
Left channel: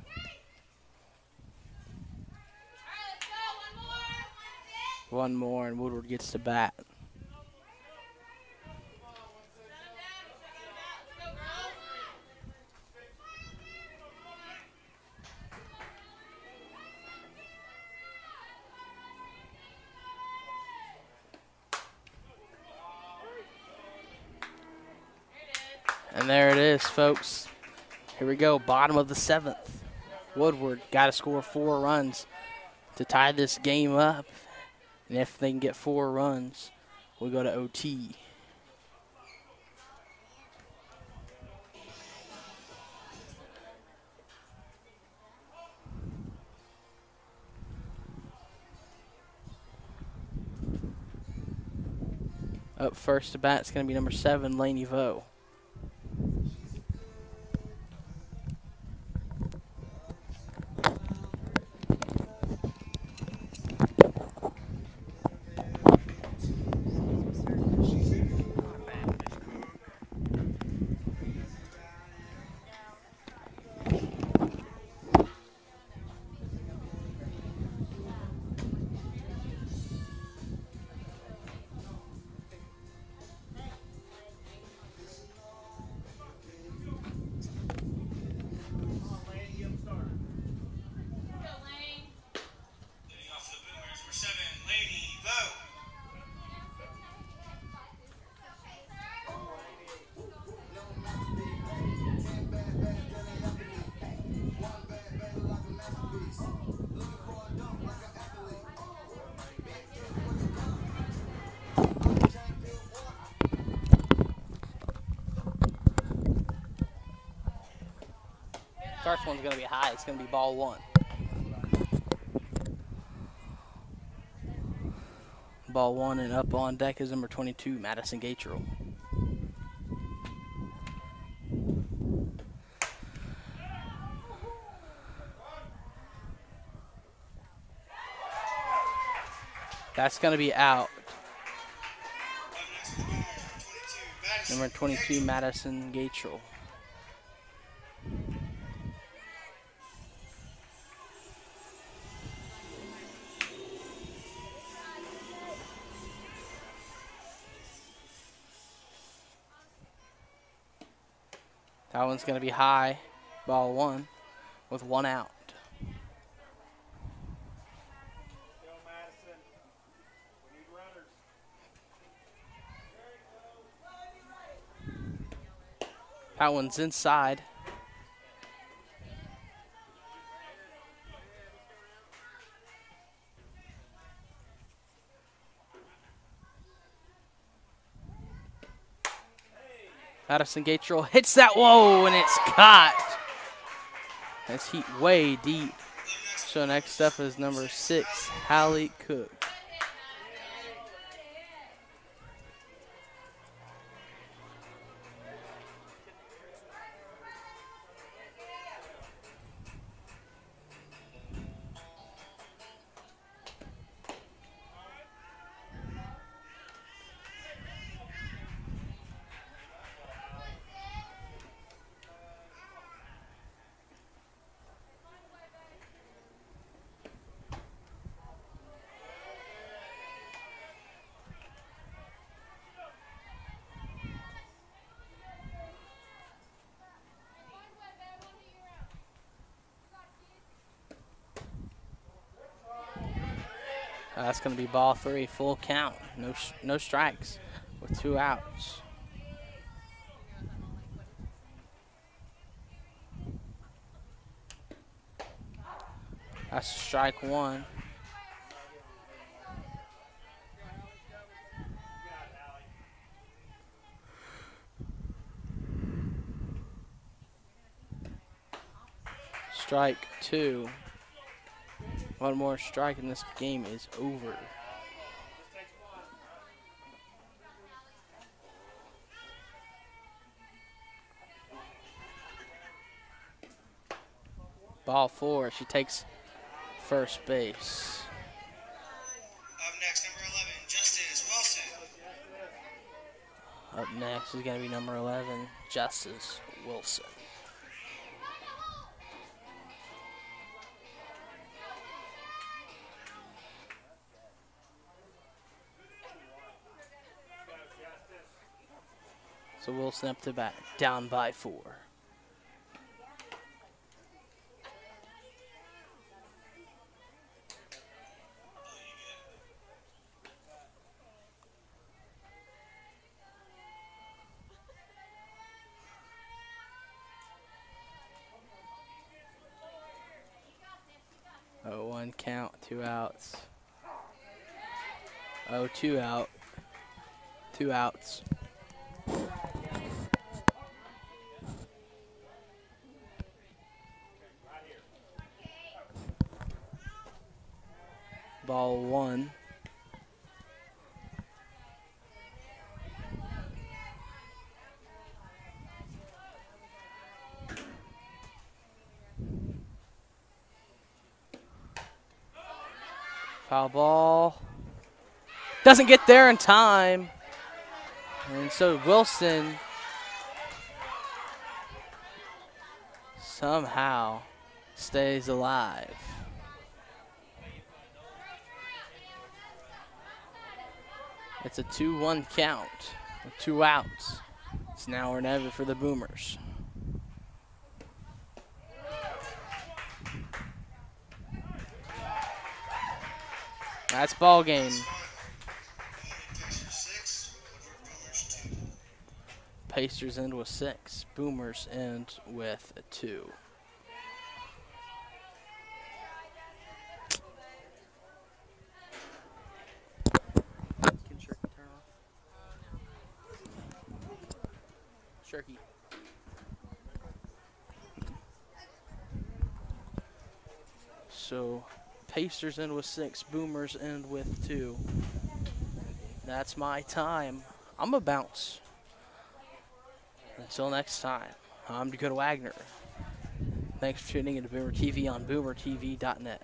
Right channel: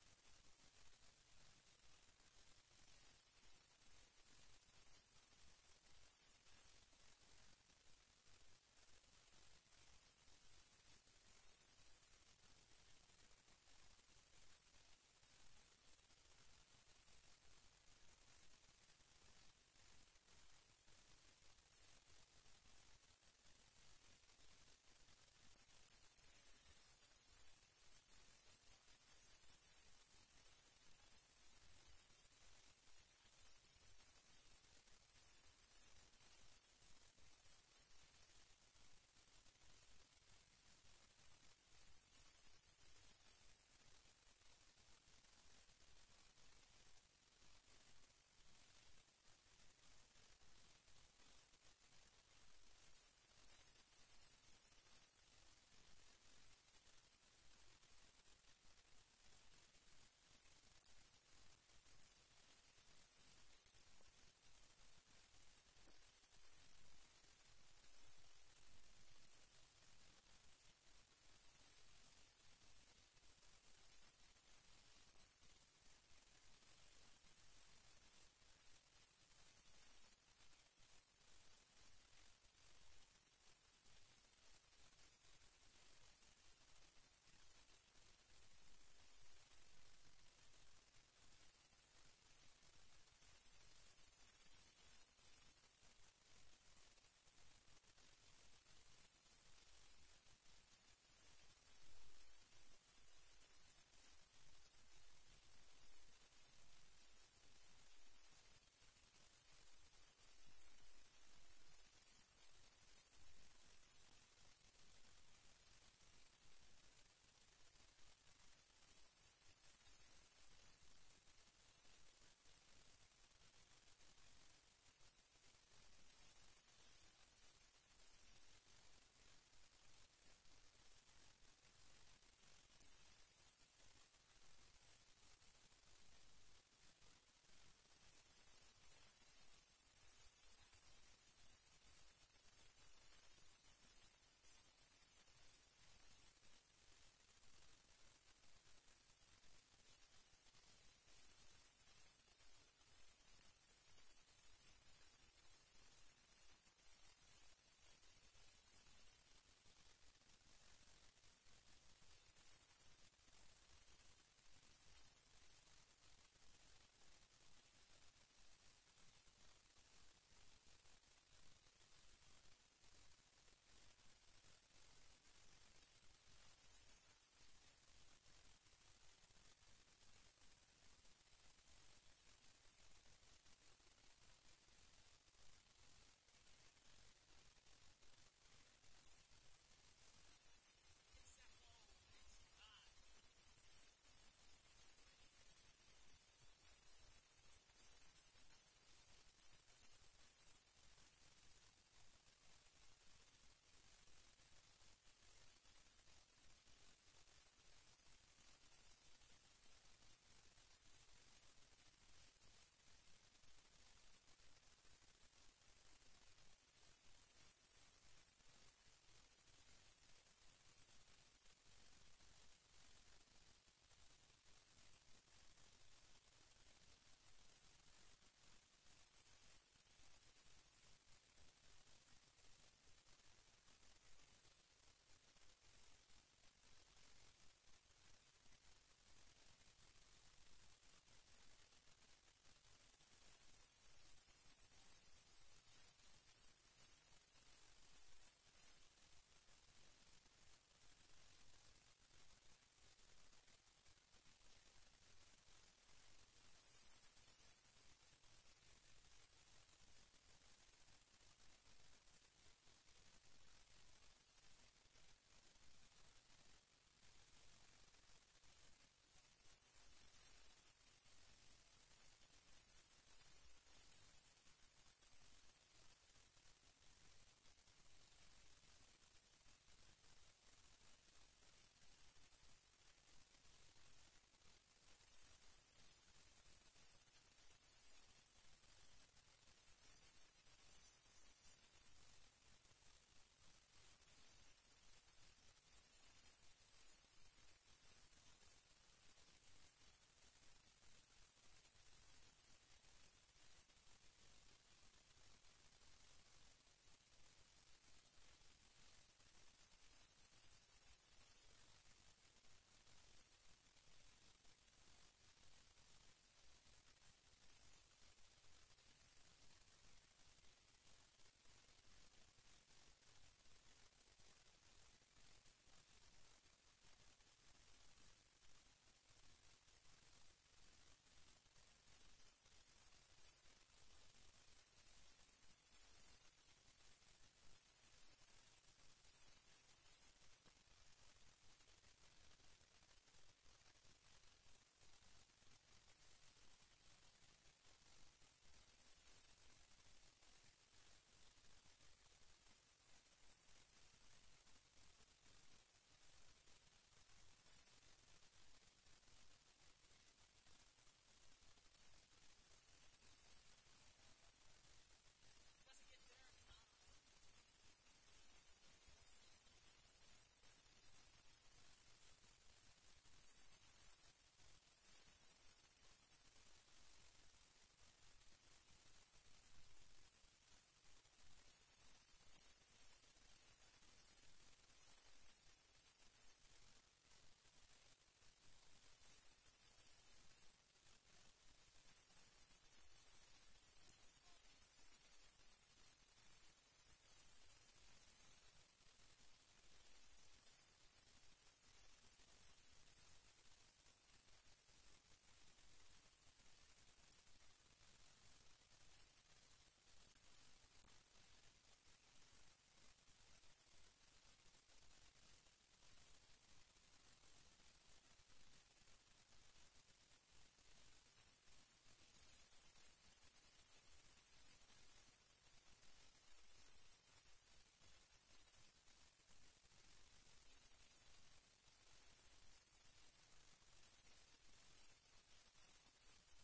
One more and Woodward gets to bat. And there it is, folks. Here we go, bottom of the 7th. Woodward got to score 4 runs to tie this game up. And if they can get 4 runs, we go to OT. Up first to bat is going to be number 7, Laney Vo. Leading off for the Boomers, number 7, Laney Vo. First one's going to be high. It's going to be ball 1. Ball 1 and up on deck is number 22, Madison Gatrell. That's going to be out. Up next for the Boomers, Number 22, Madison Gatrell. That one's going to be high, ball 1, with 1 out. That one's inside. Madison Gatrell hits that, whoa, and it's caught. That's heat way deep. So next up is number 6, Hallie Cook. That's going to be ball 3, full count. No strikes with 2 outs. That's strike 1. Strike 2. One more strike and this game is over. Ball 4. She takes first base. Up next, number 11, Justice Wilson. Up next is going to be number 11, Justice Wilson. So Wilson up to bat, down by 4. Oh, 1 count, 2 outs. Oh, 2 out. 2 outs. Ball 1. Foul ball. Doesn't get there in time. And so Wilson somehow stays alive. It's a 2-1 count with 2 outs. It's now or never for the Boomers. That's ball game. Pacers end with 6. Boomers end with a 2. Shirky. So Pacers end with 6. Boomers end with 2. That's my time. I'm a bounce. Until next time, I'm Dakota Wagner. Thanks for tuning in to Boomer TV on boomertv.net.